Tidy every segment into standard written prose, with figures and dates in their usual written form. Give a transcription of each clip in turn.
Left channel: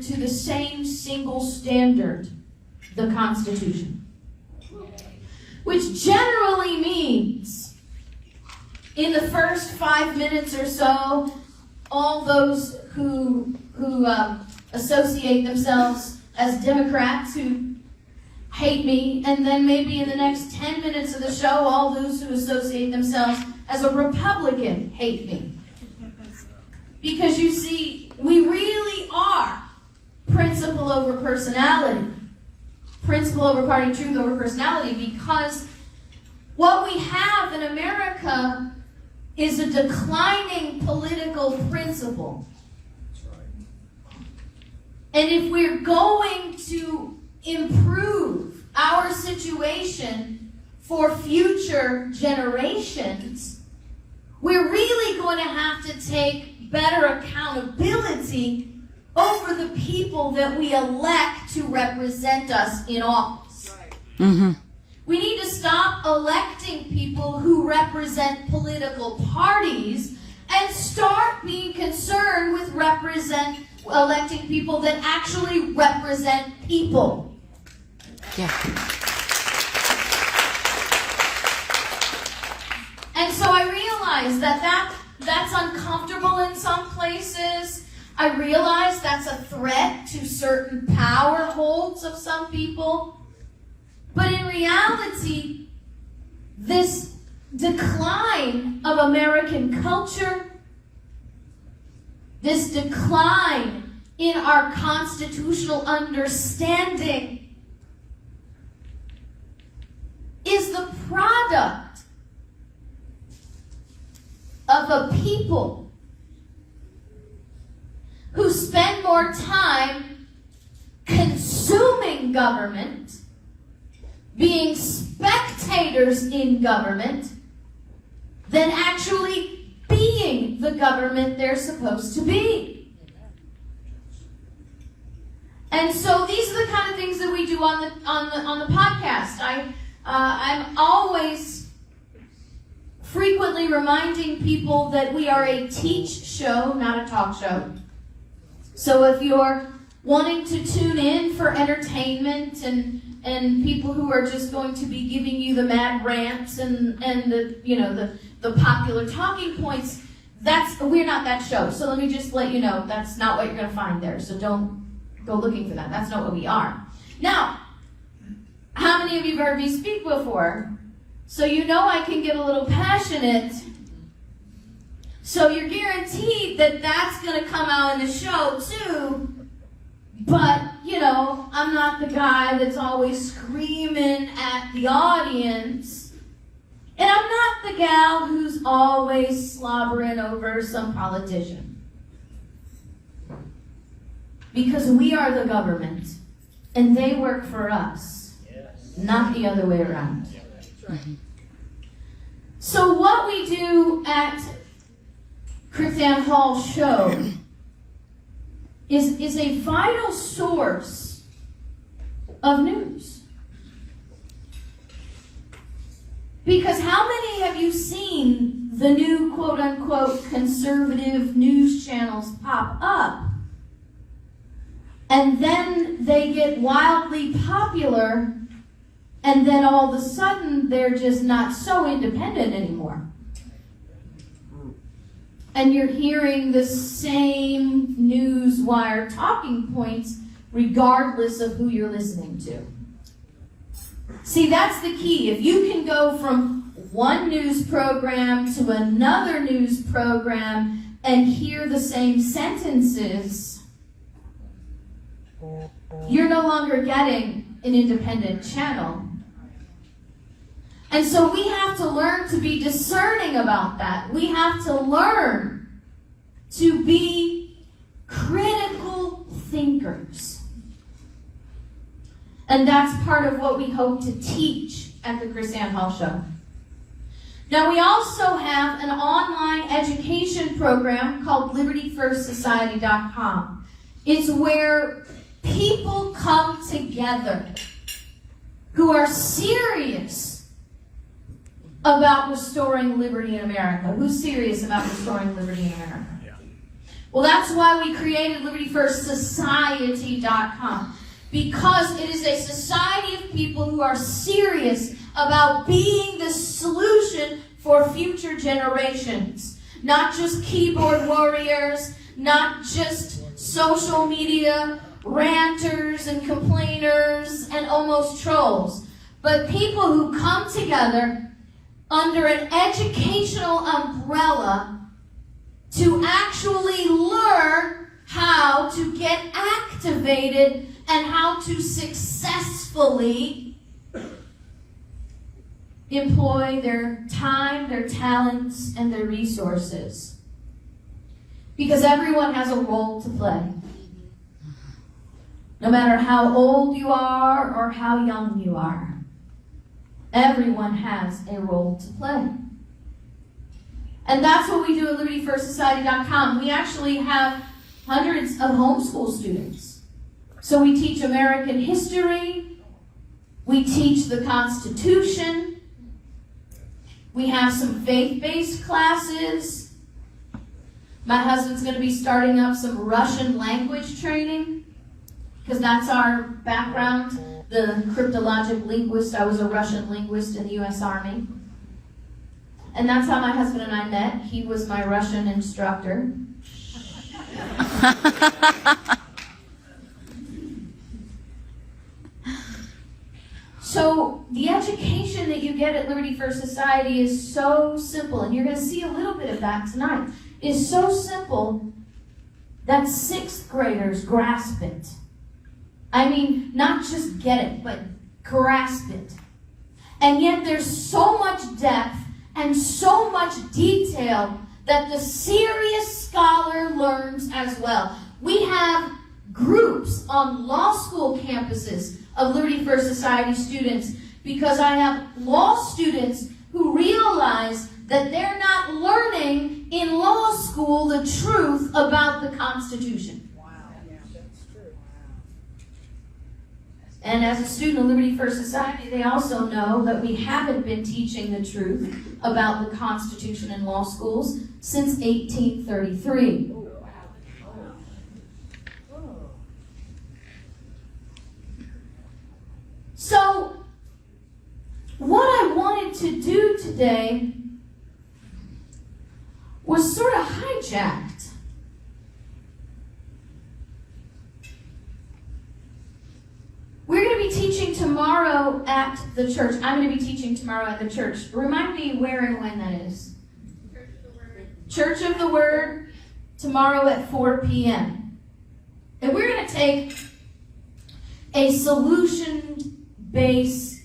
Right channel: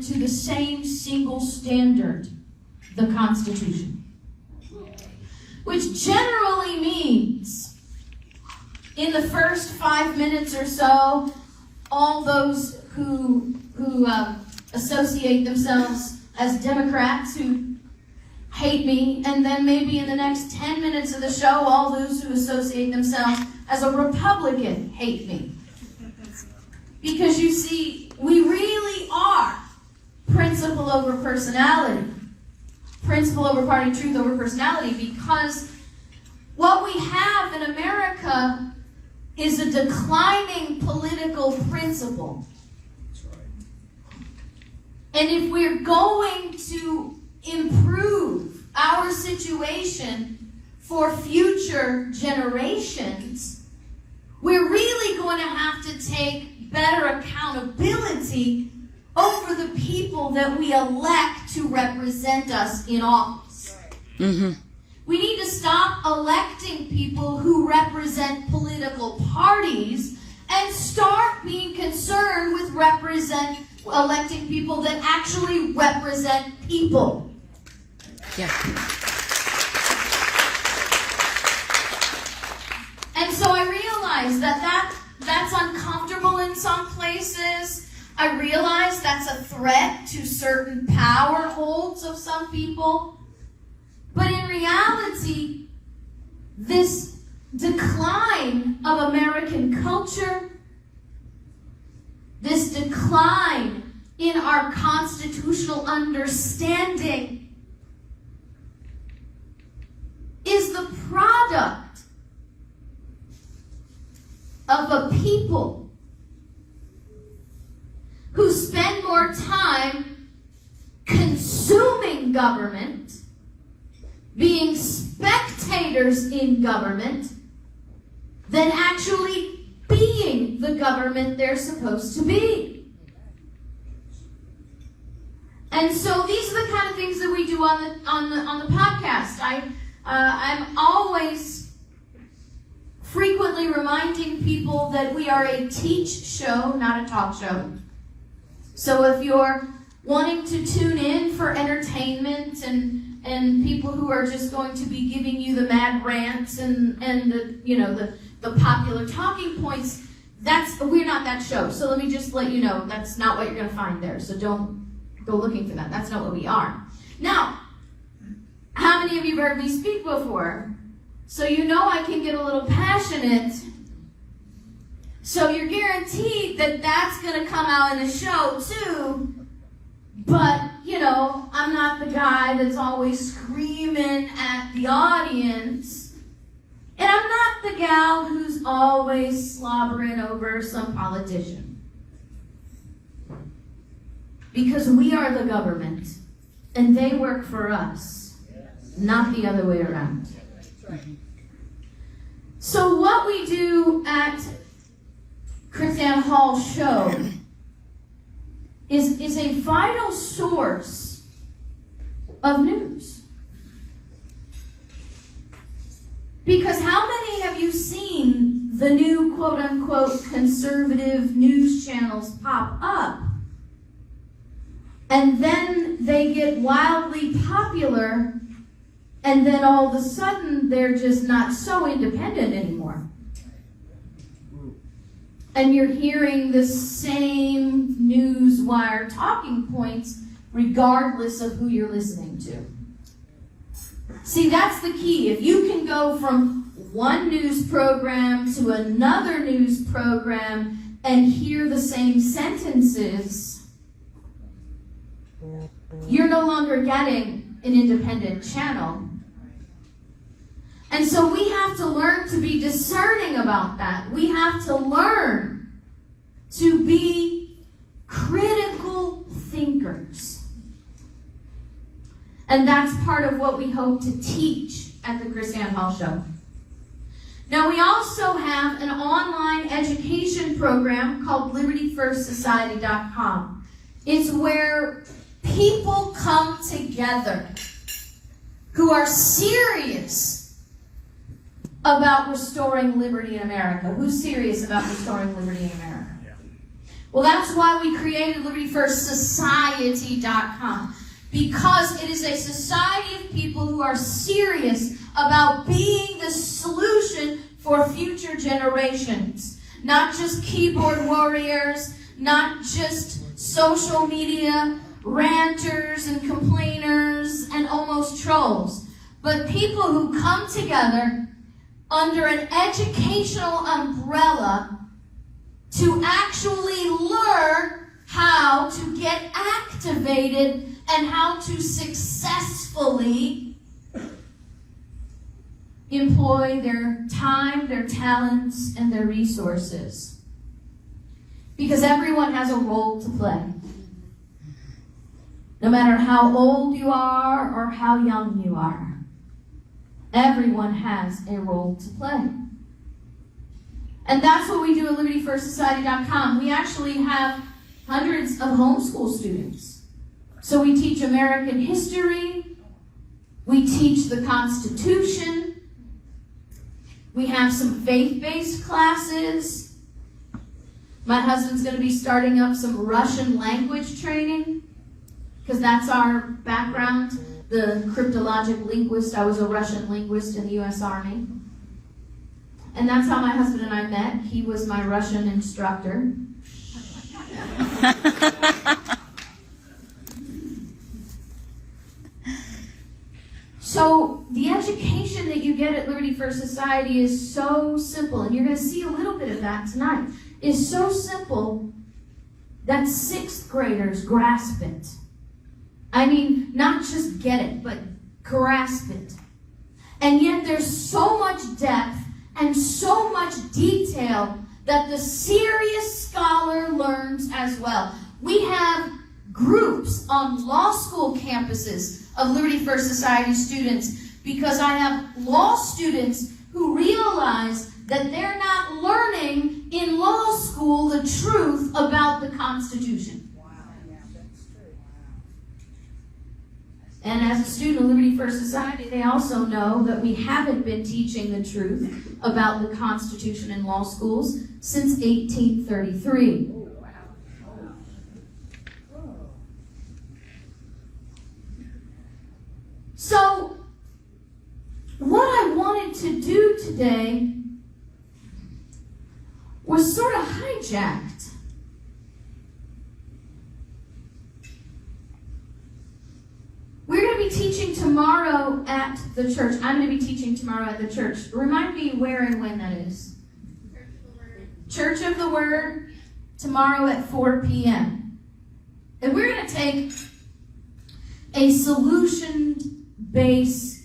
government to the same single standard, the Constitution. Which generally means, in the first 5 minutes or so, all those who associate themselves as Democrats who hate me, and then maybe in the next 10 minutes of the show, all those who associate themselves as a Republican hate me. Because you see, we really are principle over personality. Principle over party, truth over personality, because what we have in America is a declining political principle. And if we're going to improve our situation for future generations, we're really going to have to take better accountability over the people that we elect to represent us in office. Mm-hmm. We need to stop electing people who represent political parties and start being concerned with electing people that actually represent people. Yeah. And so I realize that's uncomfortable in some places. I realize that's a threat to certain power holds of some people. But in reality, this decline of American culture, this decline in our constitutional understanding, is the product of a people who spend more time consuming government, being spectators in government, than actually being the government they're supposed to be. And so these are the kind of things that we do on the podcast. I'm always frequently reminding people that we are a teach show, not a talk show. So if you're wanting to tune in for entertainment and people who are just going to be giving you the mad rants and the popular talking points, we're not that show. So let me just let you know that's not what you're going to find there. So don't go looking for that. That's not what we are. Now, how many of you have heard me speak before? So you know I can get a little passionate. So you're guaranteed that that's going to come out in the show too. But, I'm not the guy that's always screaming at the audience. And I'm not the gal who's always slobbering over some politician. Because we are the government, and they work for us, not the other way around. Mm-hmm. So what we do at KrisAnne Hall's show is a vital source of news. Because how many have you seen the new quote-unquote conservative news channels pop up? And then they get wildly popular, and then all of a sudden they're just not so independent anymore. And you're hearing the same news wire talking points regardless of who you're listening to. See, that's the key. If you can go from one news program to another news program and hear the same sentences, you're no longer getting an independent channel. And so we have to learn to be discerning about that. We have to learn to be critical thinkers. And that's part of what we hope to teach at the KrisAnne Hall Show. Now, we also have an online education program called LibertyFirstSociety.com. It's where people come together who are serious about restoring liberty in America. Who's serious about restoring liberty in America? Yeah. Well, that's why we created LibertyFirstSociety.com. Because it is a society of people who are serious about being the solution for future generations. Not just keyboard warriors, not just social media ranters and complainers and almost trolls, but people who come together under an educational umbrella to actually learn how to get activated and how to successfully employ their time, their talents, and their resources. Because everyone has a role to play. No matter how old you are or how young you are, everyone has a role to play. And that's what we do at LibertyFirstSociety.com. We actually have hundreds of homeschool students. So we teach American history. We teach the Constitution. We have some faith-based classes. My husband's going to be starting up some Russian language training because that's our background. The cryptologic linguist. I was a Russian linguist in the U.S. Army. And that's how my husband and I met. He was my Russian instructor. So the education that you get at Liberty First Society is so simple, and you're going to see a little bit of that tonight. Is so simple that 6th graders grasp it. I mean, not just get it, but grasp it. And yet there's so much depth and so much detail that the serious scholar learns as well. We have groups on law school campuses of Liberty First Society students because I have law students who realize that they're not learning in law school the truth about the Constitution. And as a student of Liberty First Society, they also know that we haven't been teaching the truth about the Constitution in law schools since 1833. So, what I wanted to do today was sort of hijacked. We're going to be teaching tomorrow at the church. I'm going to be teaching tomorrow at the church. Remind me where and when that is. Church of the Word, tomorrow at 4 p.m. And we're going to take a solution-based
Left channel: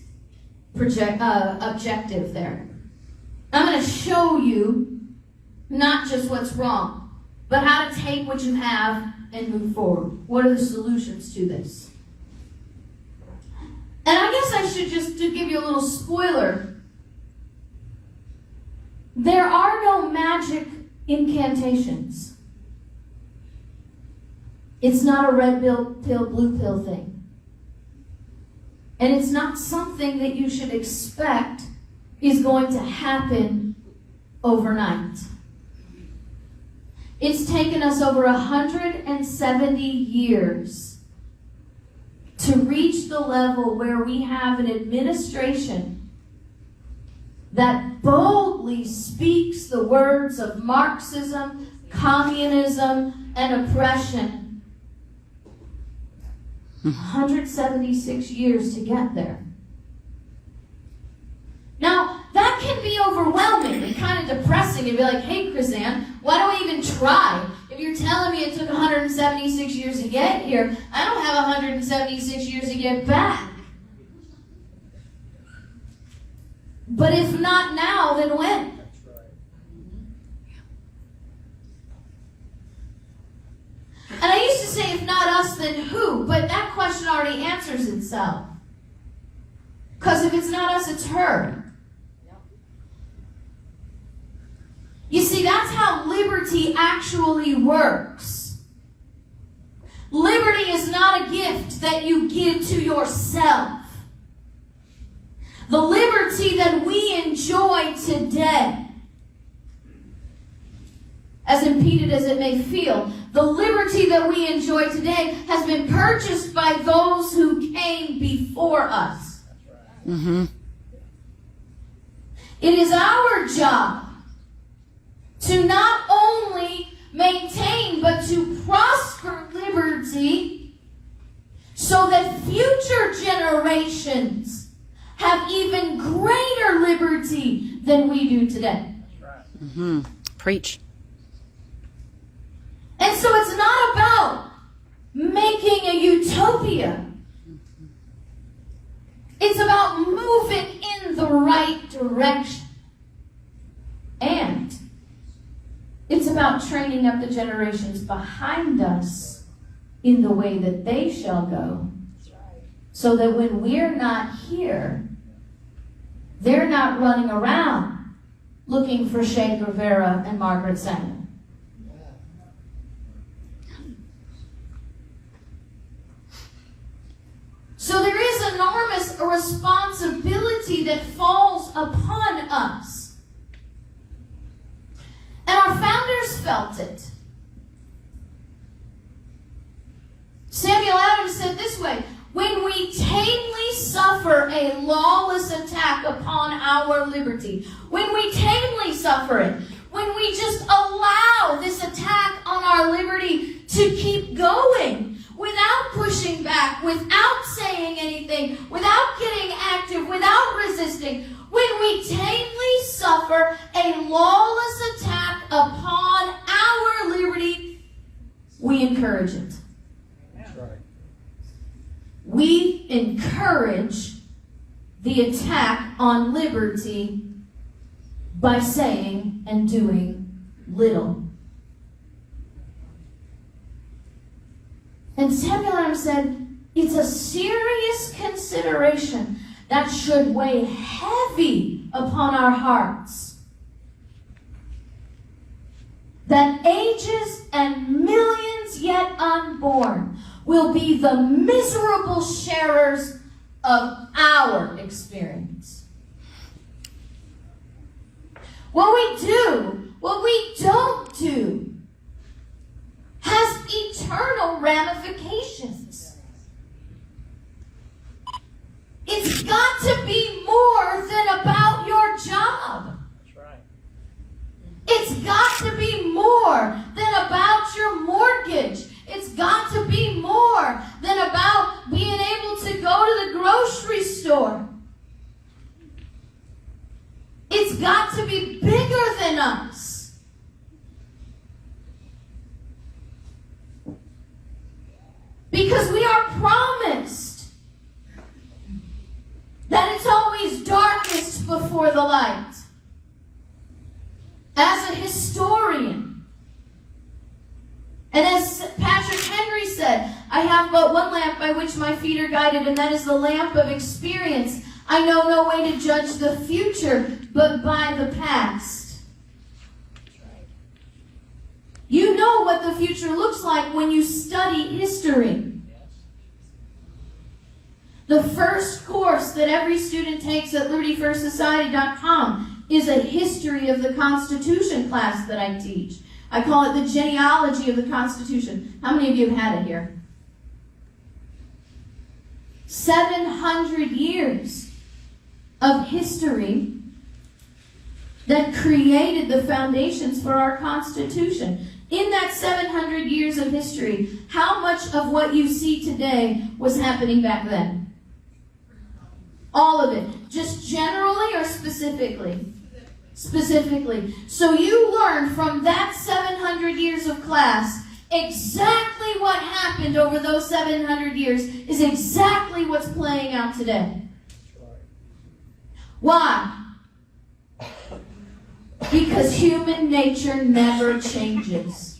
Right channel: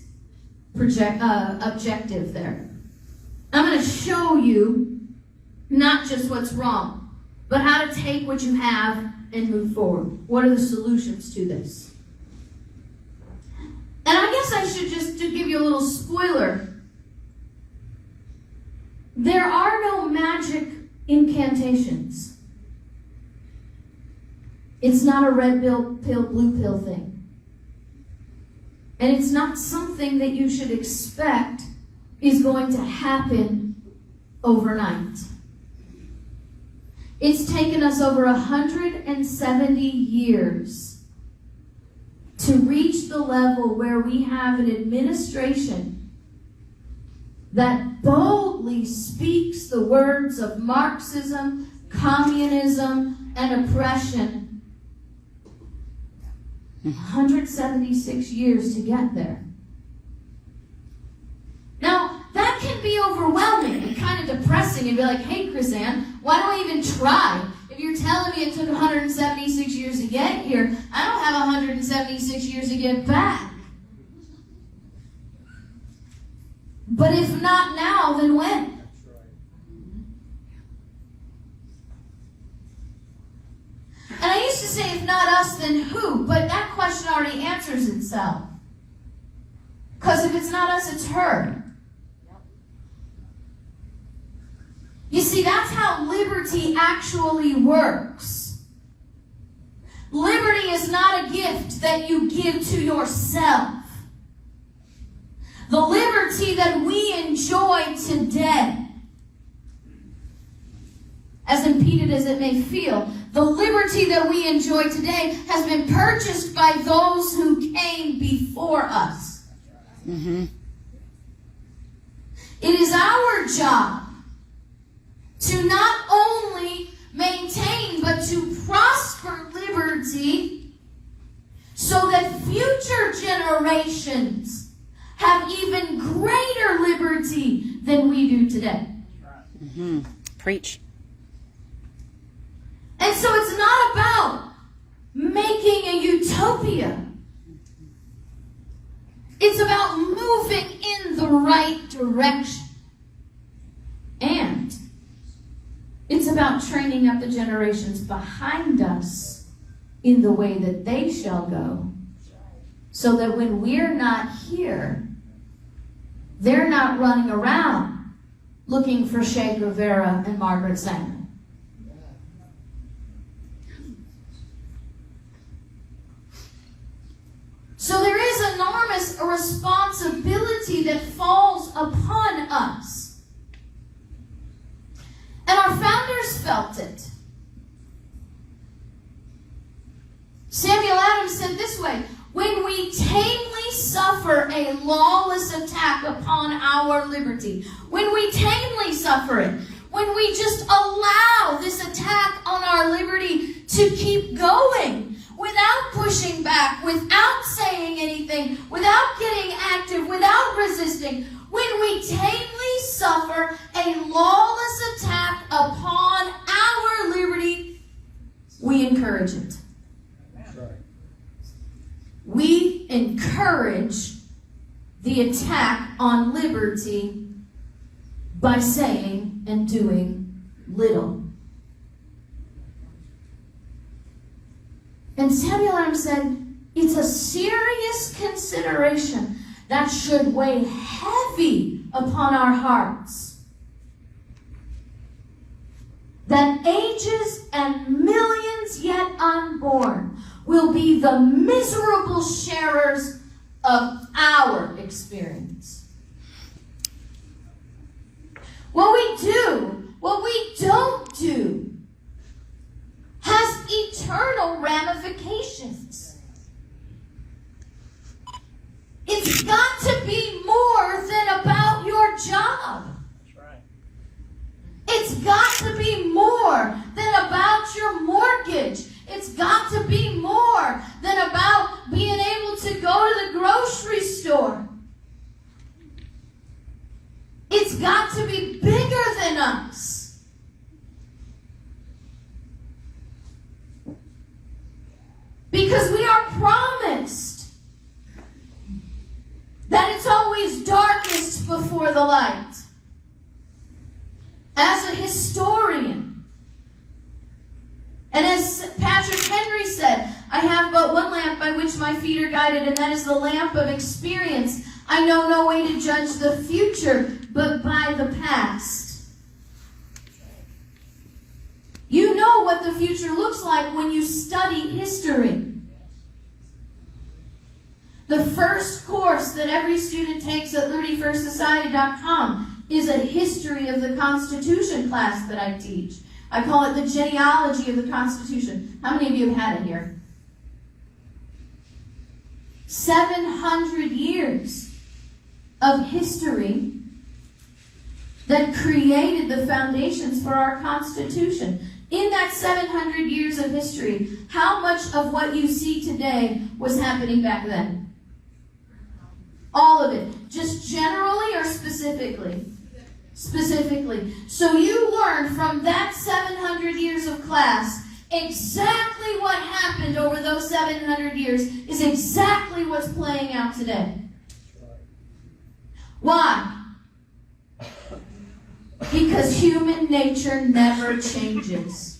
objective there. I'm going to show you not just what's wrong, but how to take what you have and move forward. What are the solutions to this? And I guess I should just to give you a little spoiler. There are no magic incantations. It's not a red pill, blue pill thing. And it's not something that you should expect is going to happen overnight. It's taken us over 170 years to reach the level where we have an administration that boldly speaks the words of Marxism, communism, and oppression. 176 years to get there. Now, that can be overwhelming and kind of depressing and be like, hey, KrisAnne, why do I even try? If you're telling me it took 176 years to get here, I don't have 176 years to get back. But if not now, then when? And I used to say, if not us, then who? But that question already answers itself. Because if it's not us, it's her. You see, that's how liberty actually works. Liberty is not a gift that you give to yourself. The liberty that we enjoy today, as a impeded as it may feel. The liberty that we enjoy today has been purchased by those who came before us. Mm-hmm. It is our job to not only maintain but to prosper liberty so that future generations have even greater liberty than we do today. Mm-hmm. Preach. And so it's not about making a utopia. It's about moving in the right direction. And it's about training up the generations behind us in the way that they shall go. So that when we're not here, they're not running around looking for Che Guevara and Margaret Sanger. So there is enormous responsibility that falls upon us. And our founders felt it. Samuel Adams said this way, when we tamely suffer a lawless attack upon our liberty, when we tamely suffer it, when we just allow this attack on our liberty to keep going, without pushing back, without saying anything, without getting active, without resisting, when we tamely suffer a lawless attack upon our liberty, we encourage it. We encourage the attack on liberty by saying and doing little. And Samuel Adams said, it's a serious consideration that should weigh heavy upon our hearts. That ages and millions yet unborn will be the miserable sharers of our experience. What we do, what we don't do, has eternal ramifications. It's got to be more than about your job. That's right. It's got to be more than about your mortgage. It's got to be more than about being able to go to the grocery store. It's got to be bigger than us. Because we are promised that it's always darkest before the light. As a historian, and as Patrick Henry said, I have but one lamp by which my feet are guided, and that is the lamp of experience. I know no way to judge the future, but by the past. You know what the future looks like when you study history. The first course that every student takes at LibertyFirstSociety.com is a history of the Constitution class that I teach. I call it the genealogy of the Constitution. How many of you have had it here? 700 years of history that created the foundations for our Constitution. In that 700 years of history, how much of what you see today was happening back then? All of it. Just generally or specifically? Specifically. So you learn from that 700 years of class exactly what happened over those 700 years is exactly what's playing out today. Why? Because human nature never changes.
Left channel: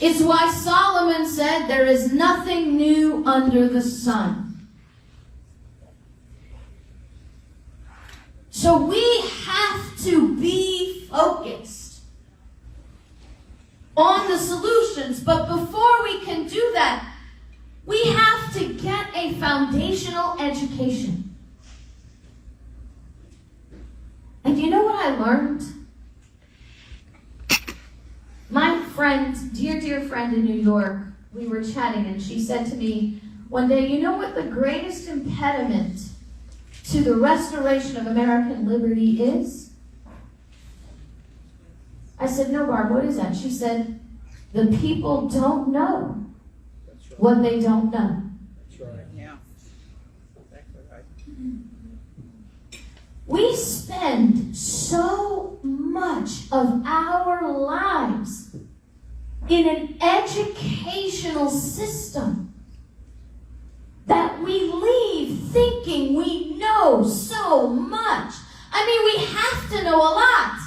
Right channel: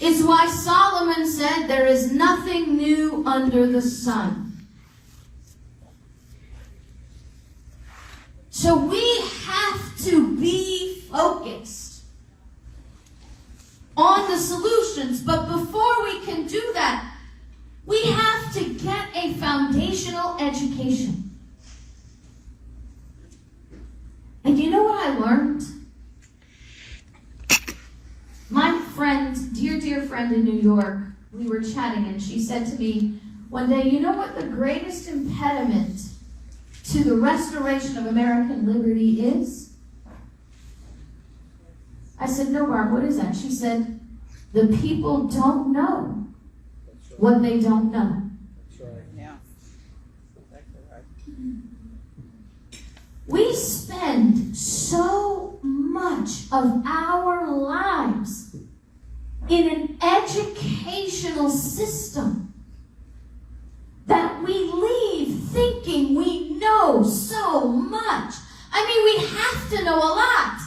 It's why Solomon said there is nothing new under the sun. So we have to be focused on the solutions. But before we can do that, we have to get a foundational education. And you know what I learned? dear friend in New York, we were chatting, and she said to me one day, you know what the greatest impediment to the restoration of American liberty is? I said, no, Barb, what is that? She said, the people don't know what they don't know. That's right. Yeah. Exactly right. We spend so much of our lives in an educational system that we leave thinking we know so much. I mean, we have to know a lot.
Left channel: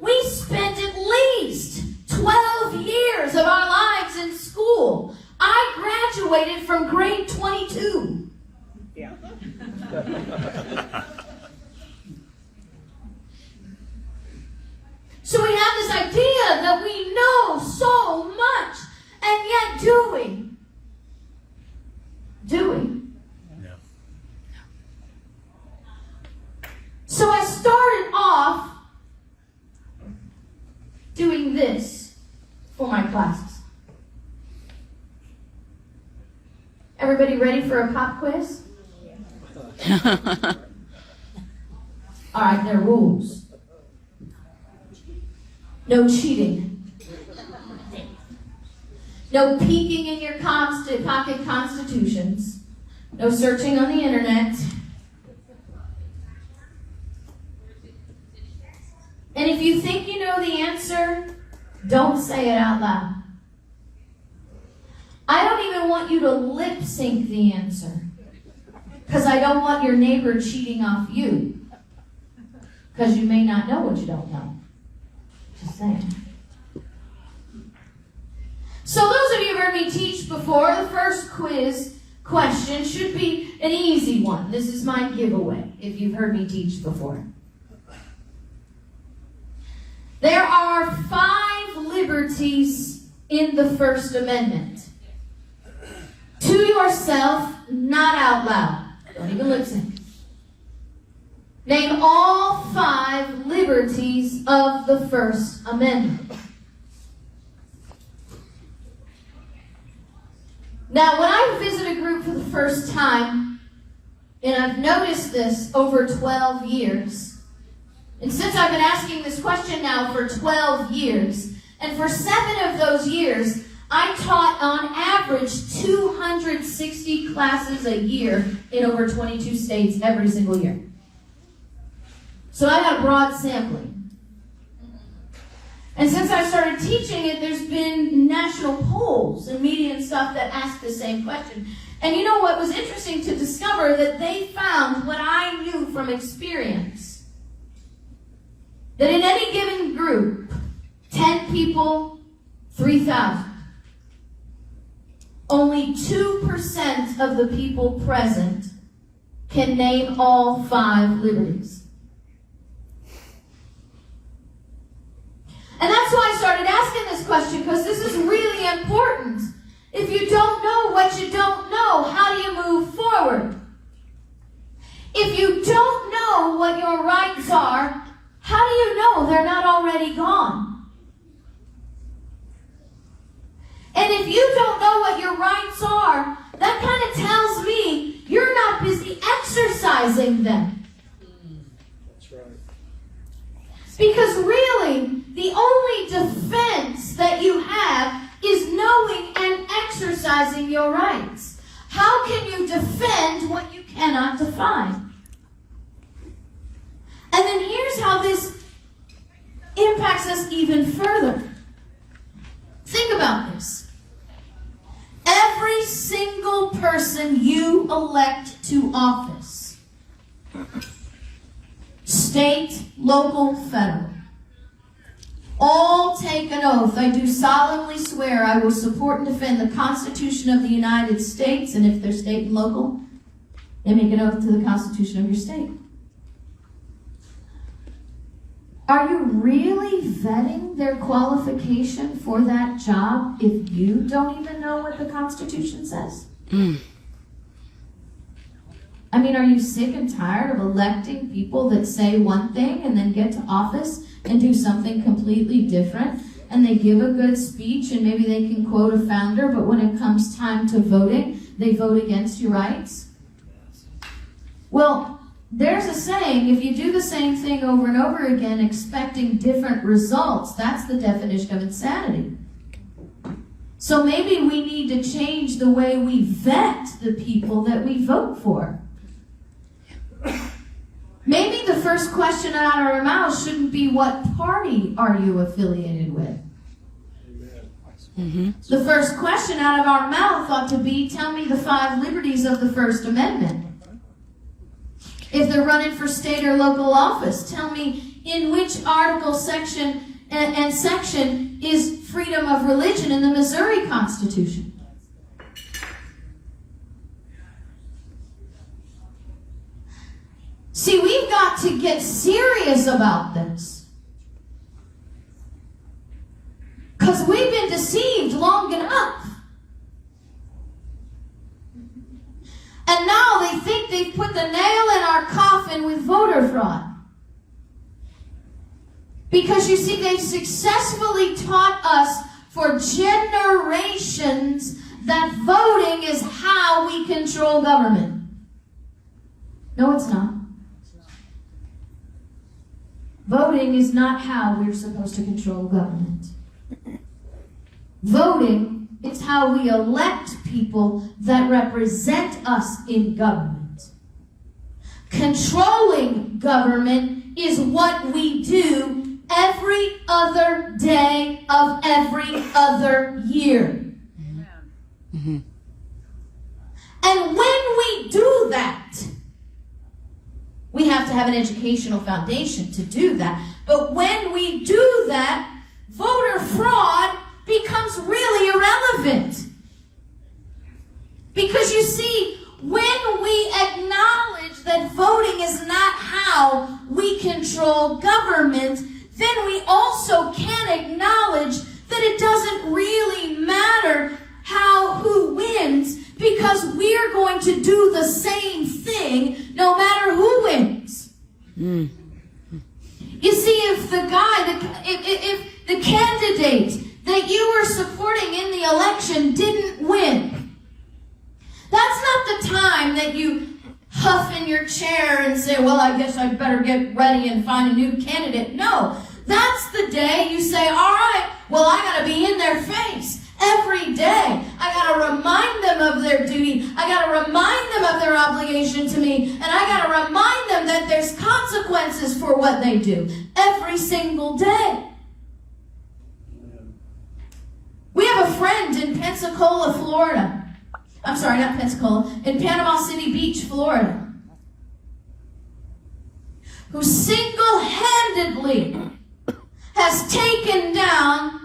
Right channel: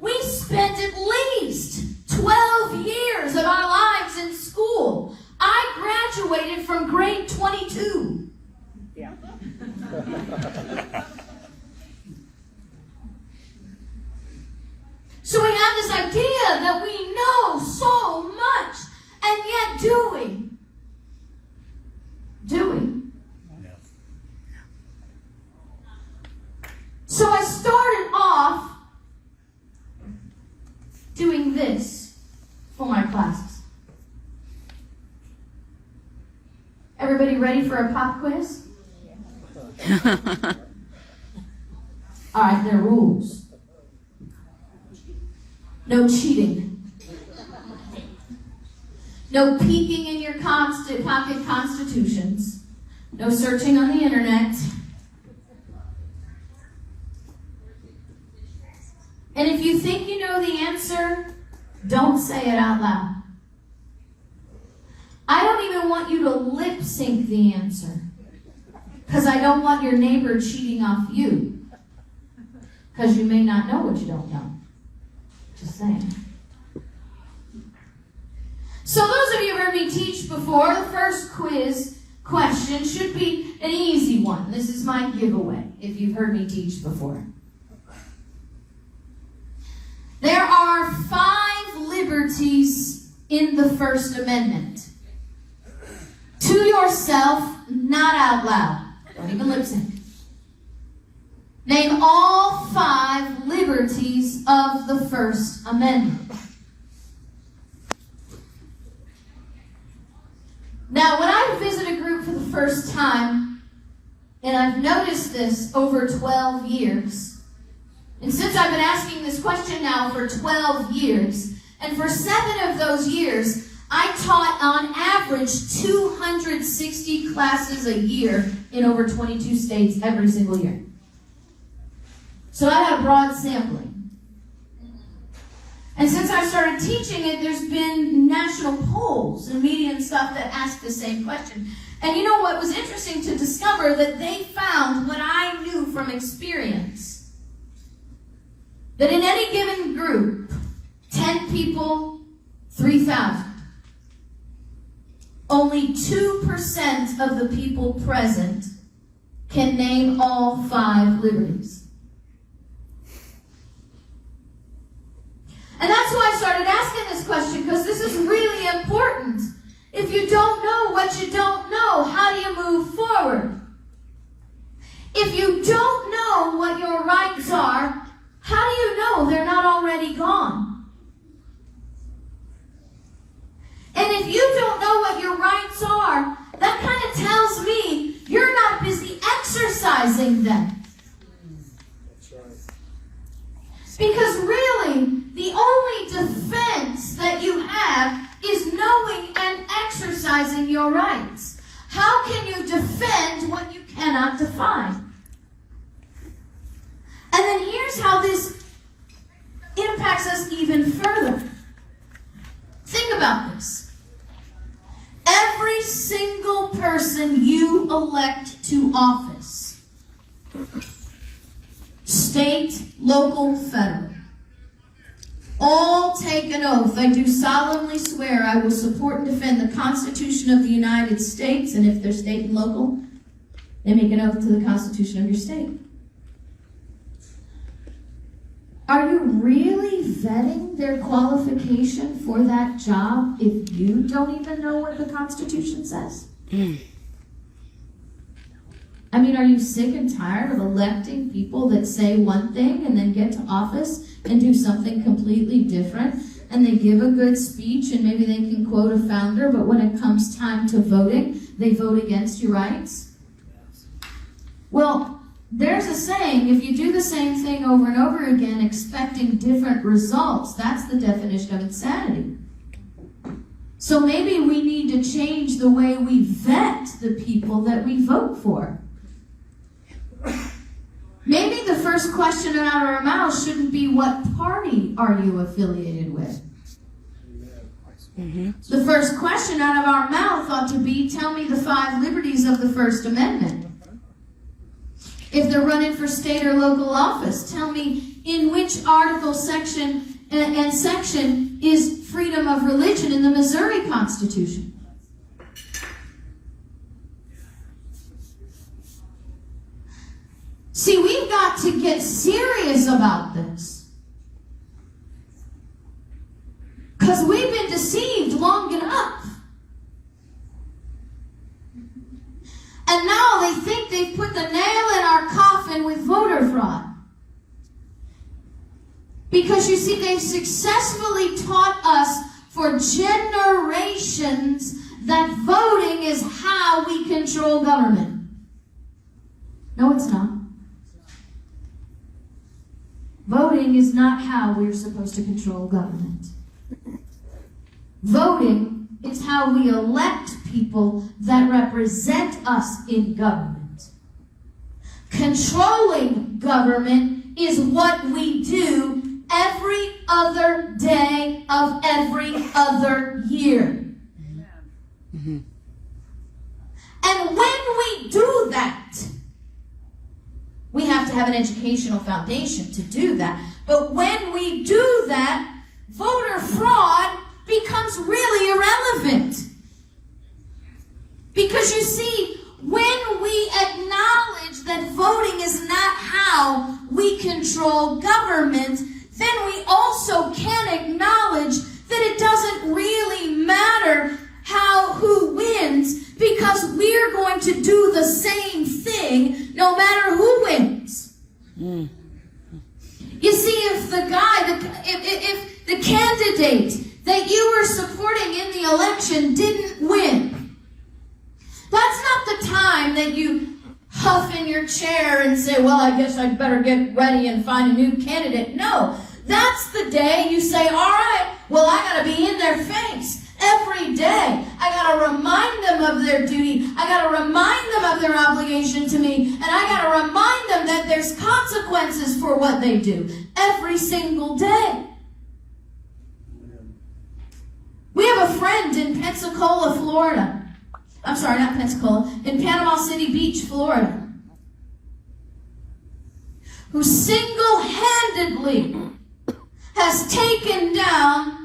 We spent at least 12 years of our lives in school. I graduated from grade 22. Yeah. So we have this idea that we know so much, and yet do we? Do we? No. So I started off doing this for my classes. Everybody ready for a pop quiz? All right, there are rules. No cheating. No peeking in your pocket constitutions. No searching on the internet. And if you think you know the answer, don't say it out loud. I don't even want you to lip sync the answer, because I don't want your neighbor cheating off you, because you may not know what you don't know. Just saying. So those of you who've heard me teach before, the first quiz question should be an easy one. This is my giveaway, if you've heard me teach before. There are 5 liberties in the First Amendment. To yourself, not out loud. Don't even lip sync. Name all 5 liberties of the First Amendment. Now, when I visit a group for the first time, and I've noticed this over 12 years, and since I've been asking this question now for 12 years, and for 7 of those years, I taught on average 260 classes a year in over 22 states every single year. So I had a broad sampling. And since I started teaching it, there's been national polls and media and stuff that ask the same question. And you know what was interesting to discover? That they found what I knew from experience. That in any given group, 10 people, 3,000. Only 2% of the people present can name all 5 liberties. And that's why I started asking this question, because this is really important. If you don't know what you don't know, how do you move forward? If you don't know what your rights are, how do you know they're not already gone? And if you don't know what your rights are, that kind of tells me you're not busy exercising them. That's right. Because really, the only defense that you have is knowing and exercising your rights. How can you defend what you cannot define? And then here's how this impacts us even further. Think about this. Every single person you elect to office, state, local, federal, all take an oath. I do solemnly swear I will support and defend the Constitution of the United States, and if they're state and local, they make an oath to the Constitution of your state. Are you really vetting their qualification for that job if you don't even know what the Constitution says? I mean, are you sick and tired of electing people that say one thing and then get to office and do something completely different? and they give a good speech, and maybe they can quote a founder, but when it comes time to voting, they vote against your rights? Well, there's a saying, if you do the same thing over and over again, expecting different results, that's the definition of insanity. So maybe we need to change the way we vet the people that we vote for. Maybe the first question out of our mouth shouldn't be, what party are you affiliated with? Mm-hmm. The first question out of our mouth ought to be, tell me the 5 liberties of the First Amendment. If they're running for state or local office, tell me in which article, section, and section is freedom of religion in the Missouri Constitution. See, we've got to get serious about this. Because we've been deceived long enough. And now they think they've put the nail in our coffin with voter fraud. Because you see, they've successfully taught us for generations that voting is how we control government. No, it's not. Voting is not how we're supposed to control government. Voting is how we elect people that represent us in government. Controlling government is what we do every other day of every other year. Mm-hmm. And when we do that, we have to have an educational foundation to do that. But when we do that, voter fraud becomes really irrelevant. Because you see, when we acknowledge that voting is not how we control government, then we also can acknowledge that it doesn't really matter who wins, because we're going to do the same thing no matter who wins. Mm. You see, if the candidate that you were supporting in the election didn't win, that's not the time that you huff in your chair and say, well, I guess I'd better get ready and find a new candidate. No, that's the day you say, all right, well, I got to be in their face every day. I got to remind them of their duty. I got to remind them of their obligation to me. And I got to remind them that there's consequences for what they do every single day. We have a friend in Pensacola, Florida. I'm sorry, not Pensacola. In Panama City Beach, Florida, who single-handedly has taken down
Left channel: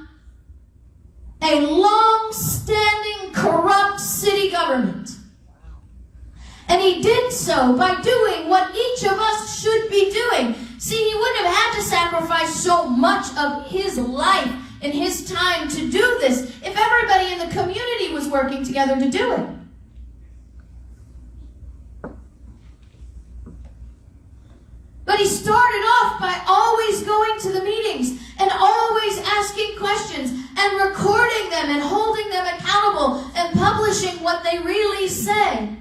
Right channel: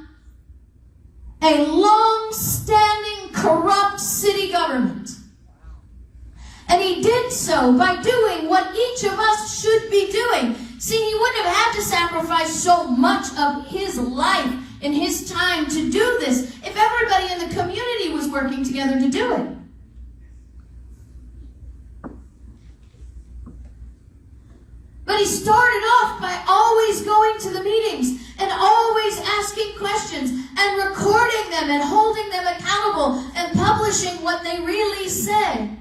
a long-standing corrupt city government. And he did so by doing what each of us should be doing. See, he wouldn't have had to sacrifice so much of his life and his time to do this if everybody in the community was working together to do it. But he started off by always going to the meetings and always asking questions and recording them and holding them accountable and publishing what they really said.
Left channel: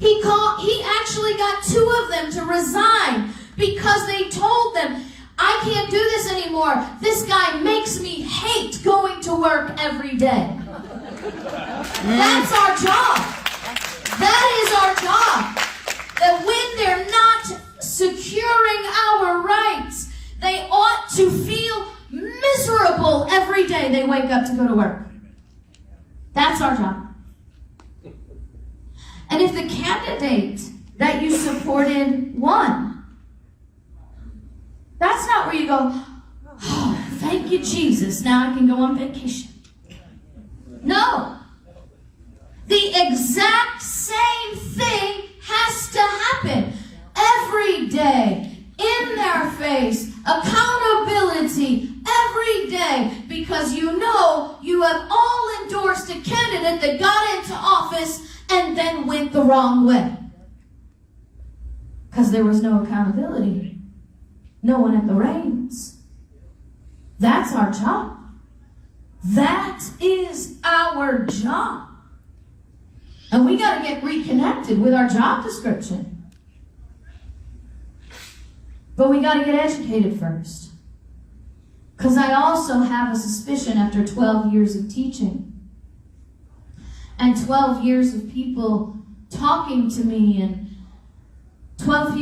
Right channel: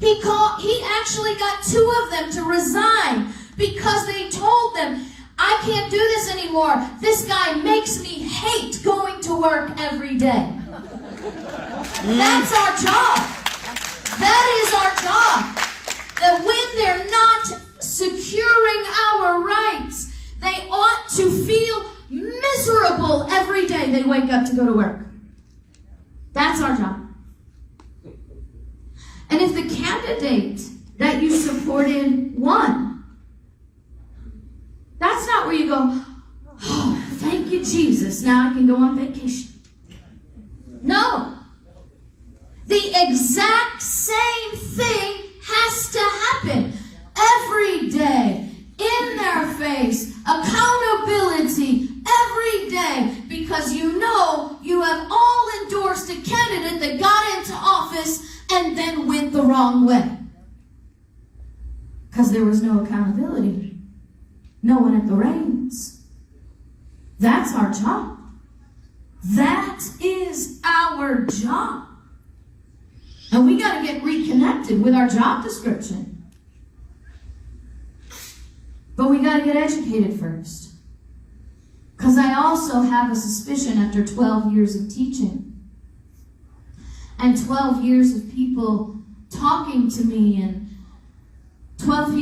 He actually got 2 of them to resign because they told them, I can't do this anymore. This guy makes me hate going to work every day. That's our job. That is our job. That when they're not securing our rights, they ought to feel miserable every day they wake up to go to work. That's our job. And if the candidate that you supported won, that's not where you go, oh, thank you, Jesus, now I can go on vacation. No. The exact same thing has to happen every day, in their face, accountability every day, because you know you have all endorsed a candidate that got into office and then went the wrong way. Because there was no accountability. No one at the reins. That's our job. That is our job. And we got to get reconnected with our job description. But we got to get educated first. Because I also have a suspicion after 12 years of teaching and 12 years of people talking to me and 12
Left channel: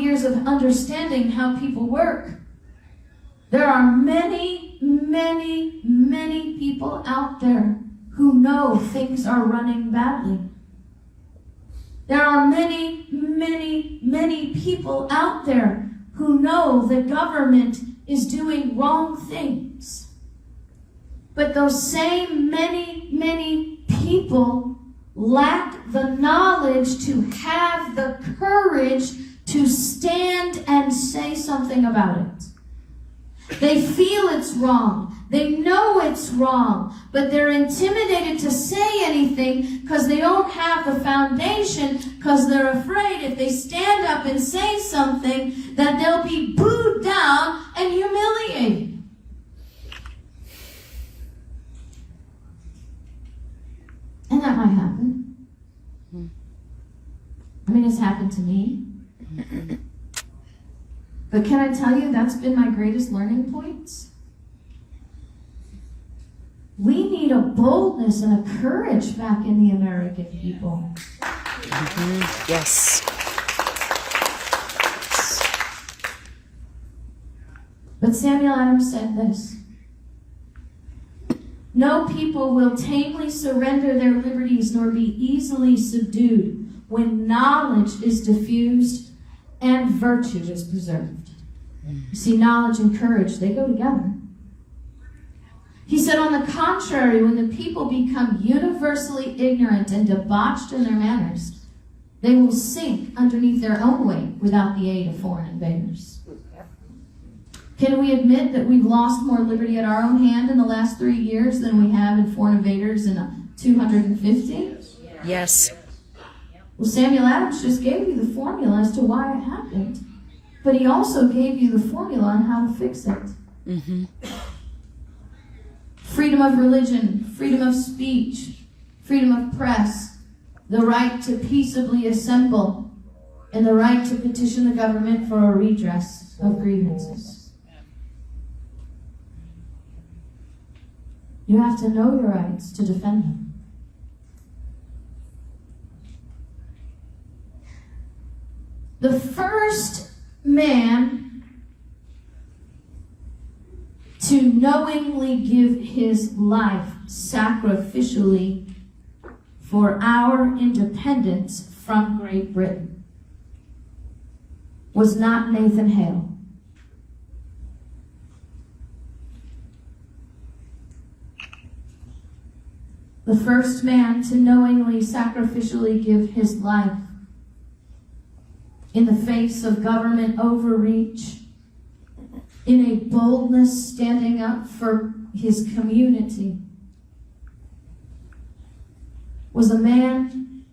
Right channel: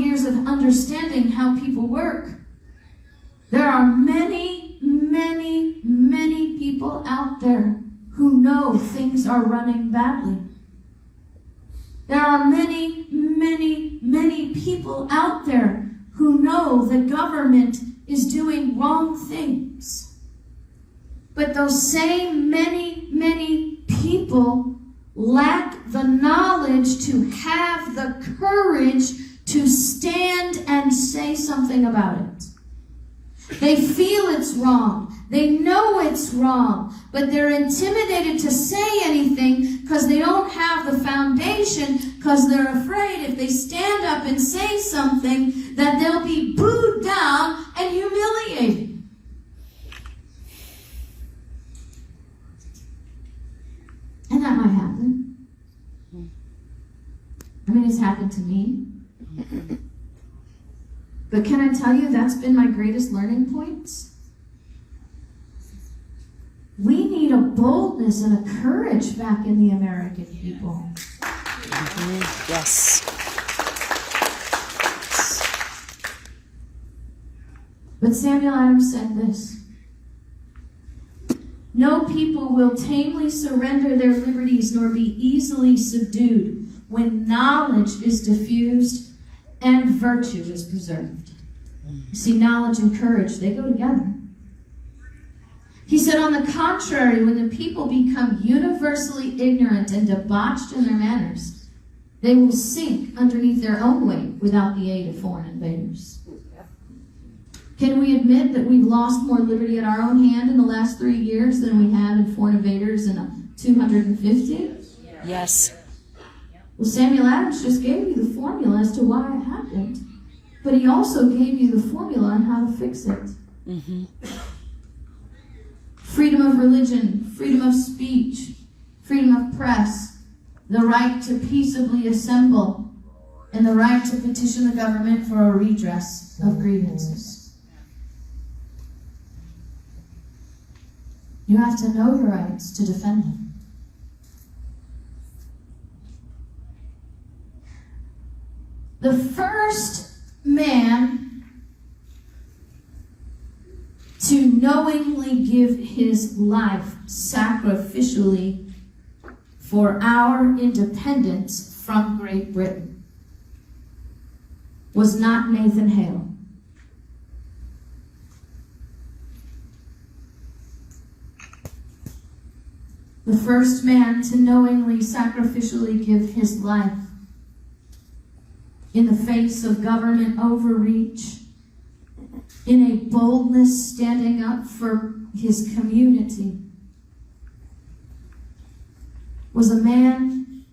years of understanding how people work, there are many, many, many people out there who know things are running badly. There are many, many, many people out there who know the government is doing wrong things. But those same many, many people lack the knowledge to have the courage to stand and say something about it. They feel it's wrong. They know it's wrong, but they're intimidated to say anything because they don't have the foundation, because they're afraid if they stand up and say something that they'll be booed down and humiliated. And that might happen. I mean, it's happened to me. But can I tell you, that's been my greatest learning points? We need a boldness and a courage back in the American people. Mm-hmm. Yes. But Samuel Adams said this: no people will tamely surrender their liberties nor be easily subdued when knowledge is diffused and virtue is preserved. You see, knowledge and courage, they go together. He said, on the contrary, when the people become universally ignorant and debauched in their manners, they will sink underneath their own weight without the aid of foreign invaders. Can we admit that we've lost more liberty at our own hand in the last 3 years than we have in foreign invaders in 250? Yes. Well, Samuel Adams just gave you the formula as to why it happened. But he also gave you the formula on how to fix it. Mm-hmm. Freedom of religion, freedom of speech, freedom of press, the right to peaceably assemble, and the right to petition the government for a redress of grievances. You have to know your rights to defend them. The first man to knowingly give his life sacrificially for our independence from Great Britain was not Nathan Hale. The first man to knowingly sacrificially give his life in the face of government overreach, in a boldness standing up for his community, was a man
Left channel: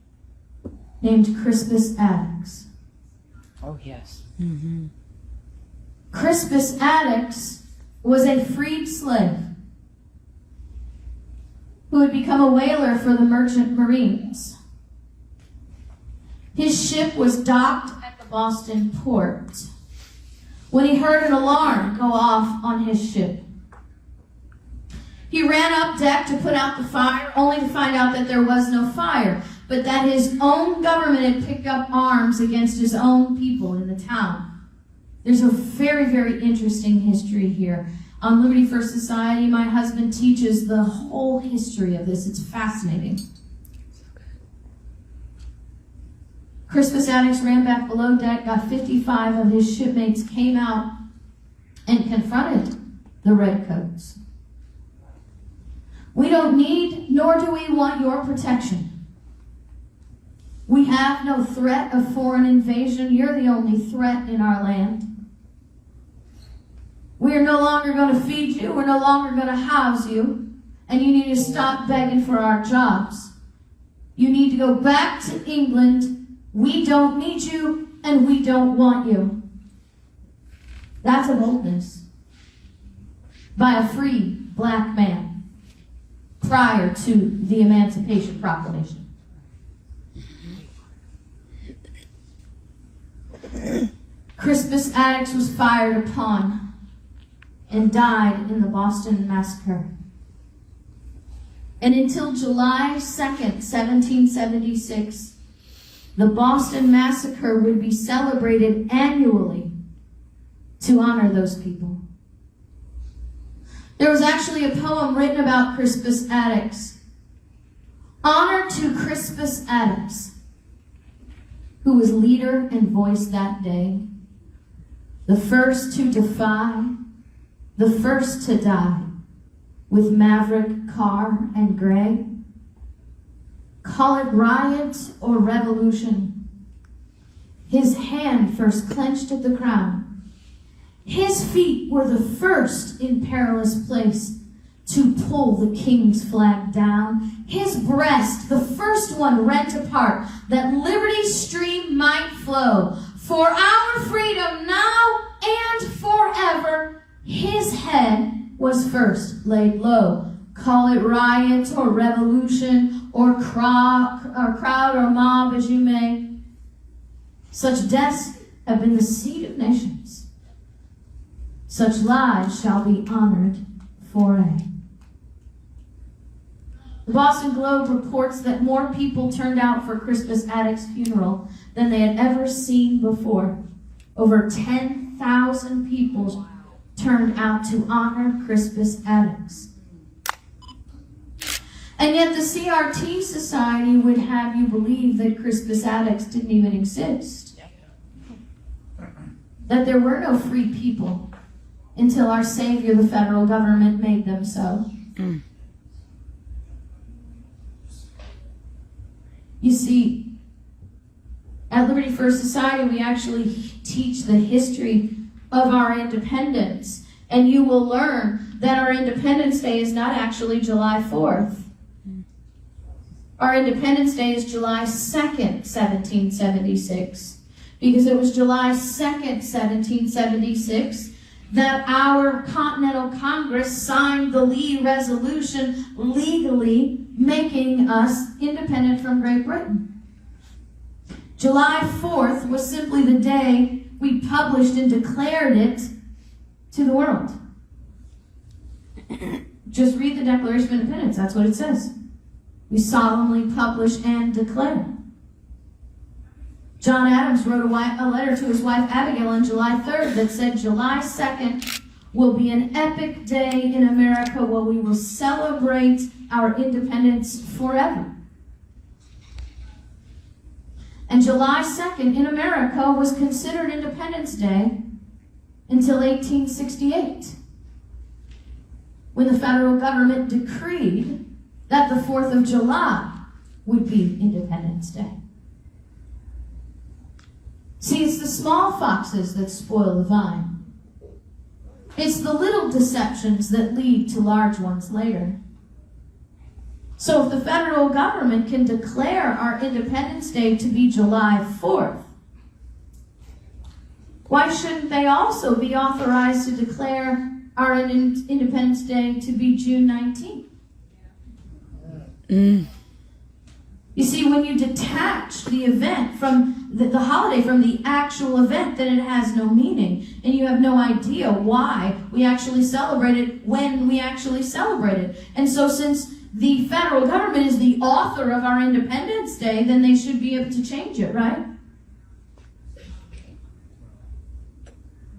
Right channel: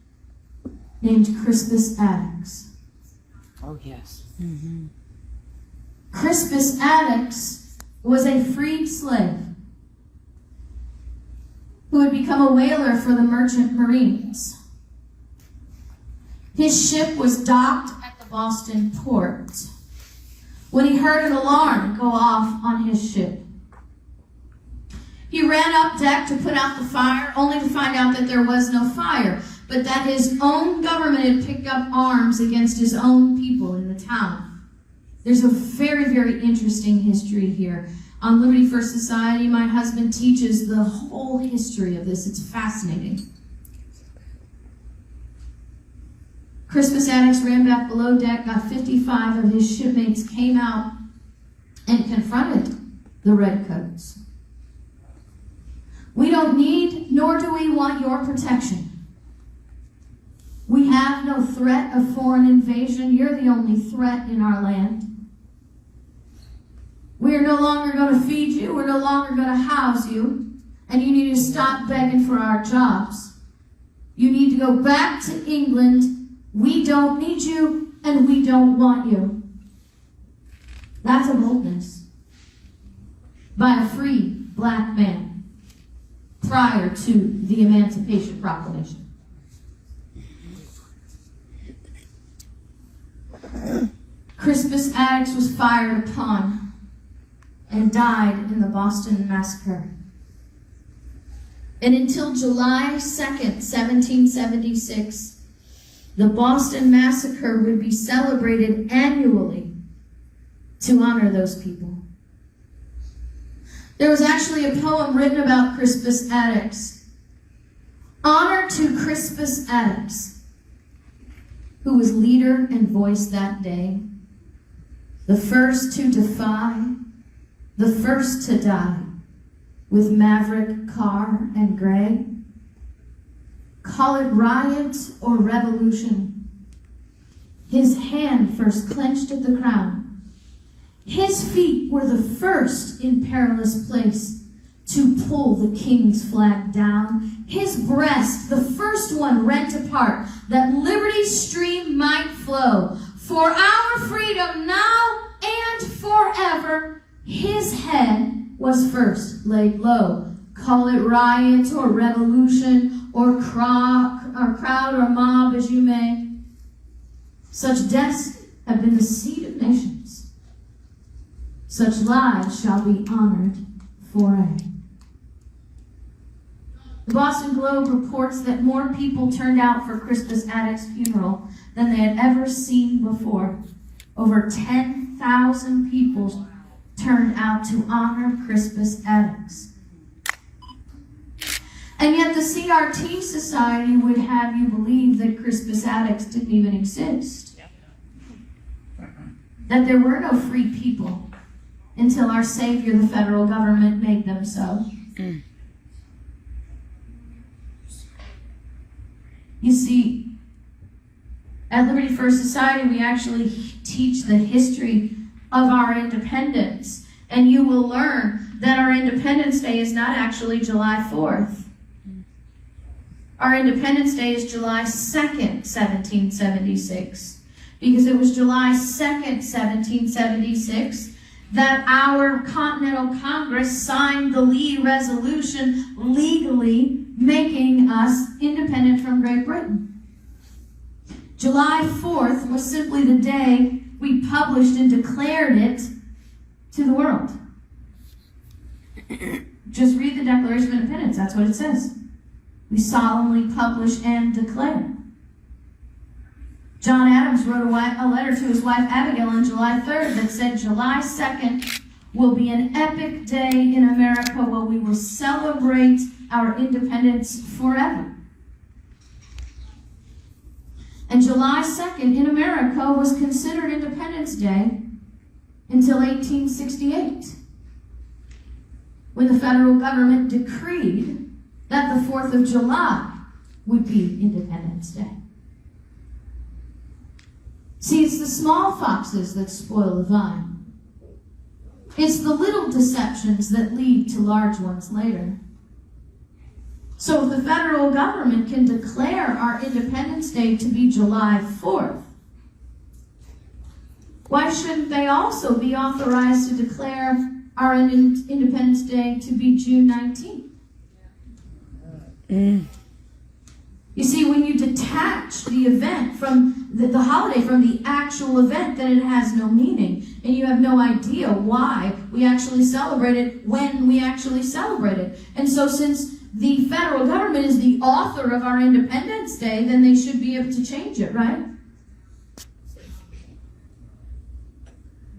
named Crispus Attucks. Oh, yes. Mm-hmm. Crispus Attucks was a freed slave who had become a whaler for the merchant marines. His ship was docked at the Boston port when he heard an alarm go off on his ship. He ran up deck to put out the fire, only to find out that there was no fire, but that his own government had picked up arms against his own people in the town. There's a very, very interesting history here. On Liberty First Society, my husband teaches the whole history of this. It's fascinating. Crispus Attucks ran back below deck, got 55 of his shipmates, came out and confronted the redcoats. We don't need, nor do we want your protection. We have no threat of foreign invasion. You're the only threat in our land. We are no longer going to feed you. We're no longer going to house you. And you need to stop begging for our jobs. You need to go back to England. We don't need you, and we don't want you. That's a boldness. by a free black man prior to the Emancipation Proclamation. Crispus Attucks was fired upon and died in the Boston Massacre. And until July 2nd, 1776, the Boston Massacre would be celebrated annually to honor those people. There was actually a poem written about Crispus Attucks. Honor to Crispus Attucks, who was leader and voice that day, the first to defy, the first to die, with Maverick, Carr, and Gray. Call it riot or revolution. His hand first clenched at the crown. His feet were the first in perilous place to pull the king's flag down. His breast, the first one rent apart, that liberty's stream might flow. For our freedom now and forever, his head was first laid low. Call it riot or revolution or crowd or mob as you may. Such deaths have been the seed of nations. Such lives shall be honored forever. The Boston Globe reports that more people turned out for Crispus Attucks' funeral than they had ever seen before. Over 10,000 people turned out to honor Crispus Attucks. And yet the CRT Society would have you believe that Crispus Attucks didn't even exist. That there were no free people until our Savior, the federal government, made them so. You see, at Liberty First Society, we actually teach the history of our independence. And you will learn that our Independence Day is not actually July 4th. Our Independence Day is July 2nd, 1776. Because it was July 2nd, 1776, that our Continental Congress signed the Lee Resolution, legally making us independent from Great Britain. July 4th was simply the day we published and declared it to the world. Just read the Declaration of Independence. That's what it says. We solemnly publish and declare. John Adams wrote a letter to his wife Abigail on July 3rd that said, July 2nd will be an epic day in America where we will celebrate our independence forever. And July 2nd in America was considered Independence Day until 1868, when the federal government decreed that the 4th of July would be Independence Day. See, it's the small foxes that spoil the vine. It's the little deceptions that lead to large ones later. So if the federal government can declare our Independence Day to be July 4th, why shouldn't they also be authorized to declare our Independence Day to be June 19th? You see, when you detach the event from the holiday from the actual event, then it has no meaning. And you have no idea why we actually celebrate it when we actually celebrate it. And so since the federal government is the author of our Independence Day, then they should be able to change it, right?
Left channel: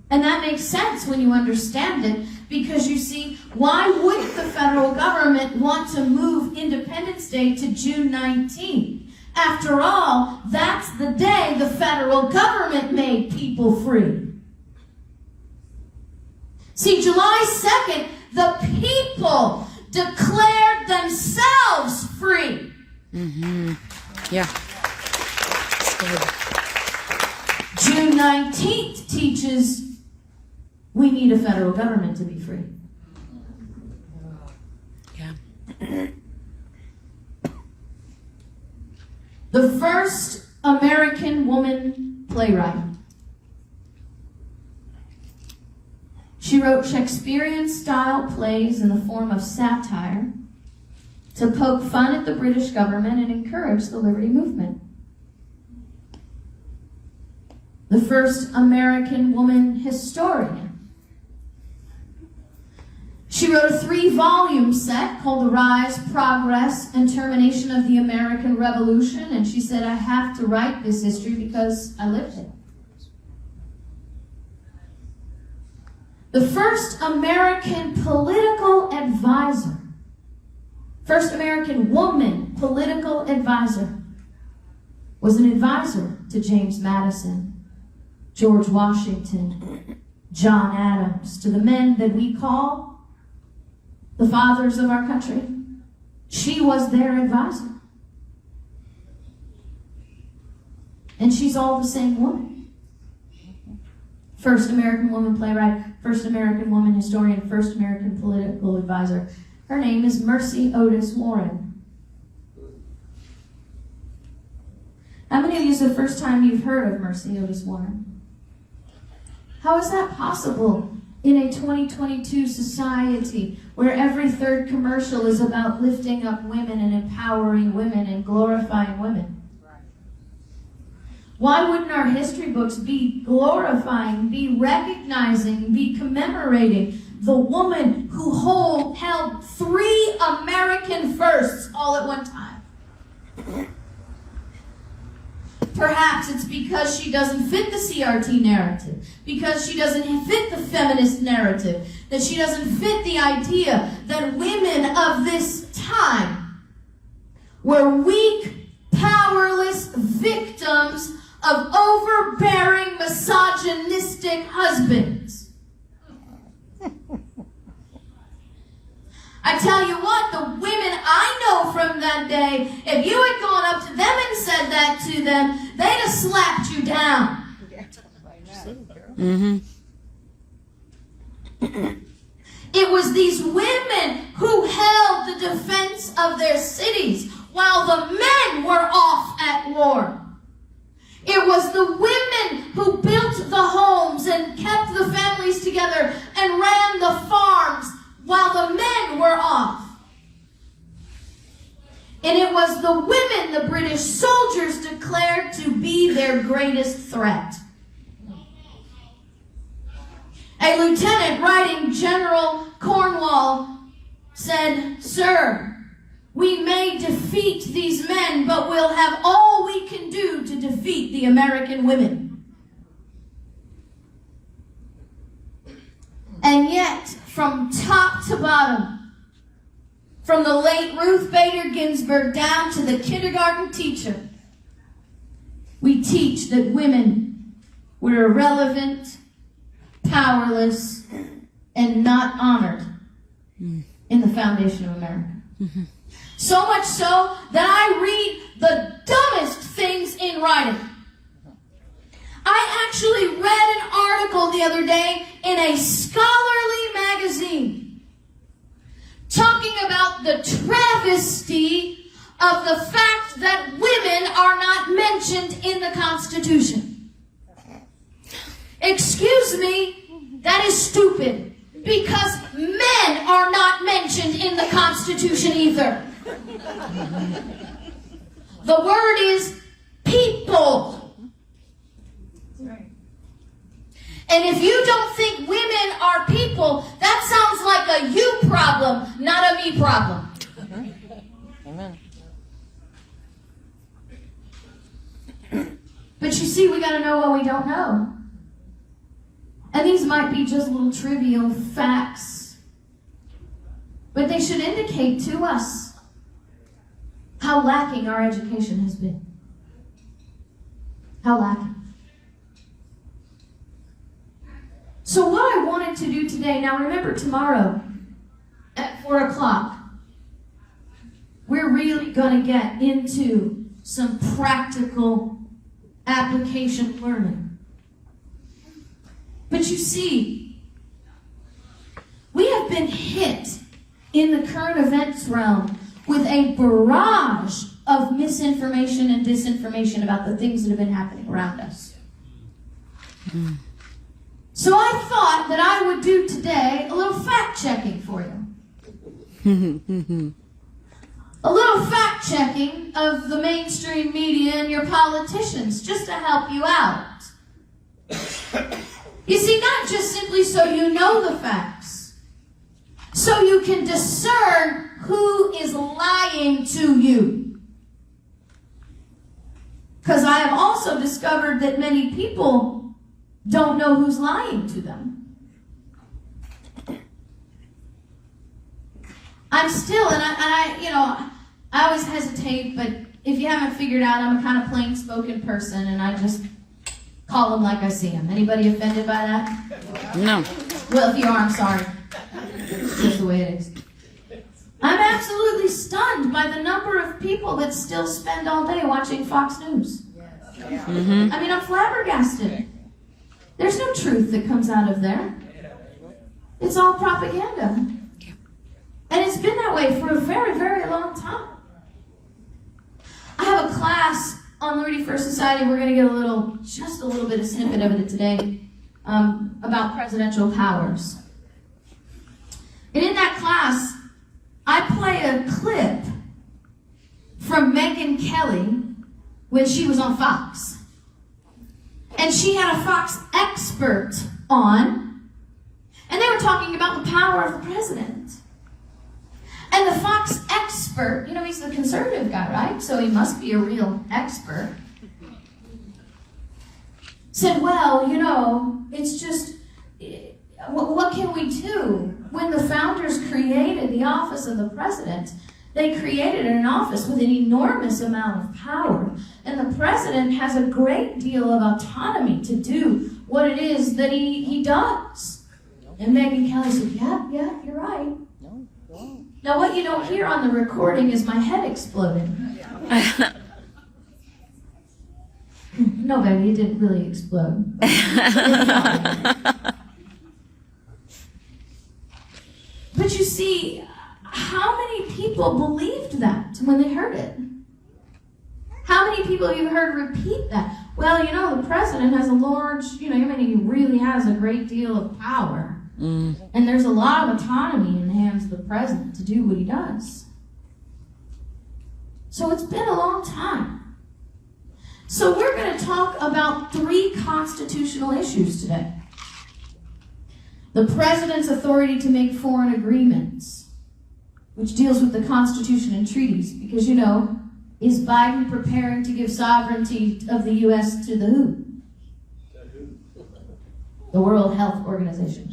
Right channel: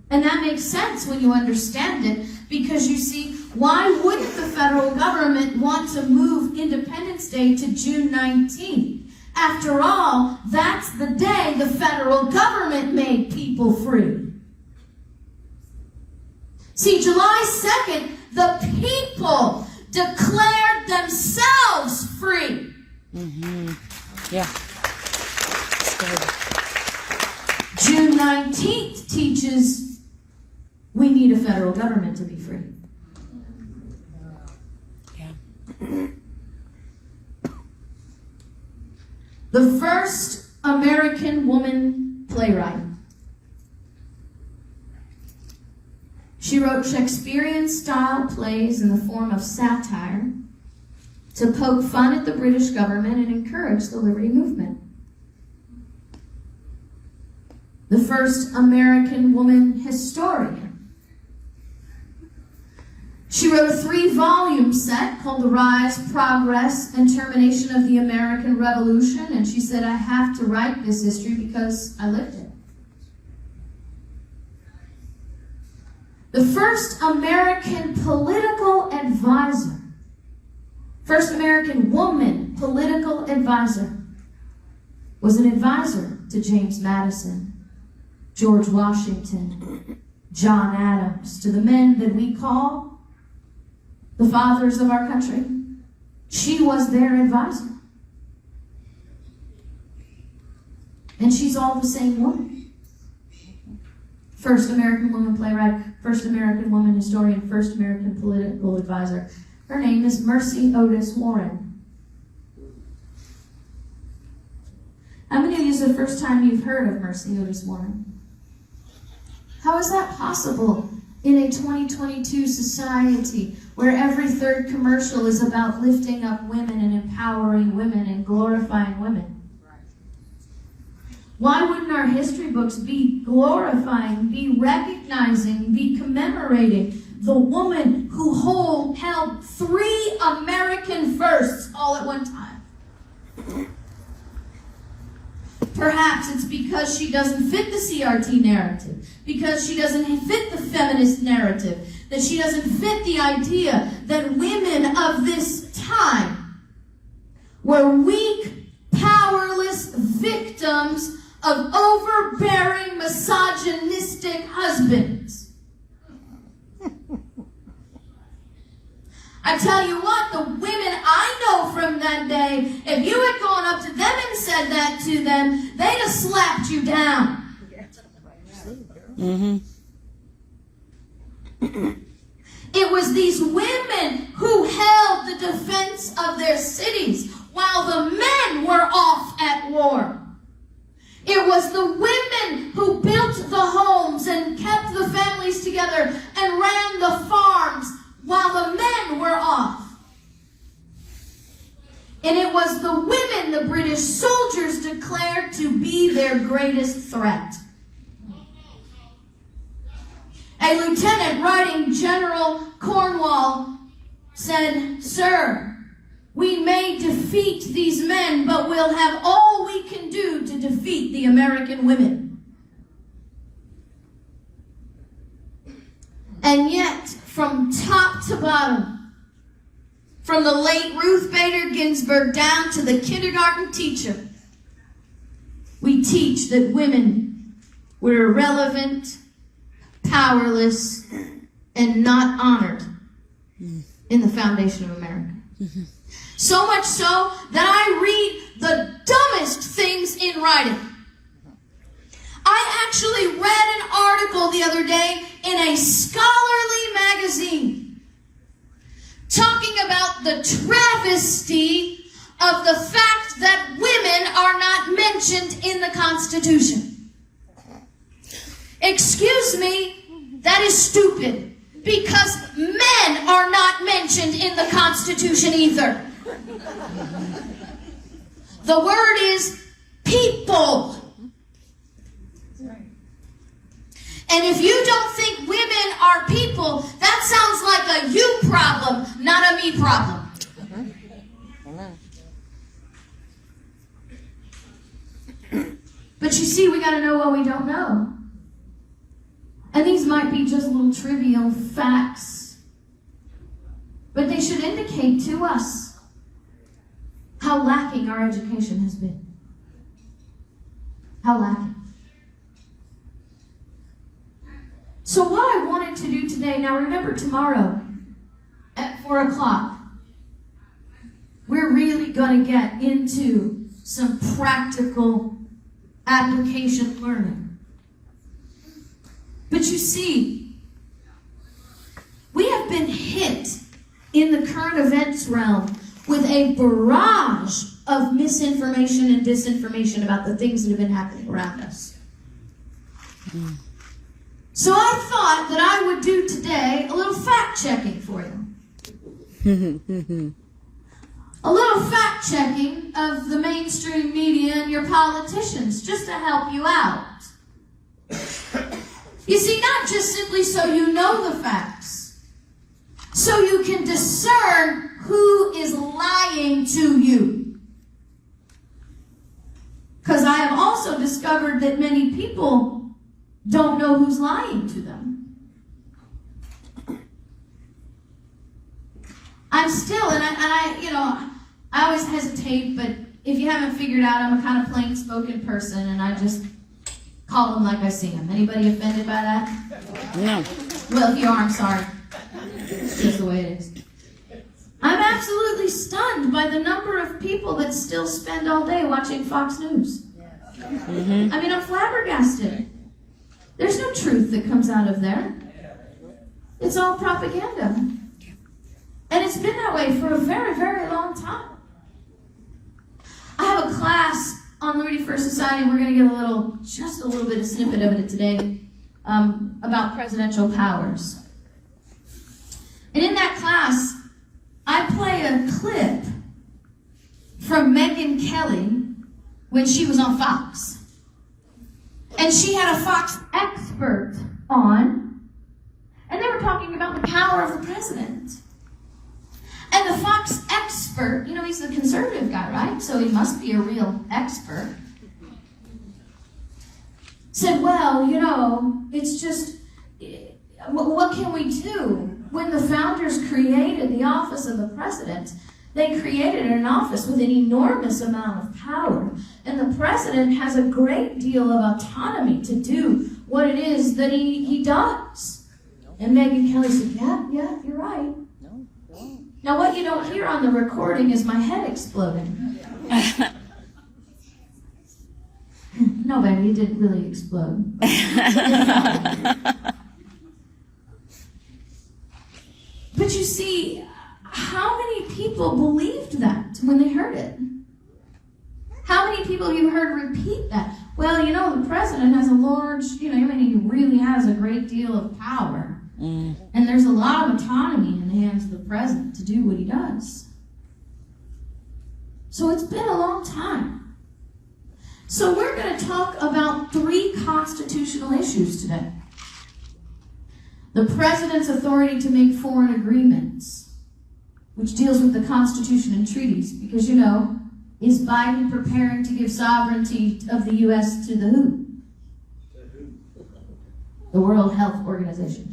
And that makes sense when you understand it, because you see, why wouldn't the federal government want to move Independence Day to June 19th? After all, that's the day the federal government made people free. See, July 2nd, the people declared themselves free. Yeah. That's good. June 19th teaches we need a federal government to be free. Yeah. The first American woman playwright. She wrote Shakespearean-style plays in the form of satire to poke fun at the British government and encourage the liberty movement. The first American woman historian. She wrote a 3-volume set called The Rise, Progress, and Termination of the American Revolution, and she said, I have to write this history because I lived it. The first American political advisor, first American woman political advisor, was an advisor to James Madison, George Washington, John Adams, to the men that we call the fathers of our country. She was their advisor. And she's all the same woman. First American woman playwright, first American woman historian, first American political advisor. Her name is Mercy Otis Warren. How many of you is the first time you've heard of Mercy Otis Warren? How is that possible in a 2022 society where every third commercial is about lifting up women and empowering women and glorifying women? Why wouldn't our history books be glorifying, be recognizing, be commemorating the woman who held 3 American firsts all at one time? Perhaps it's because she doesn't fit the CRT narrative, because she doesn't fit the feminist narrative, that she doesn't fit the idea that women of this time were weak, powerless victims of overbearing, misogynistic husbands. I tell you what, the women I know from that day, if you had gone up to them and said that to them, they'd have slapped you down. Mm-hmm. It was these women who held the defense of their cities while the men were off at war. It was the women who built the homes and kept the families together and ran the farms while the men were off. And it was the women the British soldiers declared to be their greatest threat. A lieutenant writing General Cornwall said, "Sir, we may defeat these men, but we'll have all we can do to defeat the American women." And yet, from top to bottom, from the late Ruth Bader Ginsburg down to the kindergarten teacher, we teach that women were irrelevant, powerless, and not honored in the foundation of America. Mm-hmm. So much so that I read the dumbest things in writing. I actually read an article the other day in a scholarly magazine talking about the travesty of the fact that women are not mentioned in the Constitution. Excuse me, that is stupid, because men are not mentioned in the Constitution either. The word is people. And if you don't think women are people, that sounds like a you problem, not a me problem. Amen. But you see, we got to know what we don't know. And these might be just little trivial facts, but they should indicate to us how lacking our education has been. How lacking. So what I wanted to do today, now remember tomorrow at 4 o'clock, we're really going to get into some practical application learning. But you see, we have been hit in the current events realm with a barrage of misinformation and disinformation about the things that have been happening around us. So I thought thought that I would do today a little fact checking for you. A little fact checking of the mainstream media and your politicians, just to help you out. You see, not just simply so you know the facts, so you can discern who is lying to you. Because I have also discovered that many people don't know who's lying to them. I'm still, and I always hesitate, but if you haven't figured out, I'm a kind of plain-spoken person, and I just call them like I see them. Anybody offended by that? No. Well, if you are, I'm sorry. It's just the way it is. I'm absolutely stunned by the number of people that still spend all day watching Fox News. Mm-hmm. I mean, I'm flabbergasted. There's no truth that comes out of there. It's all propaganda. And it's been that way for a very, very long time. I have a class on the Ready First Society. We're going to get just a little bit of snippet of it today, about presidential powers. And in that class, I play a clip from Megyn Kelly when she was on Fox. And she had a Fox expert on, and they were talking about the power of the president. And the Fox expert, he's the conservative guy, right? So he must be a real expert. Said, well, it's just, what can we do? When the founders created the office of the president, they created an office with an enormous amount of power. And the president has a great deal of autonomy to do what it is that he does. And Megyn Kelly said, yeah, you're right. Now, what you don't hear on the recording is my head exploding. No, baby, it didn't really explode. But you see, how many people believed that when they heard it? How many people have you heard repeat that? Well, the president has a large, he really has a great deal of power. And there's a lot of autonomy in the hands of the president to do what he does. So it's been a long time. So we're going to talk about 3 constitutional issues today. The president's authority to make foreign agreements, which deals with the Constitution and treaties, because, is Biden preparing to give sovereignty of the U.S. to the who? The World Health Organization.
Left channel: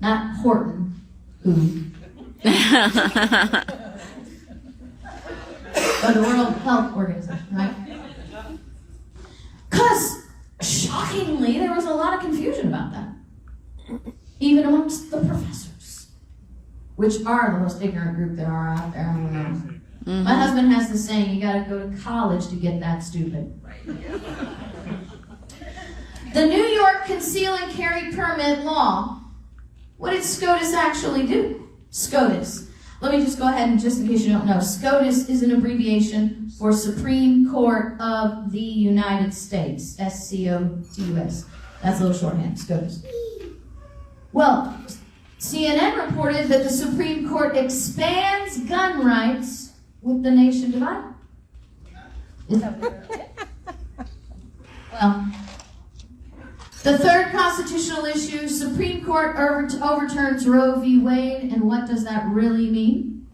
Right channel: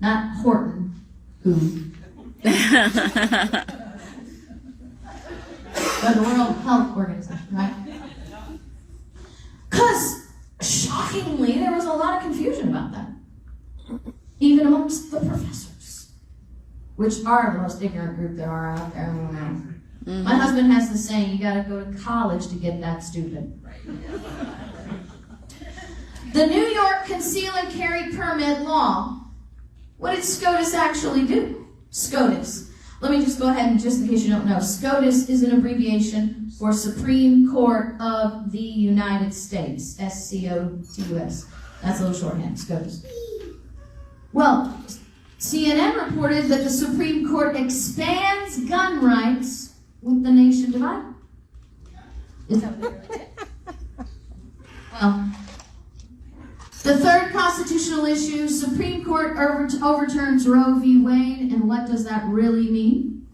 Not Horton, who? But the World Health Organization, right? Because, shockingly, there was a lot of confusion about that. Even amongst the professors, which are the most ignorant group there are out there. I don't know. Mm-hmm. My husband has the saying, you got to go to college to get that stupid. The New York Conceal and Carry Permit Law. What did SCOTUS actually do? SCOTUS. Let me just go ahead and just in case you don't know. SCOTUS is an abbreviation for Supreme Court of the United States. SCOTUS. That's a little shorthand, SCOTUS. Well, CNN reported that the Supreme Court expands gun rights with the nation divided. Is that well, the third constitutional issue, Supreme Court overturns Roe v. Wade, and what does that really mean?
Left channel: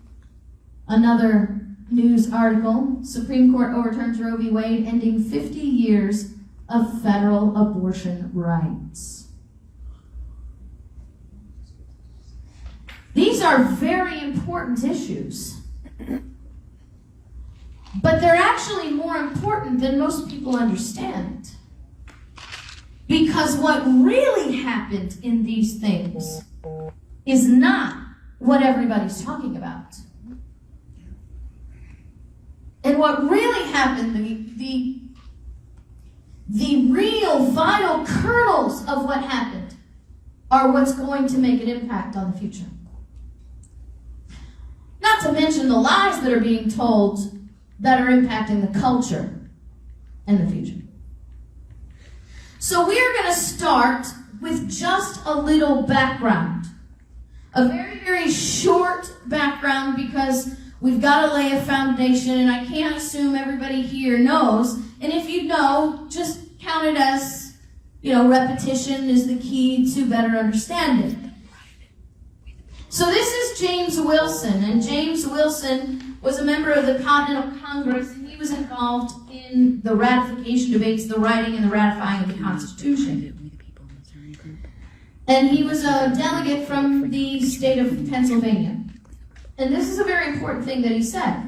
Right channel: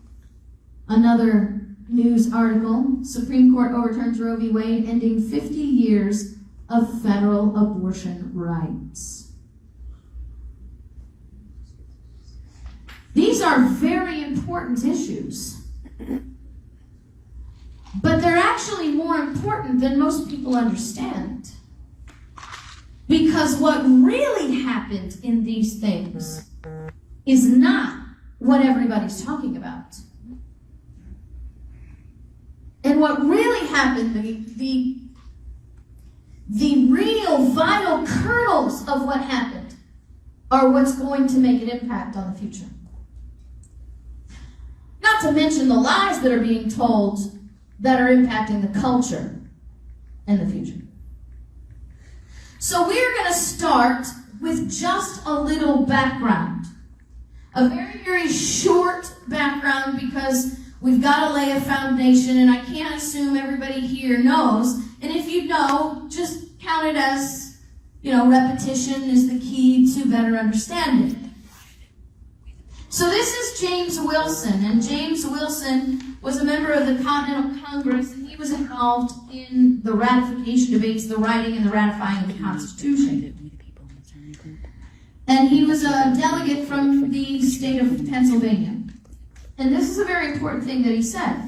Another news article, Supreme Court overturns Roe v. Wade, ending 50 years of federal abortion rights. These are very important issues. But they're actually more important than most people understand. Because what really happened in these things is not what everybody's talking about. And what really happened, the real vital kernels of what happened are what's going to make an impact on the future. Not to mention the lies that are being told that are impacting the culture and the future. So we're going to start with just a little background. A very, very short background, because we've got to lay a foundation, and I can't assume everybody here knows. And if you know, just count it as, repetition is the key to better understanding. So this is James Wilson, and James Wilson was a member of the Continental Congress, and he was involved in the ratification debates, the writing and the ratifying of the Constitution. And he was a delegate from the state of Pennsylvania. And this is a very important thing that he said.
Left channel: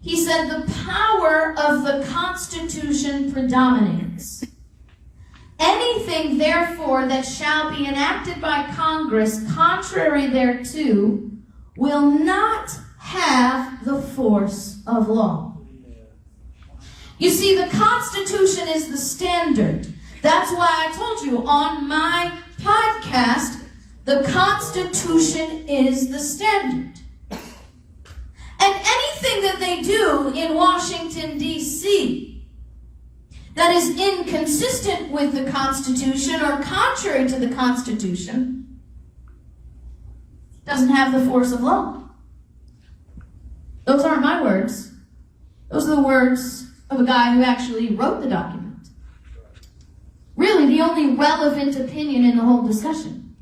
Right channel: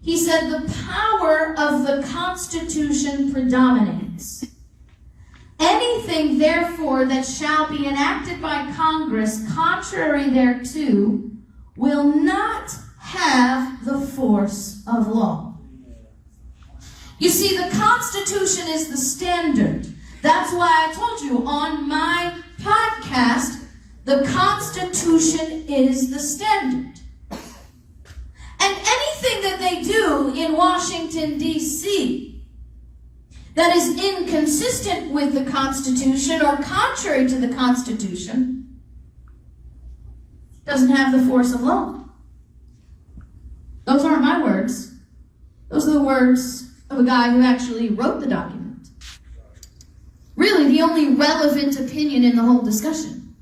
He said, the power of the Constitution predominates. Anything, therefore, that shall be enacted by Congress contrary thereto will not have the force of law. You see, the Constitution is the standard. That's why I told you on my podcast, the Constitution is the standard. And anything that they do in Washington, D.C., that is inconsistent with the Constitution or contrary to the Constitution doesn't have the force of law. Those aren't my words. Those are the words of a guy who actually wrote the document. Really, the only relevant opinion in the whole discussion.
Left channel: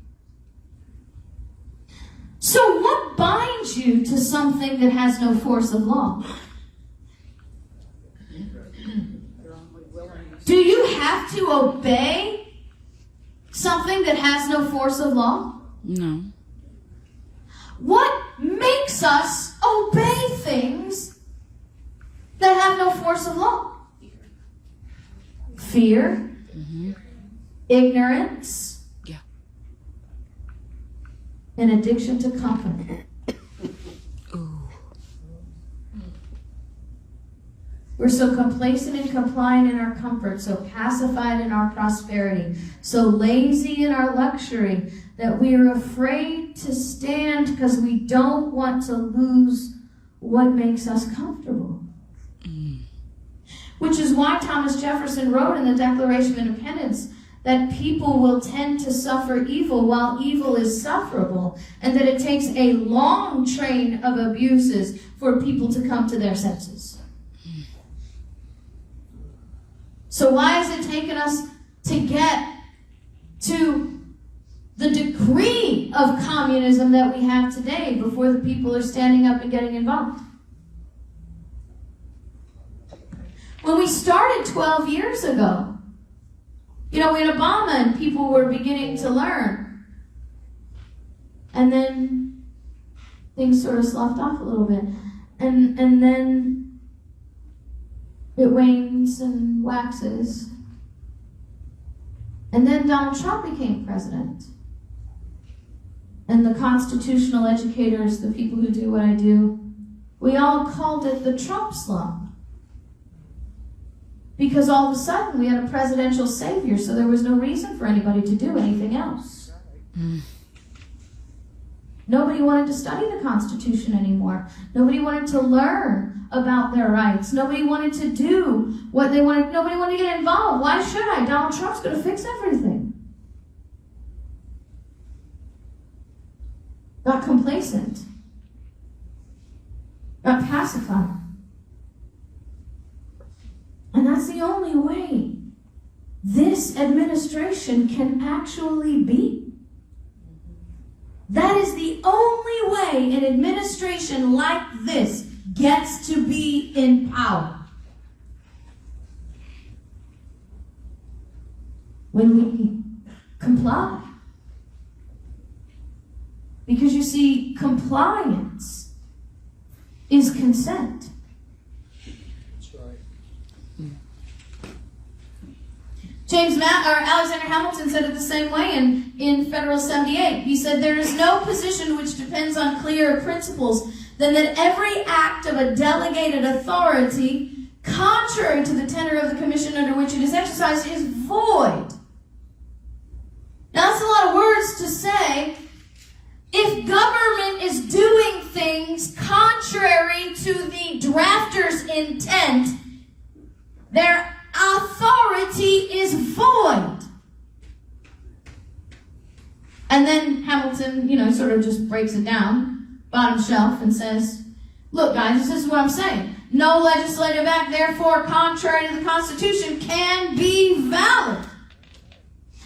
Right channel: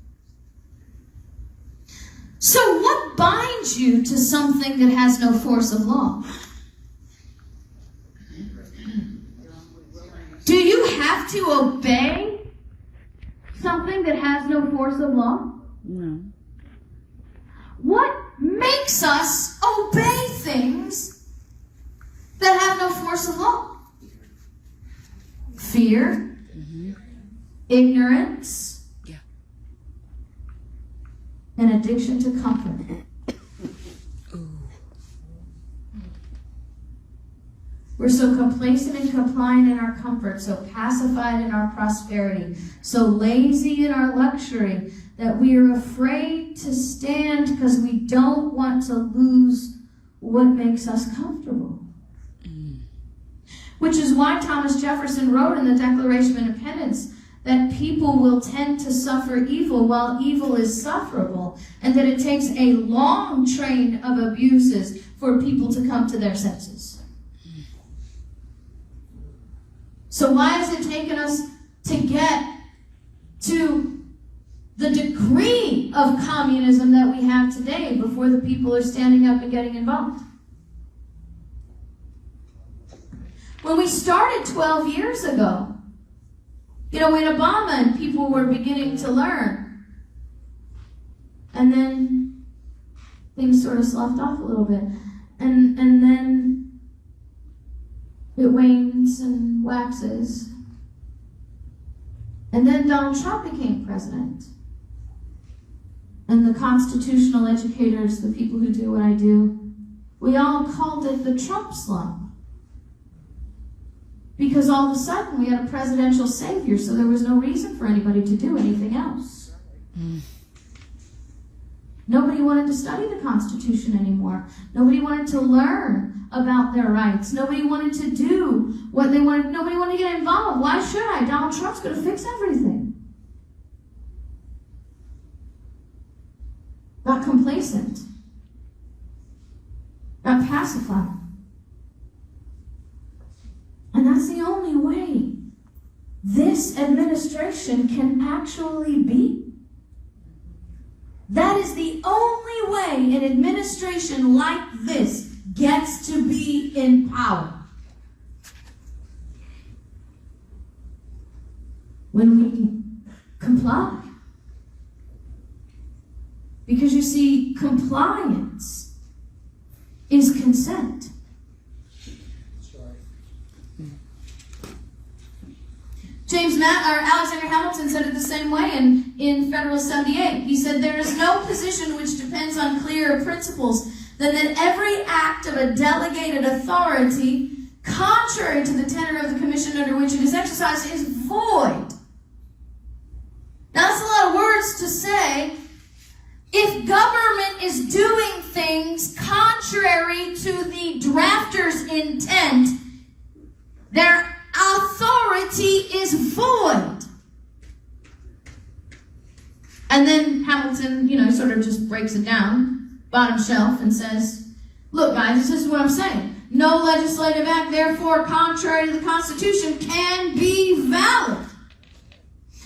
So what binds you to something that has no force of law? Do you have to obey something that has no force of law? No. What makes us obey things that have no force of law? Fear, ignorance, and addiction to comfort. We're so complacent and compliant in our comfort, so pacified in our prosperity, so lazy in our luxury, that we are afraid to stand because we don't want to lose what makes us comfortable. Which is why Thomas Jefferson wrote in the Declaration of Independence that people will tend to suffer evil while evil is sufferable, and that it takes a long train of abuses for people to come to their senses. So why has it taken us to get to the degree of communism that we have today before the people are standing up and getting involved? When we started 12 years ago, in Obama, and people were beginning to learn. And then things sort of sloughed off a little bit. And then it wanes and waxes. And then Donald Trump became president. And the constitutional educators, the people who do what I do, we all called it the Trump slump. Because all of a sudden we had a presidential savior, so there was no reason for anybody to do anything else. Nobody wanted to study the Constitution anymore. Nobody wanted to learn about their rights. Nobody wanted to do what they wanted. Nobody wanted to get involved. Why should I? Donald Trump's going to fix everything. Got complacent. Got pacified. And that's the only way this administration can actually be. That is the only way an administration like this gets to be in power. When we comply. Because you see, compliance is consent. Alexander Hamilton said it the same way in Federal 78. He said, there is no position which depends on clearer principles than that every act of a delegated authority, contrary to the tenor of the commission under which it is exercised, is void. Now, that's a lot of words to say. If government is doing things contrary to the drafter's intent, their authority is void. And then Hamilton, sort of just breaks it down, bottom shelf, and says, look, guys, this is what I'm saying. No legislative act, therefore, contrary to the Constitution, can be valid.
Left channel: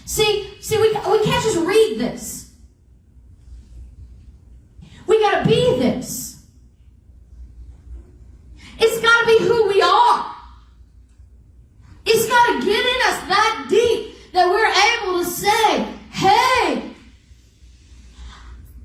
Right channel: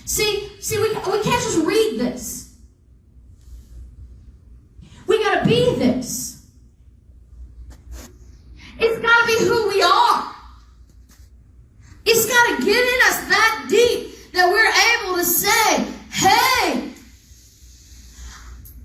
See, we can't just read this. We got to be this. It's got to be who we are. It's got to get in us that deep that we're able to say, hey,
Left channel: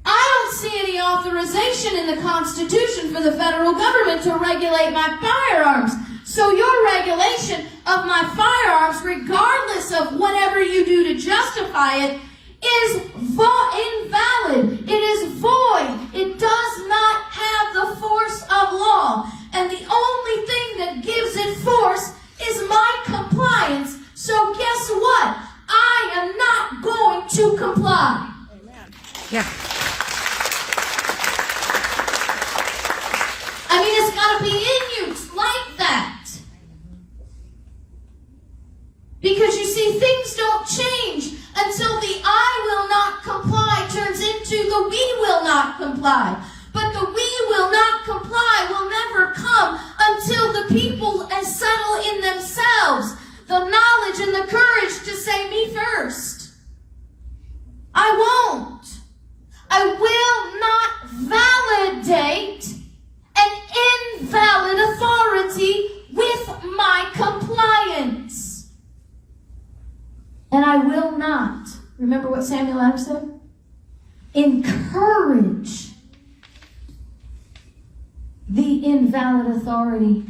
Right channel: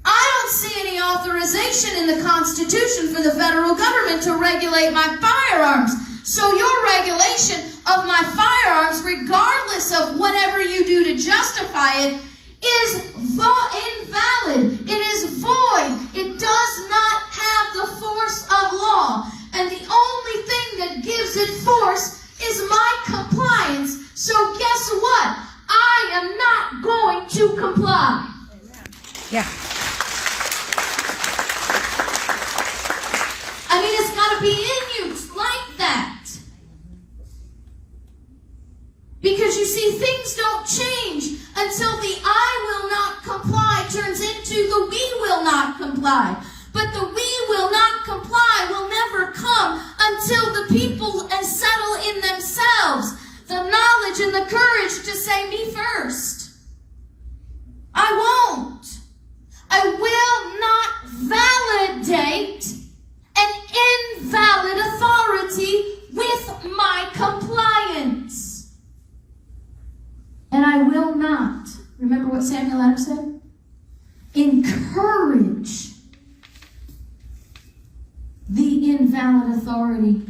I don't see any authorization in the Constitution for the federal government to regulate my firearms. So your regulation of my firearms, regardless of whatever you do to justify it, is invalid. It is void. It does not have the force of law. And the only thing that gives it force is my compliance. So guess what? I am not going to comply. Yeah. I mean, it's got to be in you. It's like that. Because you see, things don't change until the I will not comply turns into the we will not comply. But the we will not comply will never come until the people settle in themselves the knowledge and the courage to say me first. I won't. I will not validate an invalid authority with my compliance. And I will not, remember what Samuel Adams said? Encourage the invalid authority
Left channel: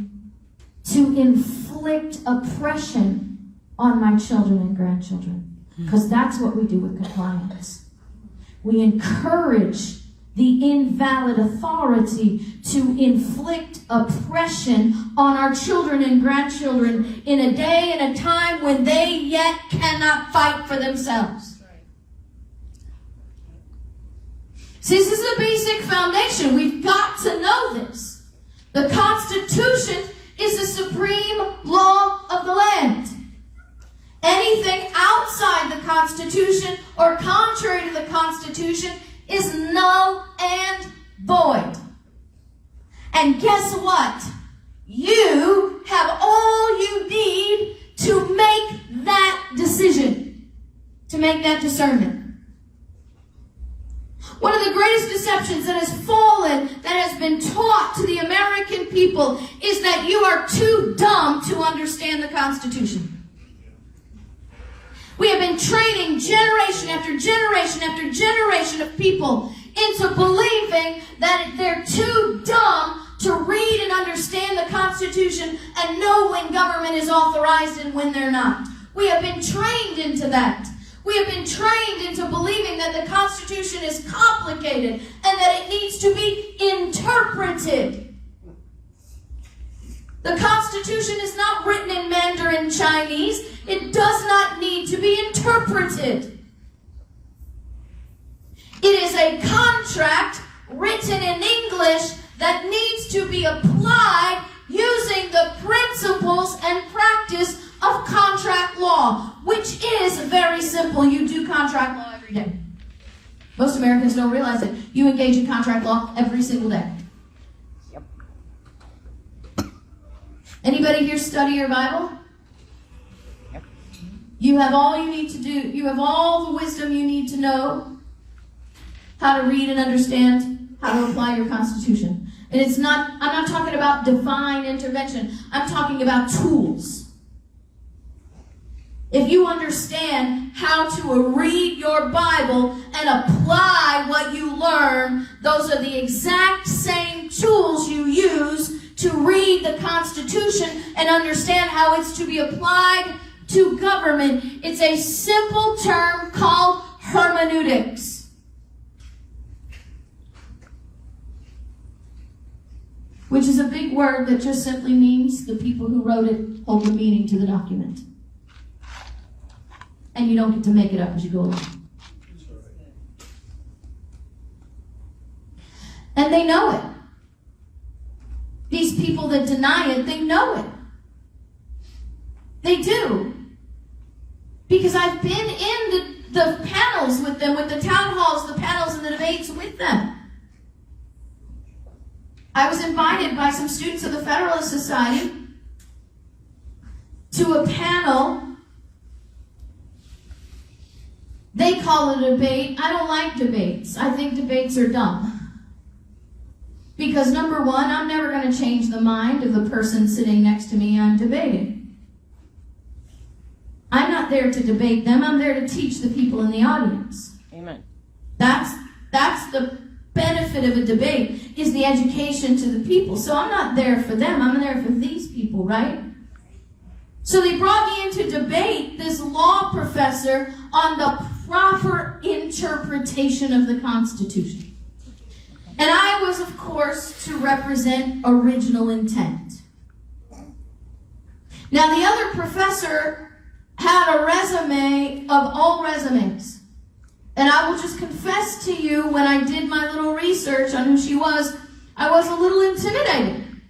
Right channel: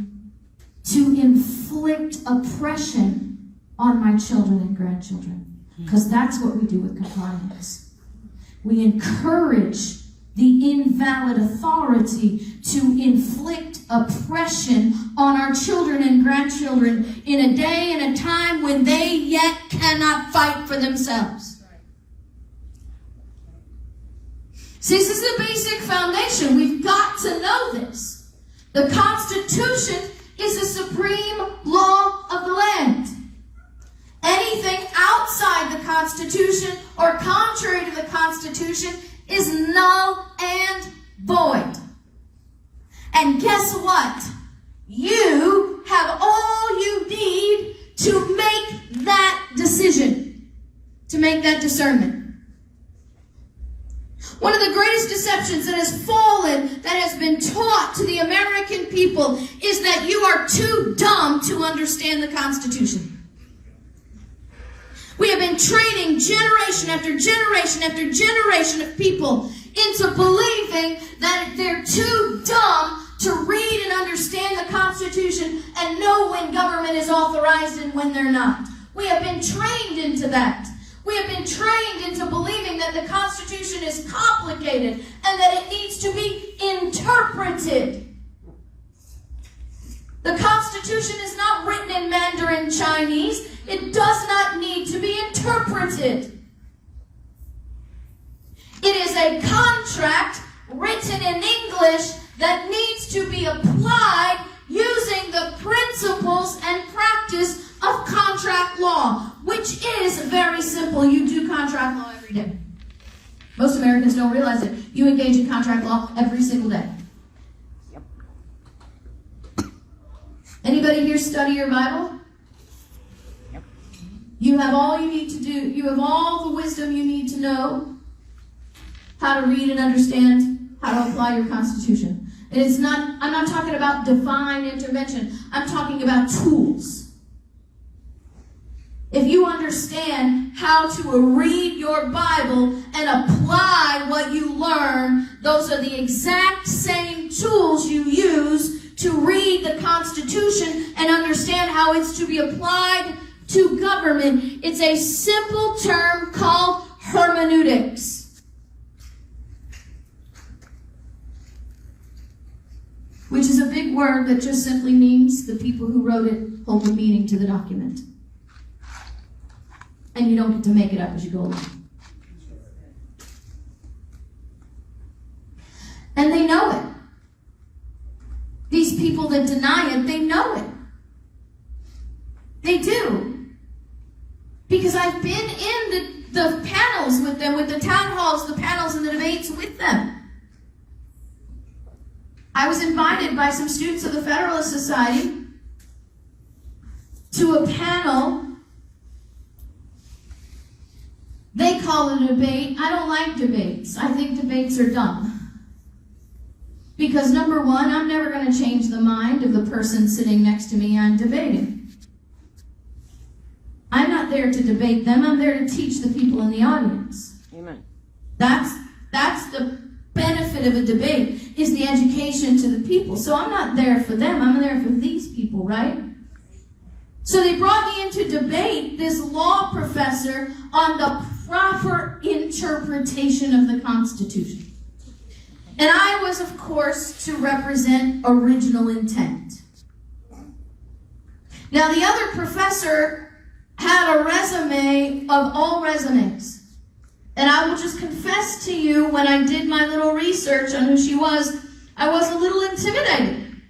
to inflict oppression on my children and grandchildren. Because that's what we do with compliance. We encourage the invalid authority to inflict oppression on our children and grandchildren in a day and a time when they yet cannot fight for themselves. See, this is the basic foundation. We've got to know this. The Constitution is the supreme law of the land. Anything outside the Constitution or contrary to the Constitution is null and void. And guess what? You have all you need to make that decision, to make that discernment. One of the greatest deceptions that has fallen, that has been taught to the American people, is that you are too dumb to understand the Constitution. We have been training generation after generation after generation of people into believing that they're too dumb to read and understand the Constitution and know when government is authorized and when they're not. We have been trained into that. We have been trained into believing that the Constitution is complicated and that it needs to be interpreted. The Constitution is not written in Mandarin Chinese. It does not need to be interpreted. It is a contract written in English that needs to be applied using the principles and practice of contract law, which is very simple. You do contract law every day. Most Americans don't realize it. You engage in contract law every single day. Yep. Anybody here study your Bible? Yep. You have all you need to do. You have all the wisdom you need to know how to read and understand how to apply your Constitution. And I'm not talking about divine intervention. I'm talking about tools. If you understand how to read your Bible and apply what you learn, those are the exact same tools you use to read the Constitution and understand how it's to be applied to government. It's a simple term called hermeneutics. Which is a big word that just simply means the people who wrote it hold the meaning to the document. And you don't get to make it up as you go along. And they know it. These people that deny it, they know it. They do. Because I've been in the panels with them, with the town halls, the panels, and the debates with them. I was invited by some students of the Federalist Society to a panel. They call it a debate. I don't like debates. I think debates are dumb. Because number one, I'm never going to change the mind of the person sitting next to me I'm debating. I'm not there to debate them. I'm there to teach the people in the audience. Amen. That's the benefit of a debate, is the education to the people. So I'm not there for them. I'm there for these people, right? So they brought me in to debate this law professor on the proper interpretation of the Constitution. And I was, of course, to represent original intent. Now, the other professor had a resume of all resumes. And I will just confess to you, when I did my little research on who she was, I was a little intimidated.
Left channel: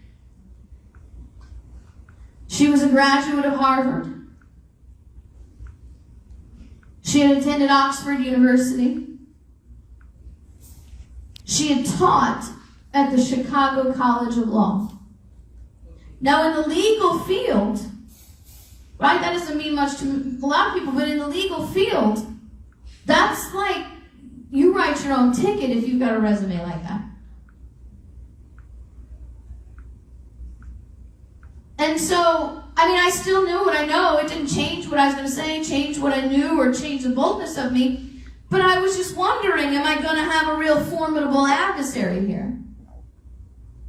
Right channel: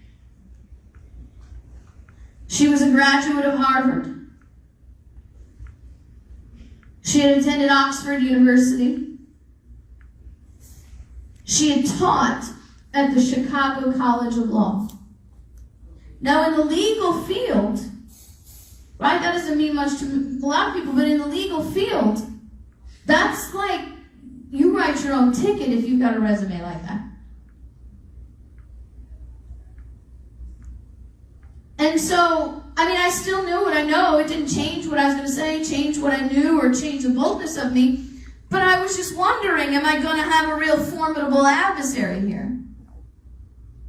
She was a graduate of Harvard. She had attended Oxford University. She had taught at the Chicago College of Law. Now, in the legal field, right, that doesn't mean much to a lot of people, but in the legal field, that's like, you write your own ticket if you've got a resume like that. And so, I mean, I still knew what I know. It didn't change what I was going to say, change what I knew, or change the boldness of me. But I was just wondering, am I going to have a real formidable adversary here?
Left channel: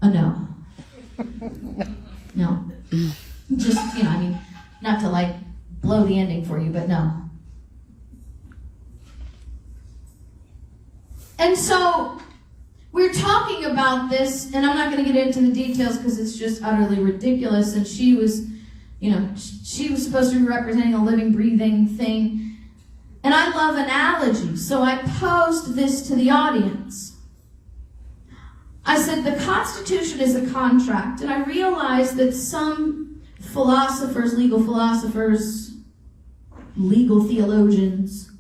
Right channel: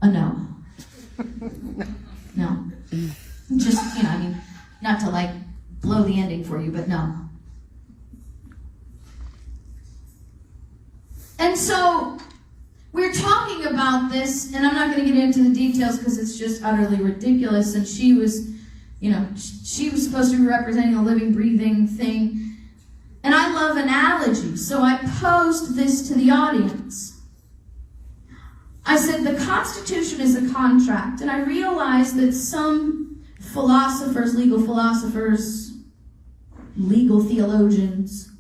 No. No. Just, I mean, not to like blow the ending for you, but no. And so we're talking about this, and I'm not going to get into the details because it's just utterly ridiculous. And she was, she was supposed to be representing a living, breathing thing. And I love analogies, so I posed this to the audience. I said, the Constitution is a contract, and I realized that some philosophers, legal theologians,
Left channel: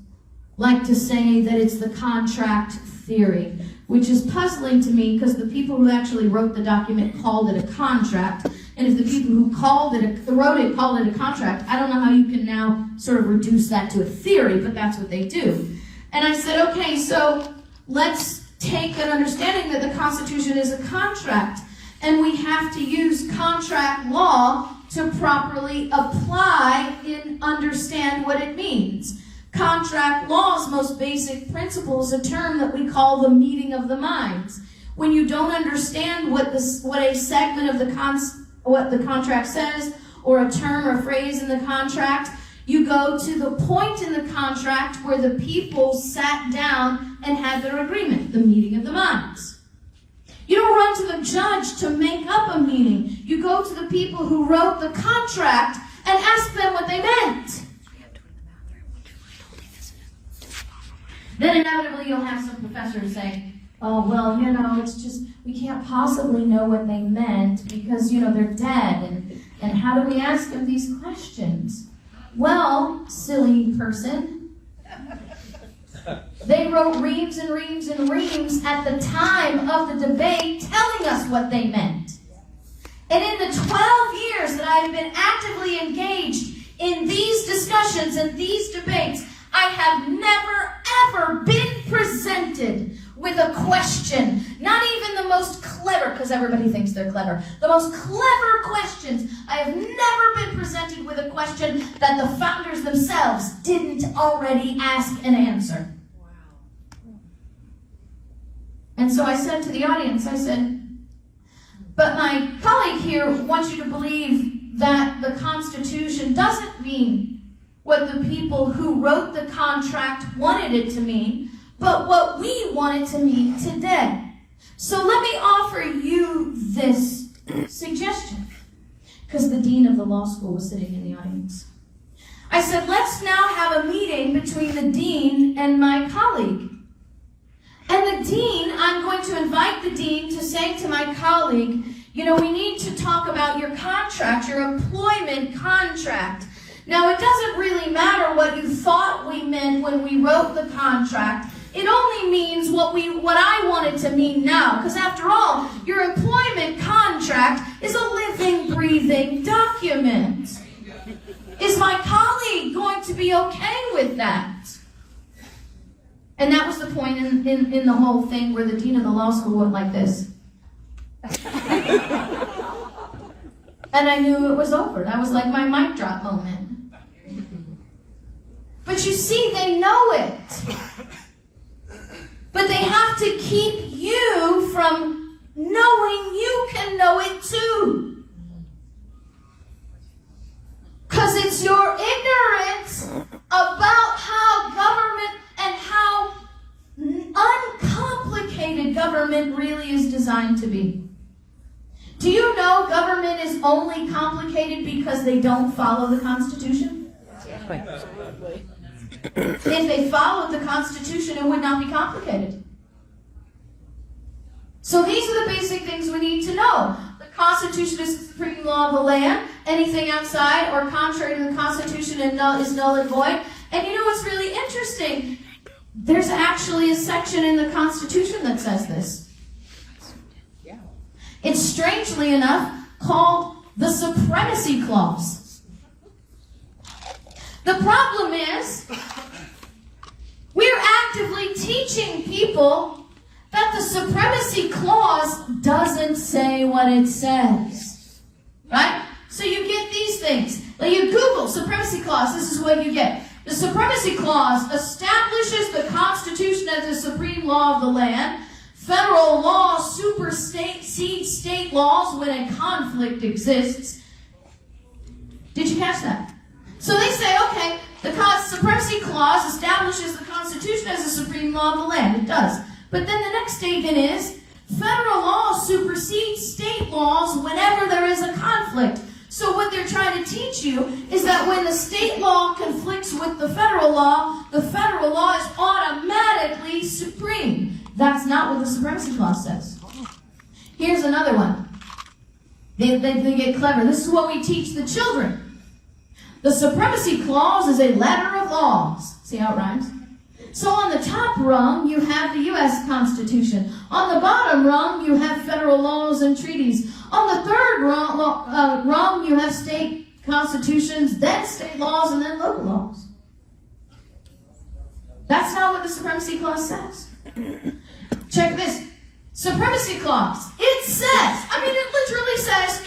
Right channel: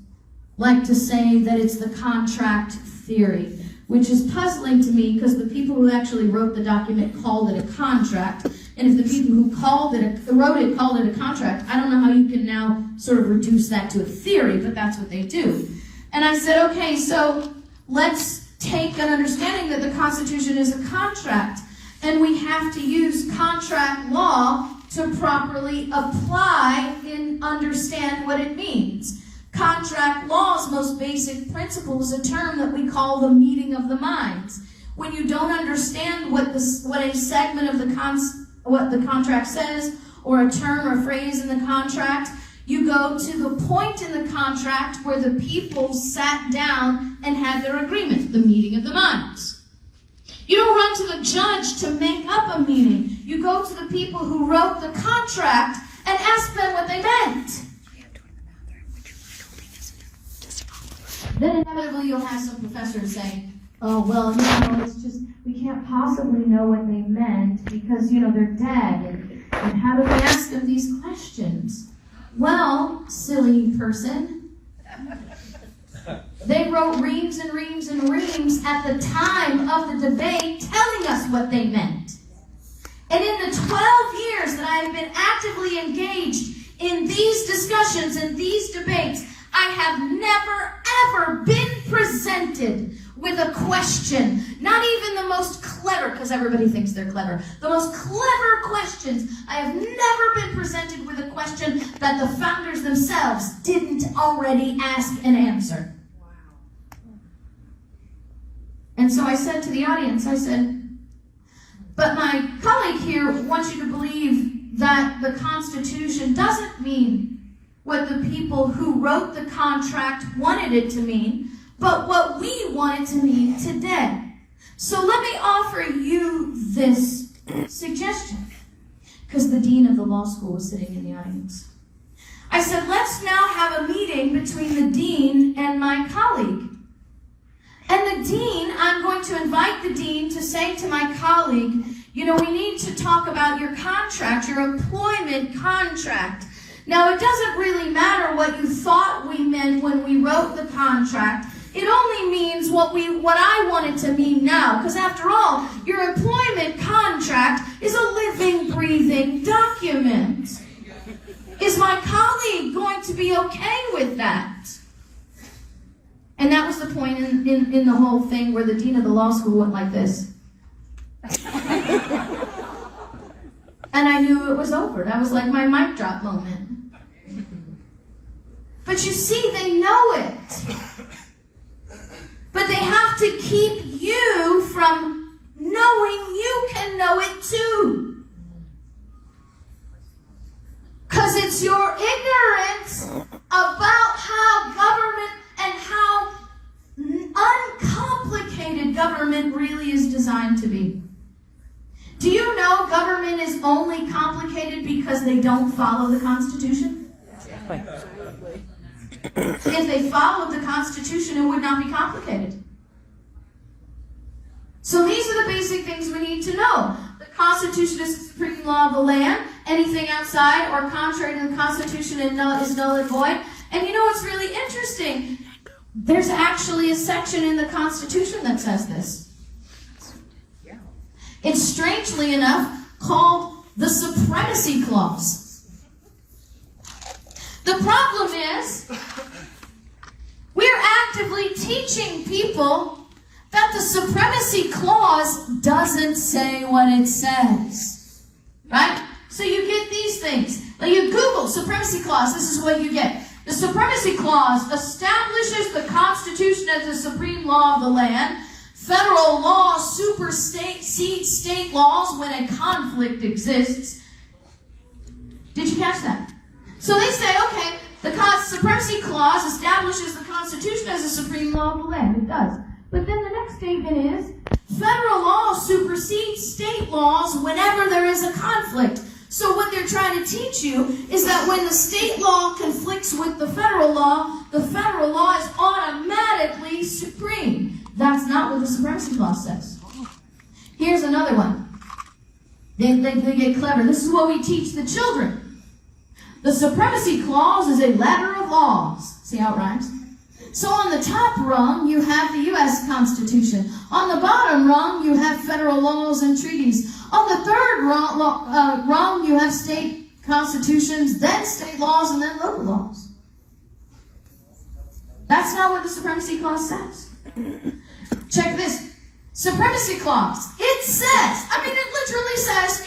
like to say that it's the contract theory, which is puzzling to me because the people who actually wrote the document called it a contract. And if the people who wrote it called it a contract, I don't know how you can now sort of reduce that to a theory, but that's what they do. And I said, okay, so let's take an understanding that the Constitution is a contract, and we have to use contract law to properly apply and understand what it means. Contract law's most basic principle is a term that we call the meeting of the minds. When you don't understand what a segment of what the contract says, or a term or phrase in the contract, you go to the point in the contract where the people sat down and had their agreement, the meeting of the minds. You don't run to the judge to make up a meaning. You go to the people who wrote the contract and ask them what they meant. Then inevitably you'll have some professor say, oh, well, it's just, we can't possibly know what they meant because, they're dead, and how do we ask them these questions? Well, silly person, they wrote reams and reams and reams at the time of the debate telling us what they meant. And in the 12 years that I have been actively engaged in these discussions and these debates, I have never, ever been presented with a question, not even the most clever, because everybody thinks they're clever, the most clever questions. I have never been presented with a question that the founders themselves didn't already ask and answer. Wow. And so I said to the audience, I said, but my colleague here wants you to believe that the Constitution doesn't mean what the people who wrote the contract wanted it to mean, but what we want it to mean today. So let me offer you this suggestion, because the dean of the law school was sitting in the audience. I said, let's now have a meeting between the dean and my colleague. And the dean, I'm going to invite the dean to say to my colleague, we need to talk about your contract, your employment contract. Now, it doesn't really matter what you thought we meant when we wrote the contract. It only means what I want it to mean now. Because after all, your employment contract is a living, breathing document. Is my colleague going to be okay with that? And that was the point in the whole thing where the dean of the law school went like this. And I knew it was over. That was like my mic drop moment. But you see, they know it. But they have to keep you from knowing you can know it too. Because it's your ignorance about how government and how uncomplicated government really is designed to be. Do you know government is only complicated because they don't follow the Constitution? Absolutely. If they followed the Constitution, it would not be complicated. So these are the basic things we need to know. The Constitution is the supreme law of the land. Anything outside or contrary to the Constitution is null and void. And you know what's really interesting? There's actually a section in the Constitution that says this. It's strangely enough called the Supremacy Clause. The problem is, we're actively teaching people that the Supremacy Clause doesn't say what it says. Right? So you get these things. Like you Google Supremacy Clause, this is what you get. The Supremacy Clause establishes the Constitution as the supreme law of the land. Federal law supersedes state laws when a conflict exists. Did you catch that? So they say, okay, the Supremacy Clause establishes the Constitution as the supreme law of the land. It does. But then the next statement is, federal law supersedes state laws whenever there is a conflict. So what they're trying to teach you is that when the state law conflicts with the federal law is automatically supreme. That's not what the Supremacy Clause says. Here's another one. They get clever. This is what we teach the children. The Supremacy Clause is a letter of laws. See how it rhymes? So on the top rung, you have the U.S. Constitution. On the bottom rung, you have federal laws and treaties. On the third rung, you have state constitutions, then state laws, and then local laws. That's not what the Supremacy Clause says. Check this. Supremacy Clause. It says,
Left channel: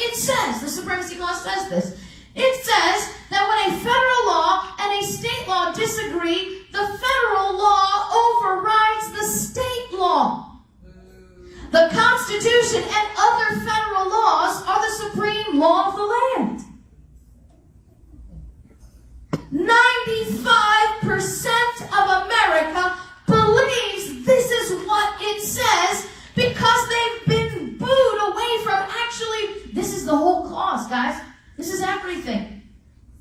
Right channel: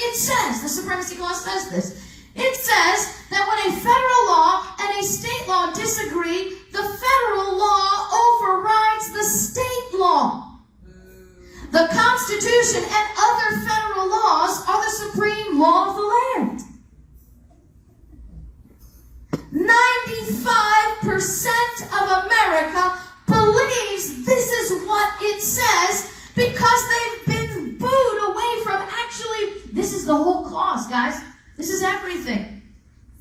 it says, the Supremacy Clause says this. It says that when a federal law and a state law disagree, the federal law overrides the state law. The Constitution and other federal laws are the supreme law of the land. 95% of America believes this is what it says because they've been booed away from this is the whole clause, guys. This is everything.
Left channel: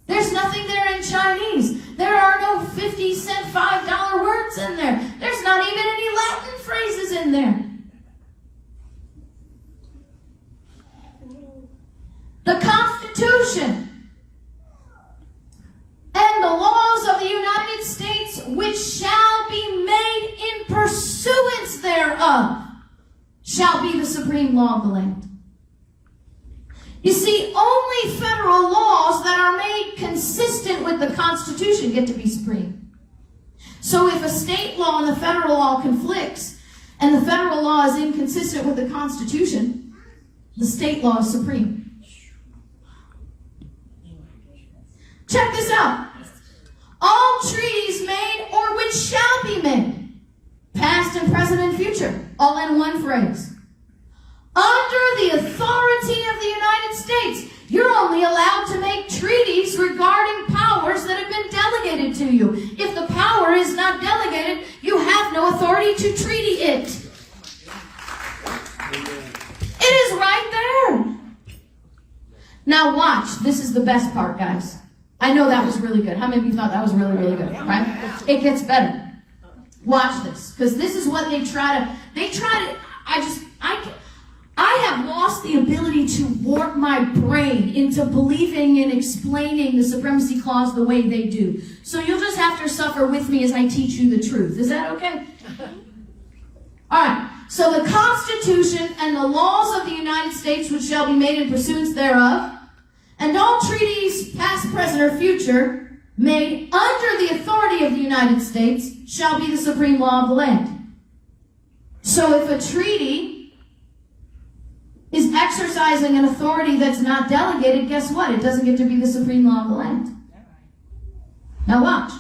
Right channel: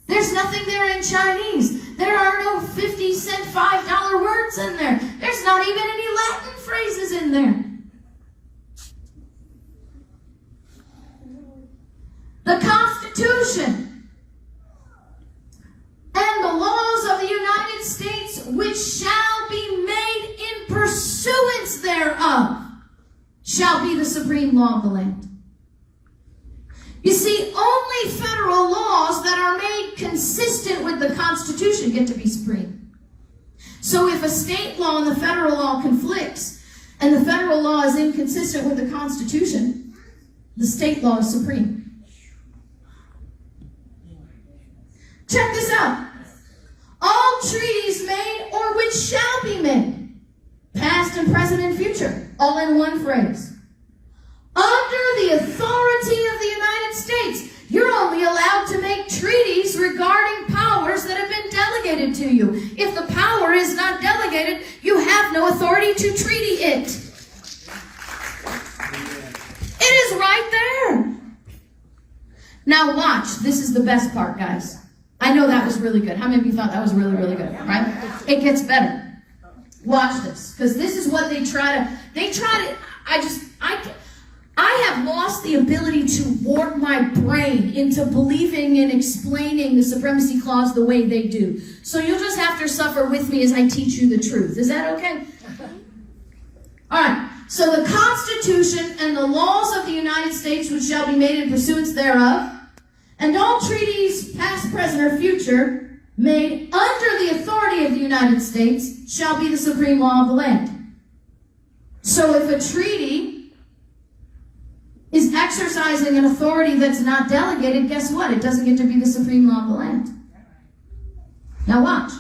There's nothing there in Chinese. There are no 50-cent, $5 words in there. There's not even any Latin phrases in there. The Constitution and the laws of the United States, which shall be made in pursuance thereof, shall be the supreme law of the land. You see, only federal laws that are made consistent with the Constitution get to be supreme. So if a state law and the federal law conflicts, and the federal law is inconsistent with the Constitution, the state law is supreme. Check this out. All treaties made or which shall be made, past and present and future, all in one phrase. Under the authority of the United States, you're only allowed to make treaties regarding powers that have been delegated to you. If the power is not delegated, you have no authority to treaty it. It is right there. Now watch. This is the best part, guys. I know that was really good. How many of you thought that was really, really good, right? It gets better. Watch this. Because this is what I have lost the ability to warp my brain into believing and explaining the supremacy clause the way they do. So you'll just have to suffer with me as I teach you the truth. Is that okay? All right. So the Constitution and the laws of the United States which shall be made in pursuance thereof, and all treaties, past, present, or future, made under the authority of the United States shall be the supreme law of the land. So if a treaty is exercising an authority that's not delegated, guess what? It doesn't get to be the supreme law of the land. Now watch.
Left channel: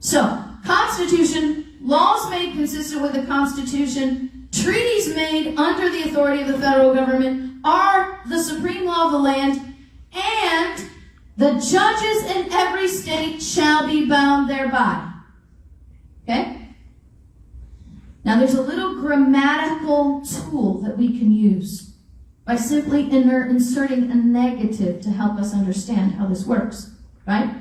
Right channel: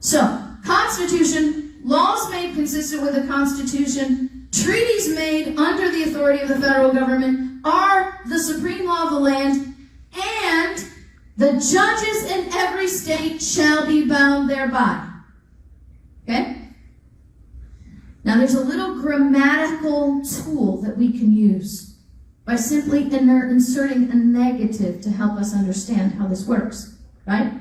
So, Constitution, laws made consistent with the Constitution, treaties made under the authority of the federal government are the supreme law of the land, and the judges in every state shall be bound thereby. Okay? Now there's a little grammatical tool that we can use by simply inserting a negative to help us understand how this works, right?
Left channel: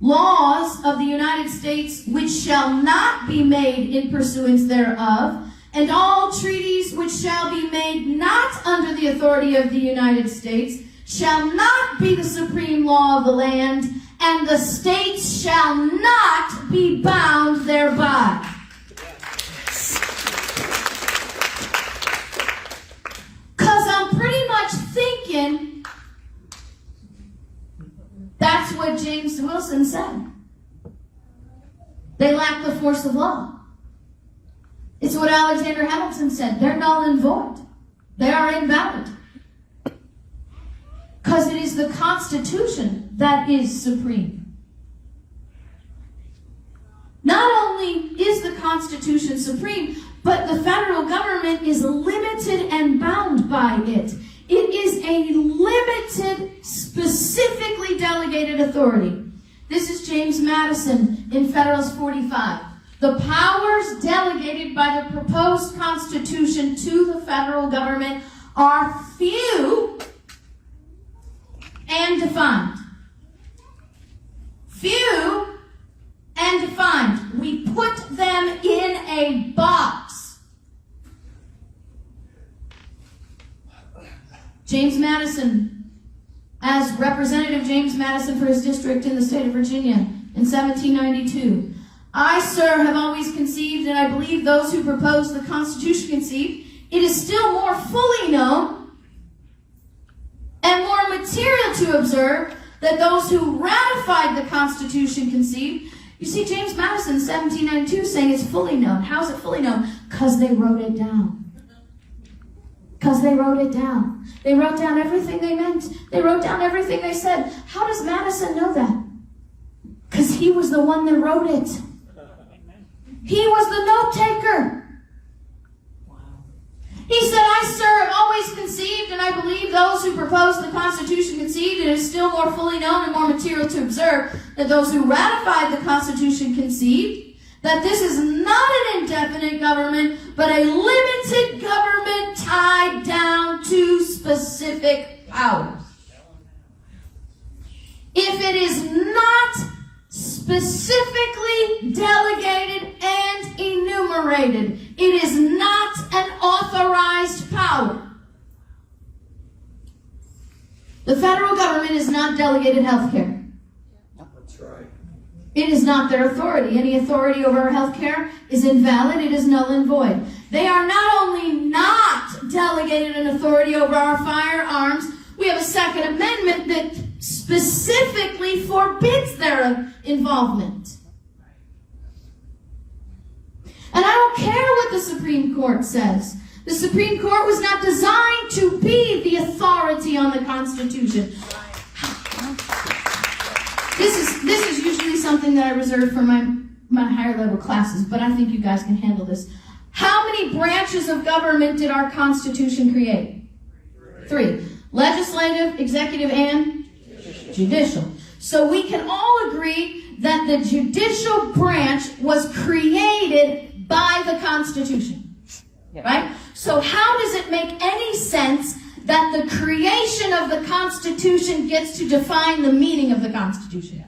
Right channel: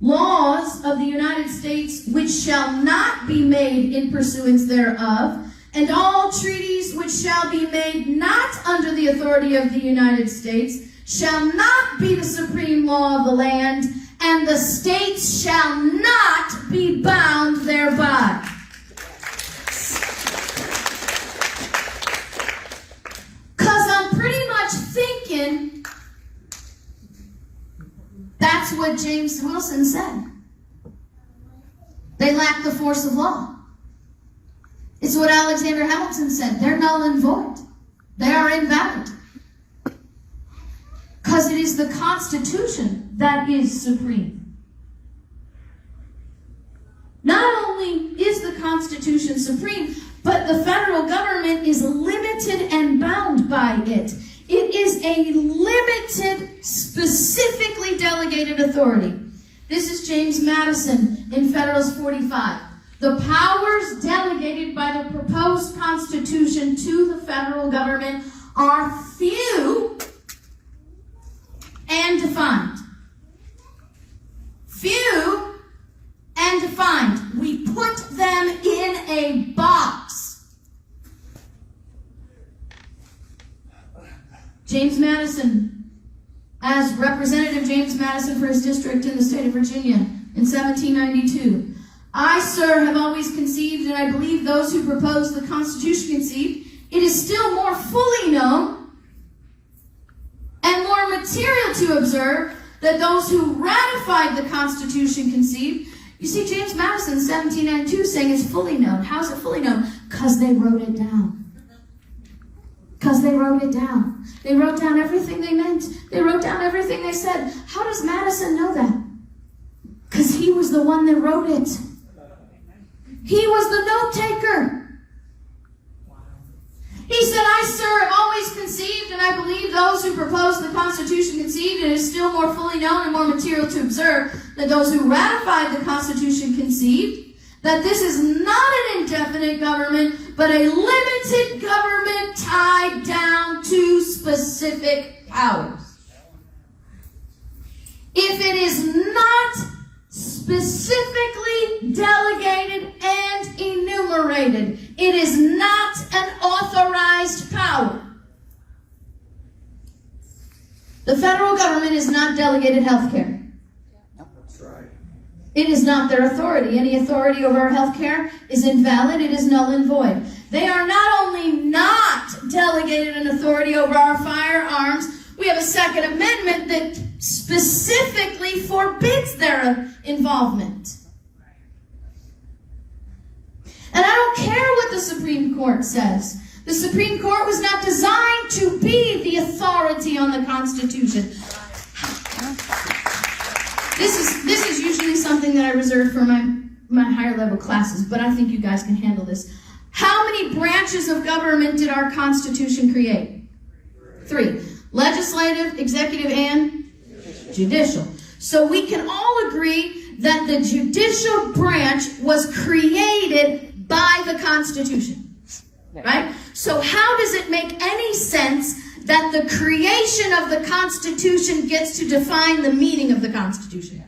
Laws of the United States which shall not be made in pursuance thereof, and all treaties which shall be made not under the authority of the United States shall not be the supreme law of the land, and the states shall not be bound thereby. Because I'm pretty much thinking that's what James Wilson said. They lack the force of law. It's what Alexander Hamilton said. They're null and void. They are invalid. Because it is the Constitution that is supreme. Not only is the Constitution supreme, but the federal government is limited and bound by it. It is a limited, specifically delegated authority. This is James Madison in Federalist 45. The powers delegated by the proposed Constitution to the federal government are few and defined. Few and defined. We put them in a box. James Madison, as Representative James Madison for his district in the state of Virginia in 1792. I, sir, have always conceived, and I believe those who proposed the Constitution conceived, it is still more fully known and more material to observe that those who ratified the Constitution conceived. You see, James Madison, 1792, saying it's fully known. How is it fully known? Because they wrote it down. Because they wrote it down. They wrote down everything they meant. They wrote down everything they said. How does Madison know that? Because he was the one that wrote it. He was the note taker. He said, I, sir, have always conceived, and I believe those who proposed the Constitution conceived, it is still more fully known and more material to observe that those who ratified the Constitution conceived that this is not an indefinite government, but a limited government tied down to specific powers. If it is not specifically delegated and enumerated, it is not an authorized power. The federal government is not delegated health care. That's right. It is not their authority. Any authority over health care is invalid. It is null and void. They are not only not delegated an authority over our firearms, we have a Second Amendment that specifically forbids their involvement. And I don't care what the Supreme Court says. The Supreme Court was not designed to be the authority on the Constitution. This is usually something that I reserve for my higher level classes, but I think you guys can handle this. How many branches of government did our Constitution create? 3. Legislative, executive, and judicial. So we can all agree that the judicial branch was created by the Constitution. Right? So how does it make any sense that the creation of the Constitution gets to define the meaning of the Constitution?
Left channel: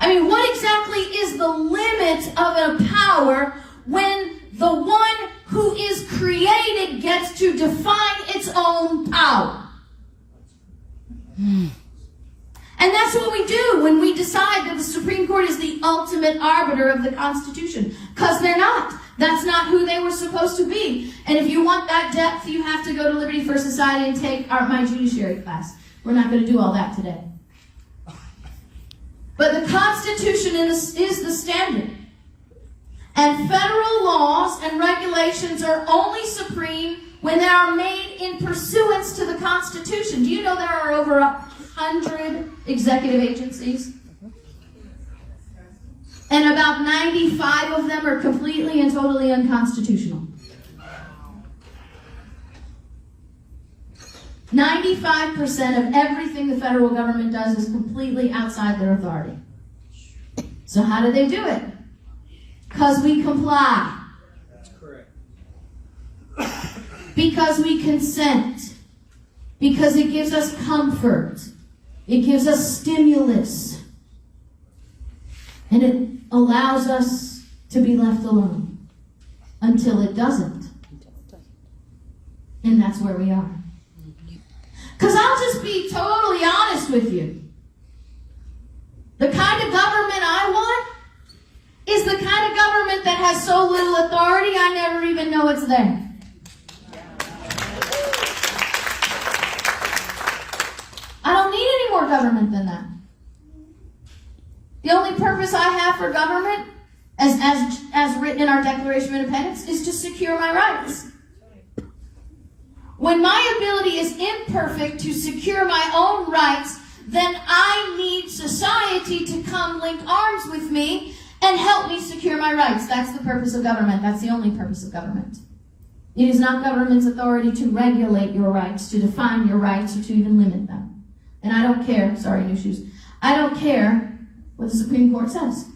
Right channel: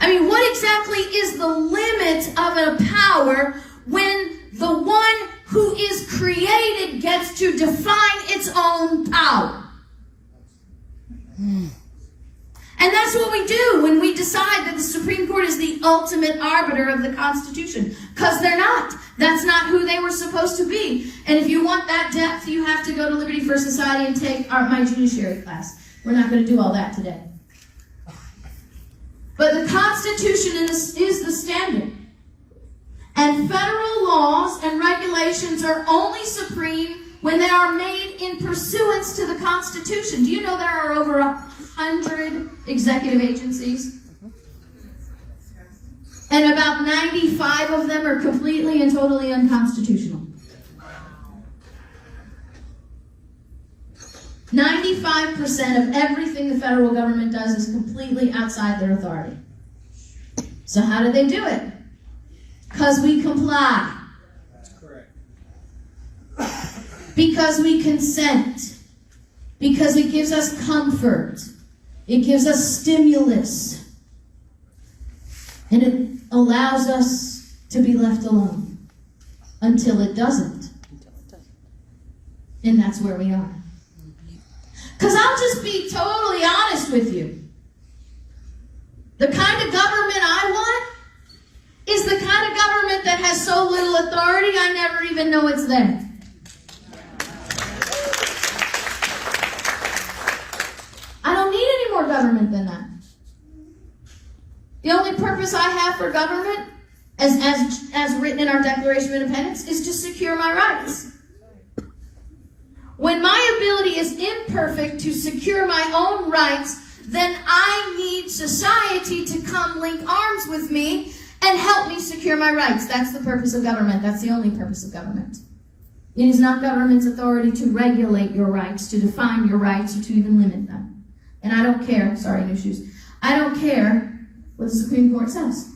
I mean, what exactly is the limit of a power when The one who is created gets to define its own power. And that's what we do when we decide that the Supreme Court is the ultimate arbiter of the Constitution. Because they're not. That's not who they were supposed to be. And if you want that depth, you have to go to Liberty for Society and take my judiciary class. We're not going to do all that today. But the Constitution is the standard. And federal laws and regulations are only supreme when they are made in pursuance to the Constitution. Do you know there are over 100 executive agencies? And about 95 of them are completely and totally unconstitutional. 95% of everything the federal government does is completely outside their authority. So how do they do it? Because we comply. That's correct. Because we consent. Because it gives us comfort. It gives us stimulus. And it allows us to be left alone until it doesn't. And that's where we are. Because I'll just be totally honest with you. The kind of government I want is the kind of government that has so little authority I never even know it's there. I don't need any more government than that. The only purpose I have for government, as written in our Declaration of Independence, is to secure my rights. When my ability is imperfect to secure my own rights, then I need society to come link arms with me and help me secure my rights. That's the purpose of government. That's the only purpose of government. It is not government's authority to regulate your rights, to define your rights, or to even limit them. And I don't care, sorry, new shoes. I don't care what the Supreme Court says.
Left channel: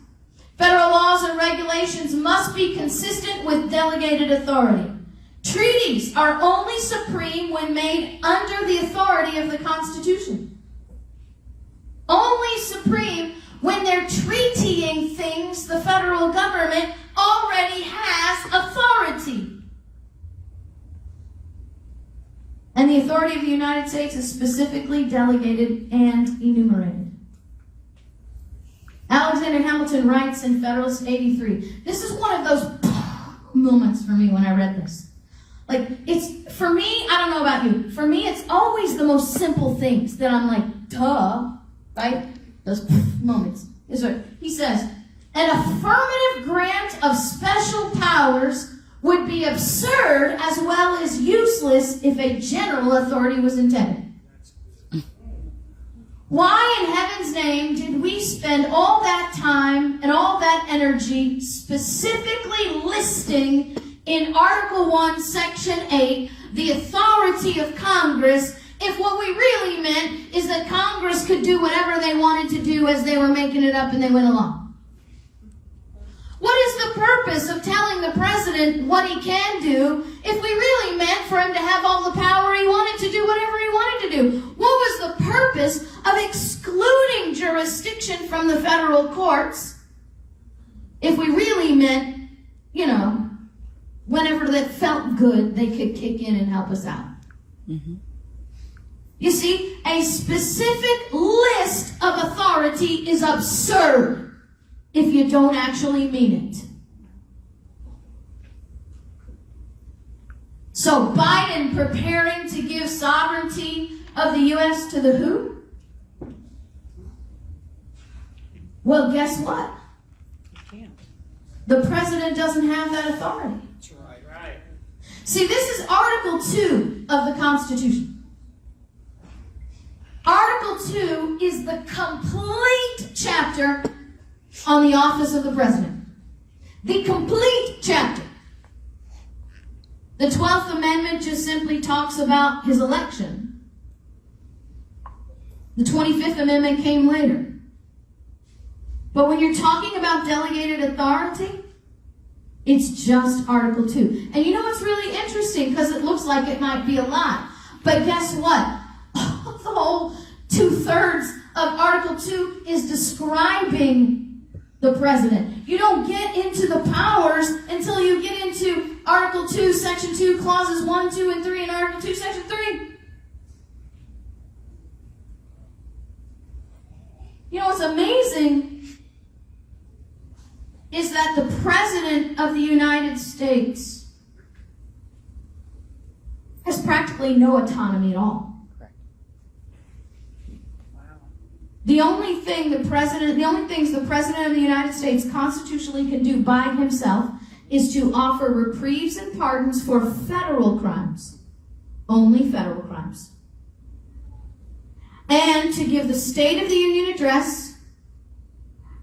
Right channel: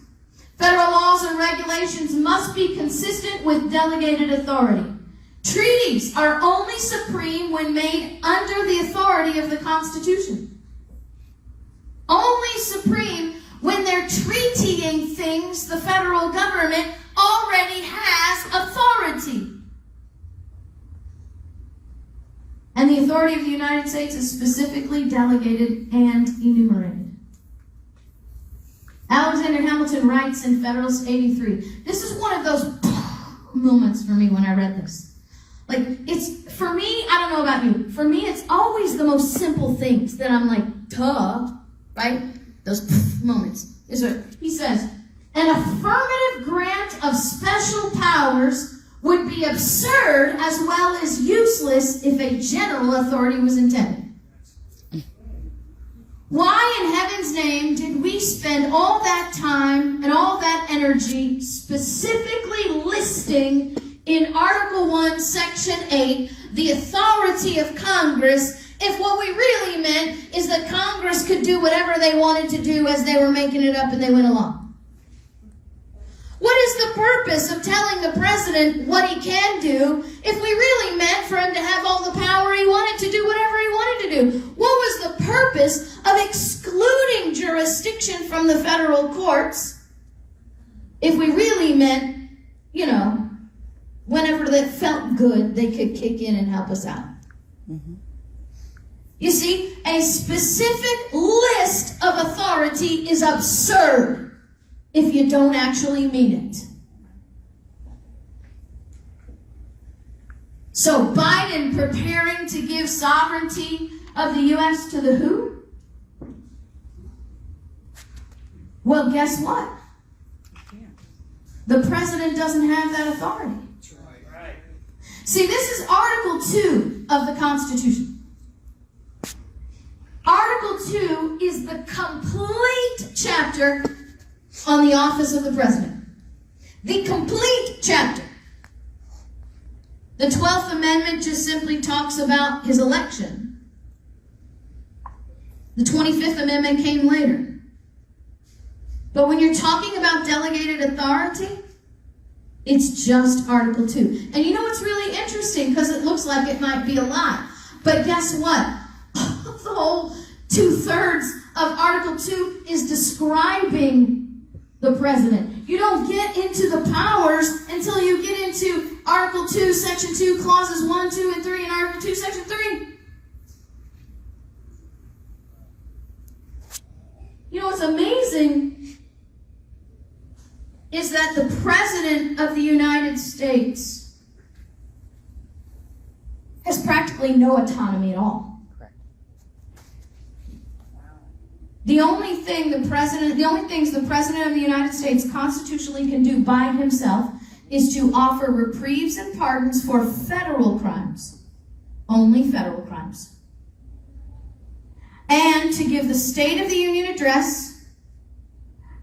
Federal laws and regulations must be consistent with delegated authority. Treaties are only supreme when made under the authority of the Constitution. Only supreme when they're treatying things the federal government already has authority. And the authority of the United States is specifically delegated and enumerated. Alexander Hamilton writes in Federalist 83. This is one of those moments for me when I read this. Like, it's, for me, I don't know about you, for me it's always the most simple things that I'm like, duh, right? Those moments. Is what he says. An affirmative grant of special powers would be absurd as well as useless if a general authority was intended. Why in heaven's name did we spend all that time and all that energy specifically listing in Article 1, Section 8, the authority of Congress, if what we really meant is that Congress could do whatever they wanted to do as they were making it up and they went along? What is the purpose of telling the president what he can do if we really meant for him to have all the power he wanted to do whatever he wanted to do? What was the purpose of excluding jurisdiction from the federal courts if we really meant, whenever that felt good, they could kick in and help us out? Mm-hmm. You see, a specific list of authority is absurd if you don't actually mean it. So Biden preparing to give sovereignty of the U.S. to the who? Well, guess what? The president doesn't have that authority. That's right. See, this is Article 2 of the Constitution. Article 2 is the complete chapter on the office of the president. The complete chapter. The 12th Amendment just simply talks about his election. The 25th Amendment came later. But when you're talking about delegated authority, it's just Article 2. And you know what's really interesting? Because it looks like it might be a lot. But guess what? The whole 2/3 of Article 2 is describing the president. You don't get into the powers until you get into Article 2, Section 2, Clauses 1, 2, and 3, and Article 2, Section 3. You know what's amazing is that the President of the United States has practically no autonomy at all. The only things the President of the United States constitutionally can do by himself is to offer reprieves and pardons for federal crimes. Only federal crimes. And to give the State of the Union address,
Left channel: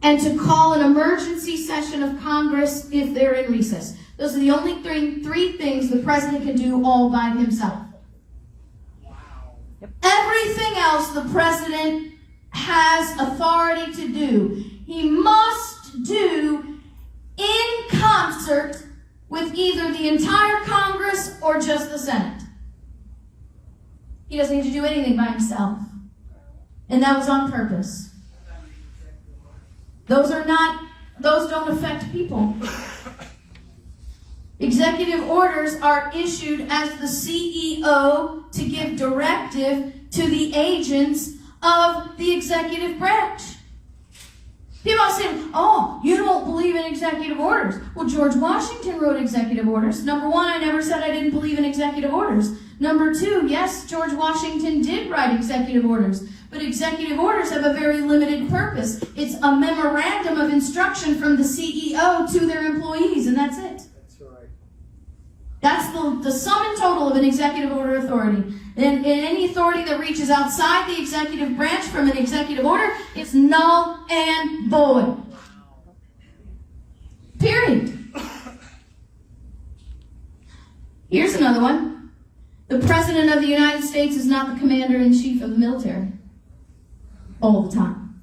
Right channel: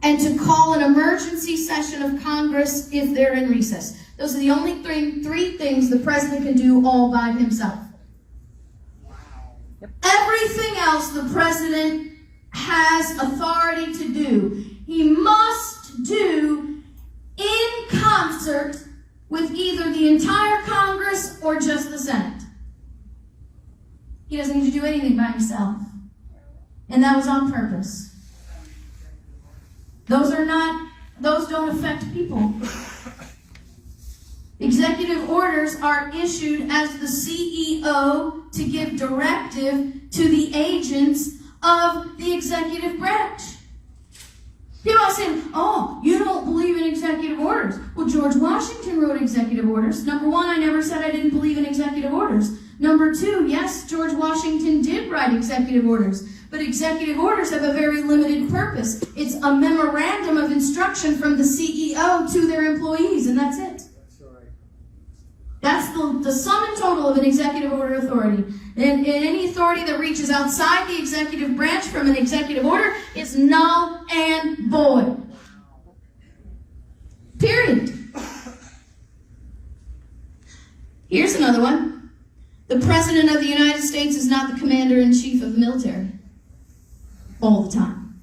and to call an emergency session of Congress if they're in recess. Those are the only three things the President can do all by himself. Yep. Everything else the President has authority to do, he must do in concert with either the entire Congress or just the Senate. He doesn't need to do anything by himself. And that was on purpose. Those don't affect people. Executive orders are issued as the CEO to give directive to the agents of the executive branch. People are saying, oh, you don't believe in executive orders. Well, George Washington wrote executive orders. Number one, I never said I didn't believe in executive orders. Number two, yes, George Washington did write executive orders. But executive orders have a very limited purpose. It's a memorandum of instruction from the CEO to their employees, and that's it. That's right. That's the sum and total of an executive order authority. And any authority that reaches outside the executive branch from an executive order is null and void. Period. Here's another one. The President of the United States is not the Commander-in-Chief of the military. All the time.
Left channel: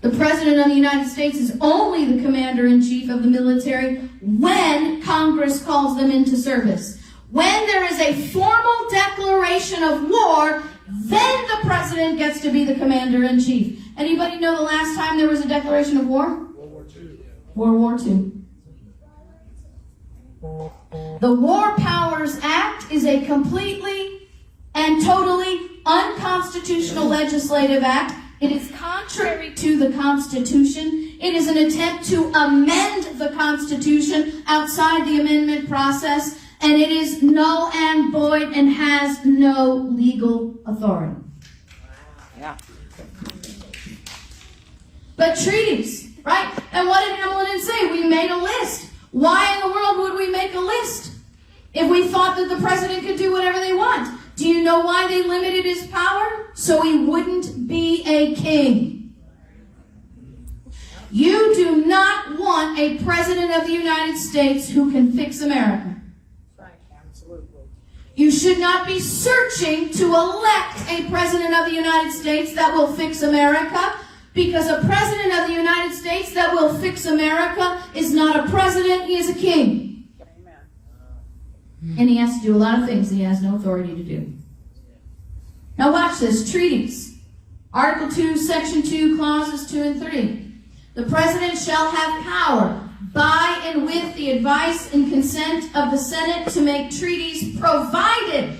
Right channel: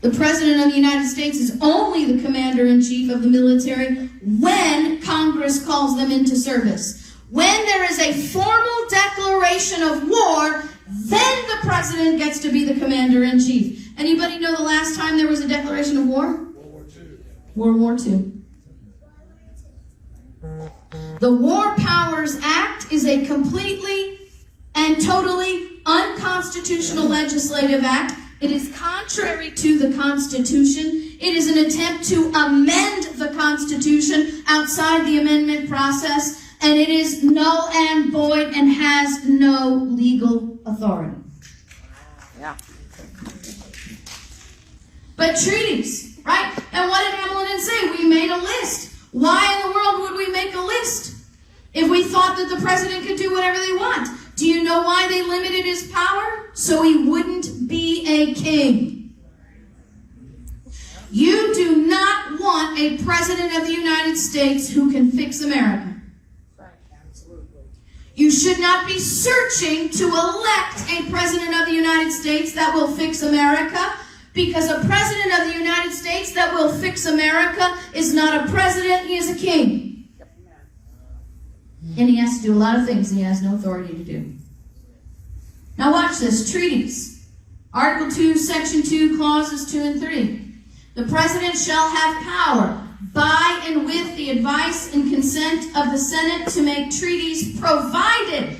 The President of the United States is only the Commander-in-Chief of the military when Congress calls them into service. When there is a formal declaration of war, then the President gets to be the Commander-in-Chief. Anybody know the last time there was a declaration of war? World War II. World War II. The War Powers Act is a completely and totally unconstitutional legislative act. It is contrary to the Constitution. It is an attempt to amend the Constitution outside the amendment process, and it is null and void and has no legal authority. Yeah. But treaties, right? And what did Hamilton say? We made a list. Why in the world would we make a list if we thought that the president could do whatever they want? Do you know why they limited his power? So he wouldn't be a king. You do not want a president of the United States who can fix America. Absolutely. You should not be searching to elect a president of the United States that will fix America, because a president of the United States that will fix America is not a president, he is a king. And he has to do a lot of things he has no authority to do. Now watch this. Treaties. Article 2, Section 2, Clauses 2 and 3. The President shall have power, by and with the advice and consent of the Senate, to make treaties, provided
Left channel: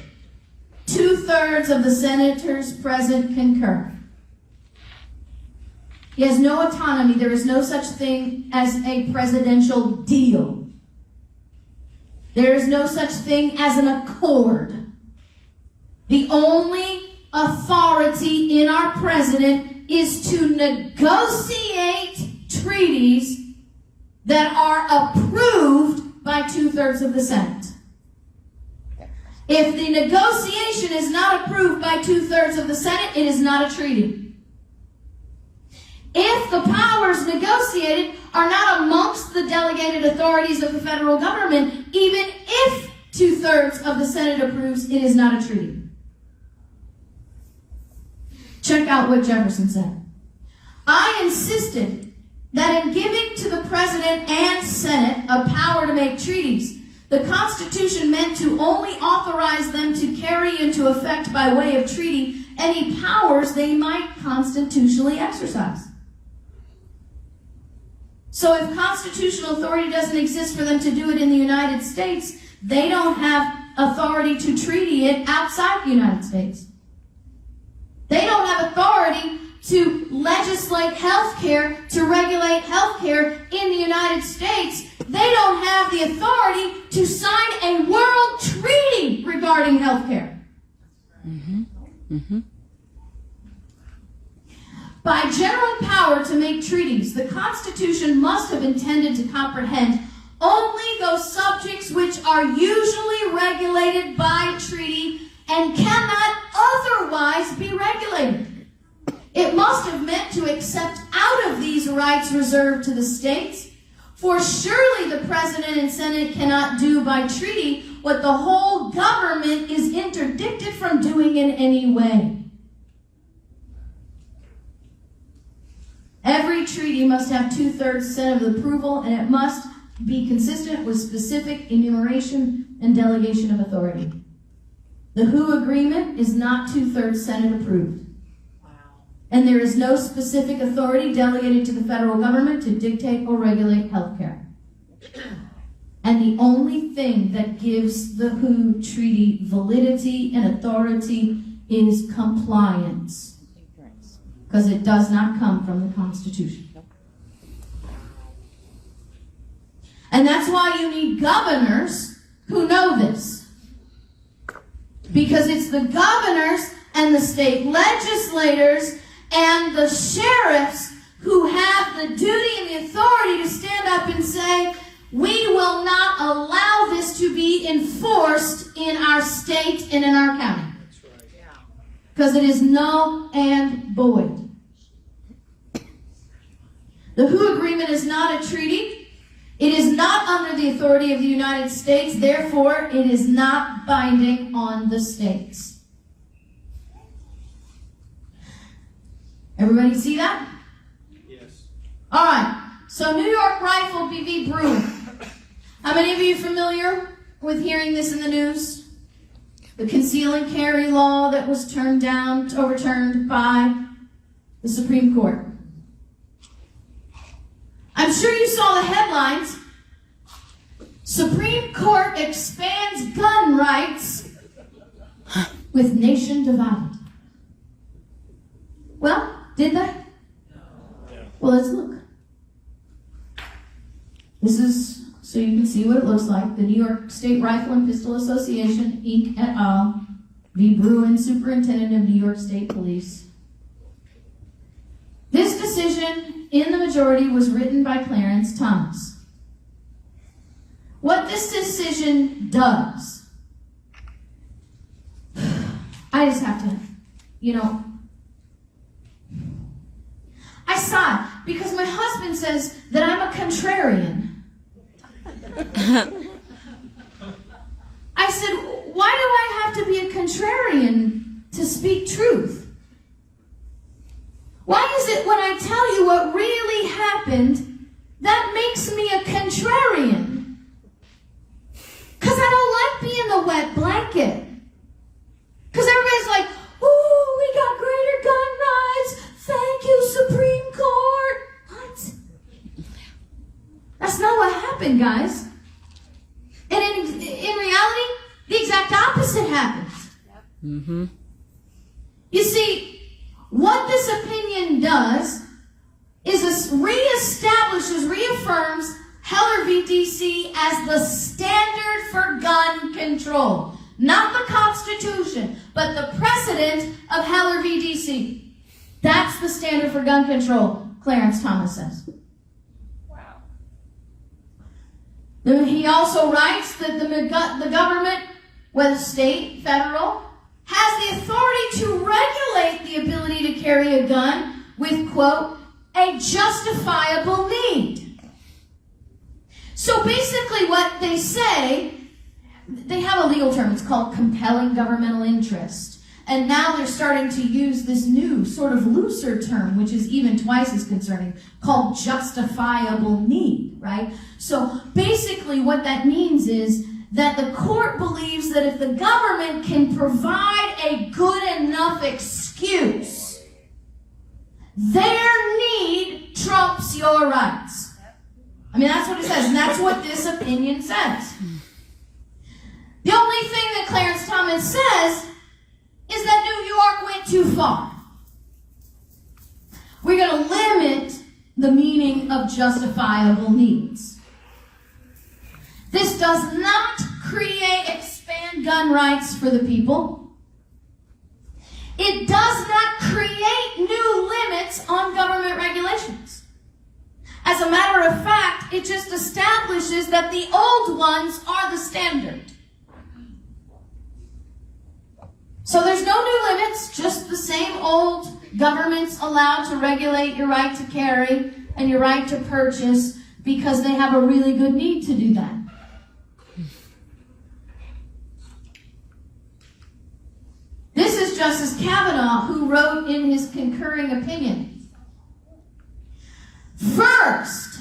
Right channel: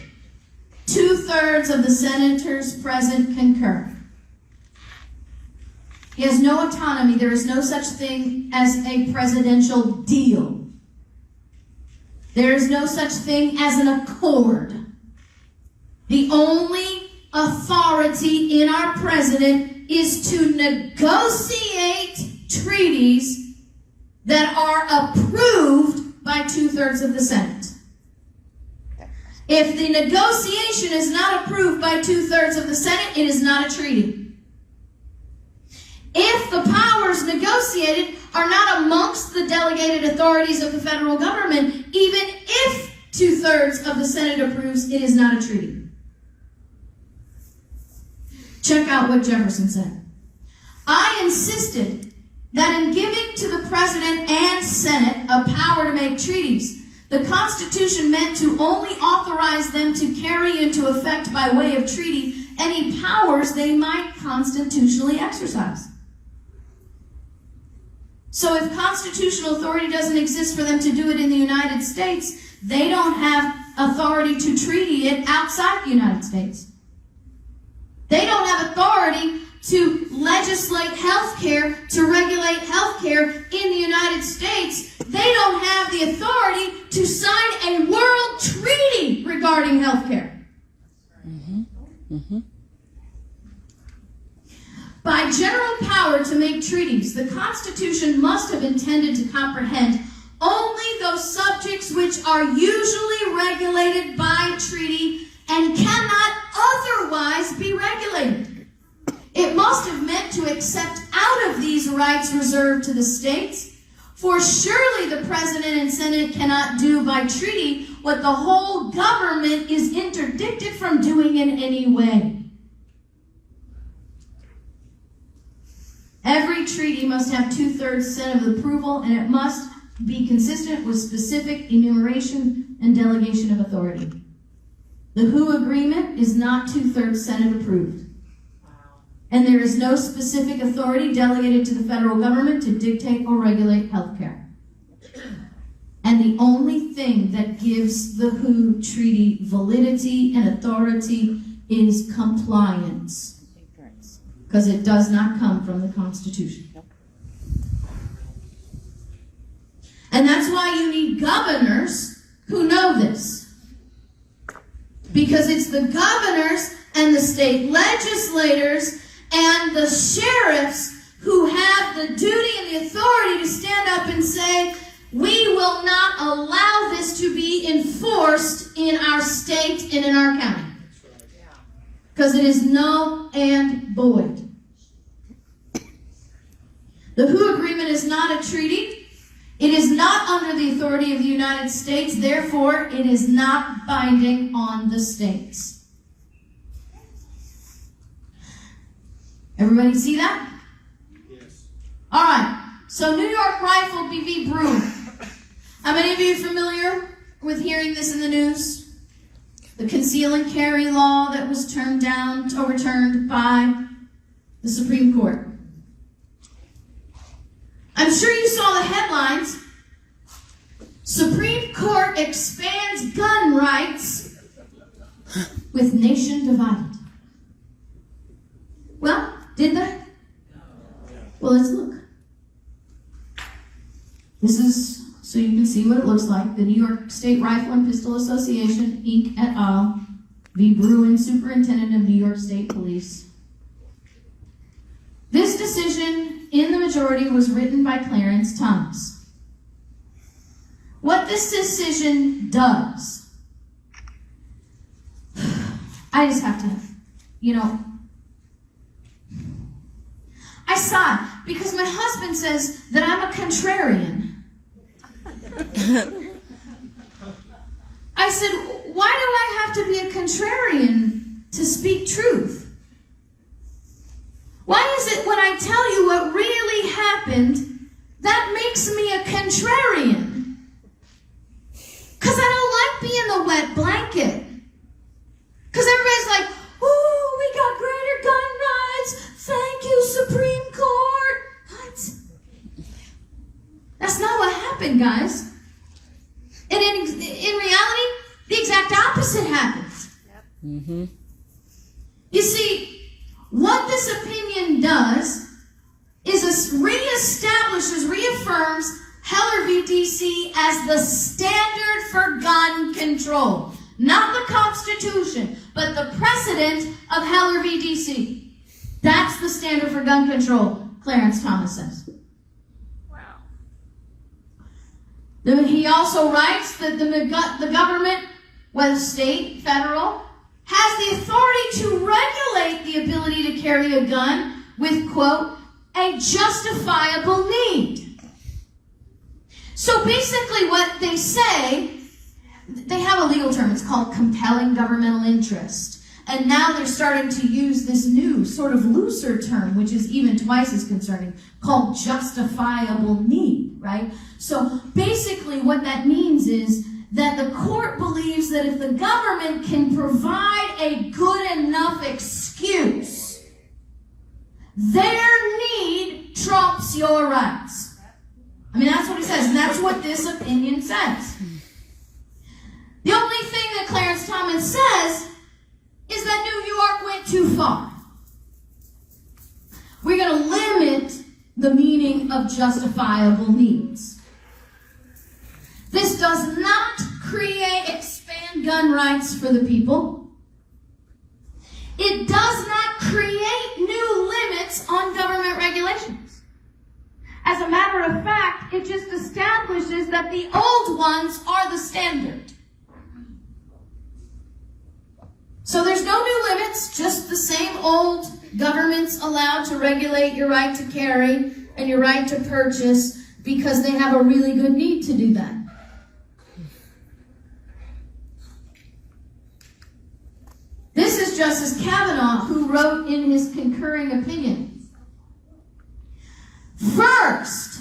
2/3 of the senators present concur. He has no autonomy. There is no such thing as a presidential deal. There is no such thing as an accord. The only authority in our president is to negotiate treaties that are approved by 2/3 of the Senate. If the negotiation is not approved by 2/3 of the Senate, it is not a treaty. If the powers negotiated are not amongst the delegated authorities of the federal government, even if 2/3 of the Senate approves, it is not a treaty. Check out what Jefferson said. I insisted that in giving to the President and Senate a power to make treaties, the Constitution meant to only authorize them to carry into effect by way of treaty any powers they might constitutionally exercise. So if constitutional authority doesn't exist for them to do it in the United States, they don't have authority to treaty it outside the United States. They don't have authority to legislate health care, to regulate health care in the United States. They don't have the authority to sign a world treaty regarding health care. By general power to make treaties, the Constitution must have intended to comprehend only those subjects which are usually regulated by treaty and cannot otherwise be regulated. It must have meant to accept out of these rights reserved to the states, for surely the President and Senate cannot do by treaty what the whole government is interdicted from doing in any way. Every treaty must have 2/3 Senate approval, and it must be consistent with specific enumeration and delegation of authority. The WHO agreement is not 2/3 Senate approved. And there is no specific authority delegated to the federal government to dictate or regulate health care. And the only thing that gives the WHO treaty validity and authority is compliance. Because it does not come from the Constitution. And that's why you need governors who know this. Because it's the governors and the state legislators and the sheriffs who have the duty and the authority to stand up and say, we will not allow this to be enforced in our state and in our county. Because it is null and void. The WHO agreement is not a treaty. It is not under the authority of the United States. Therefore, it is not binding on the states. Everybody see that? Yes. All right. So New York Rifle v. Brewer. How many of you are familiar with hearing this in the news? The conceal and carry law that was overturned by the Supreme Court. I'm sure you saw the headlines. Supreme Court expands gun rights with nation divided. Well, did they? Well, let's look. This is so you can see what it looks like. The New York State Rifle and Pistol Association, Inc. et al. V. Bruin, Superintendent of New York State Police. This decision in the majority was written by Clarence Thomas. What this decision does, I just have to, I sigh because my husband says that I'm a contrarian. I said, why do I have to be a contrarian to speak truth? Why is it when I tell you what really happened, that makes me a contrarian? Because I don't like being the wet blanket. Because everybody's like, ooh, we got greater gun rights. Thank you, Supreme Court. What? That's not what happened, guys. And in reality, the exact opposite happens. Mm-hmm. You see, what this opinion does is reaffirms Heller v. D.C. as the standard for gun control. Not the Constitution, but the precedent of Heller v. D.C. That's the standard for gun control, Clarence Thomas says. Wow. Then he also writes that the government, whether state, federal, has the authority to regulate the ability to carry a gun with, quote, a justifiable need. So basically what they say, they have a legal term, it's called compelling governmental interest. And now they're starting to use this new sort of looser term, which is even twice as concerning, called justifiable need, right? So basically what that means is that the court believes that if the government can provide a good enough excuse, their need trumps your rights. I mean, that's what it says, and that's what this opinion says. The only thing that Clarence Thomas says is that New York went too far. We're going to limit the meaning of justifiable needs. This does not expand gun rights for the people. It does not create new limits on government regulations. As a matter of fact, it just establishes that the old ones are the standard. So there's no new limits, just the same old governments allowed to regulate your right to carry and your right to purchase because they have a really good need to do that. This is Justice Kavanaugh, who wrote in his concurring opinion. First,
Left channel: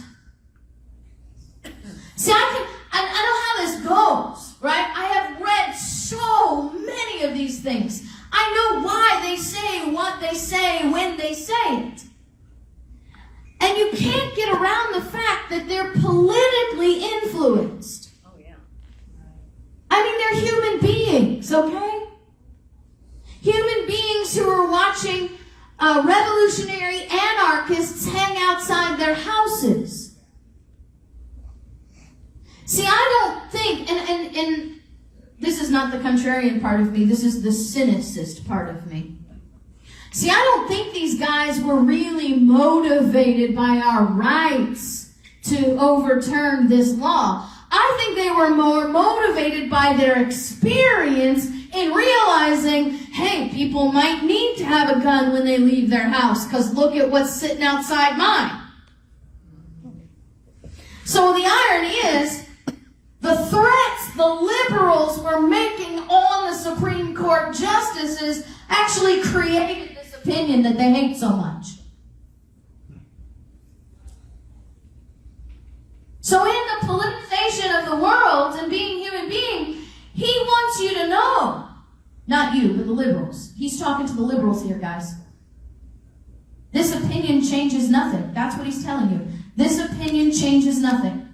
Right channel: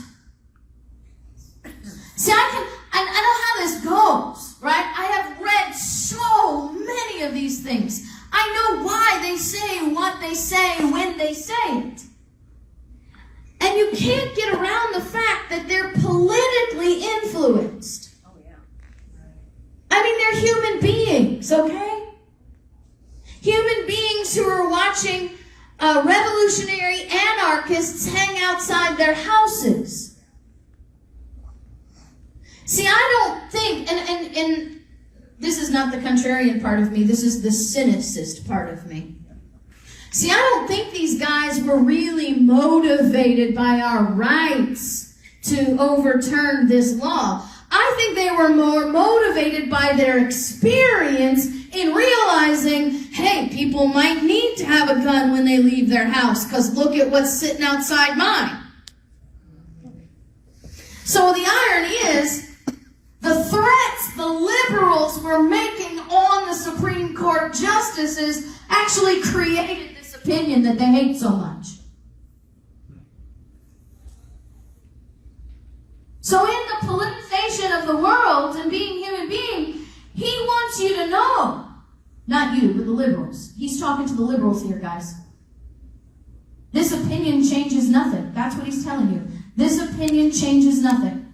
see, I know how this goes, right? I have read so many of these things. I know why they say what they say when they say it. And you can't get around the fact that they're politically influenced. Oh, yeah. I mean, they're human beings, okay? Human beings who are watching revolutionary anarchists hang outside their houses. See, I don't think, and this is not the contrarian part of me, this is the cynicist part of me. See, I don't think these guys were really motivated by our rights to overturn this law. I think they were more motivated by their experience in realizing, hey, people might need to have a gun when they leave their house, because look at what's sitting outside mine. So the irony is, the threats the liberals were making on the Supreme Court justices actually created this opinion that they hate so much. So in the politicization of the world and being human being, he wants you to know, not you, but the liberals. He's talking to the liberals here, guys. This opinion changes nothing. That's what he's telling you. This opinion changes nothing.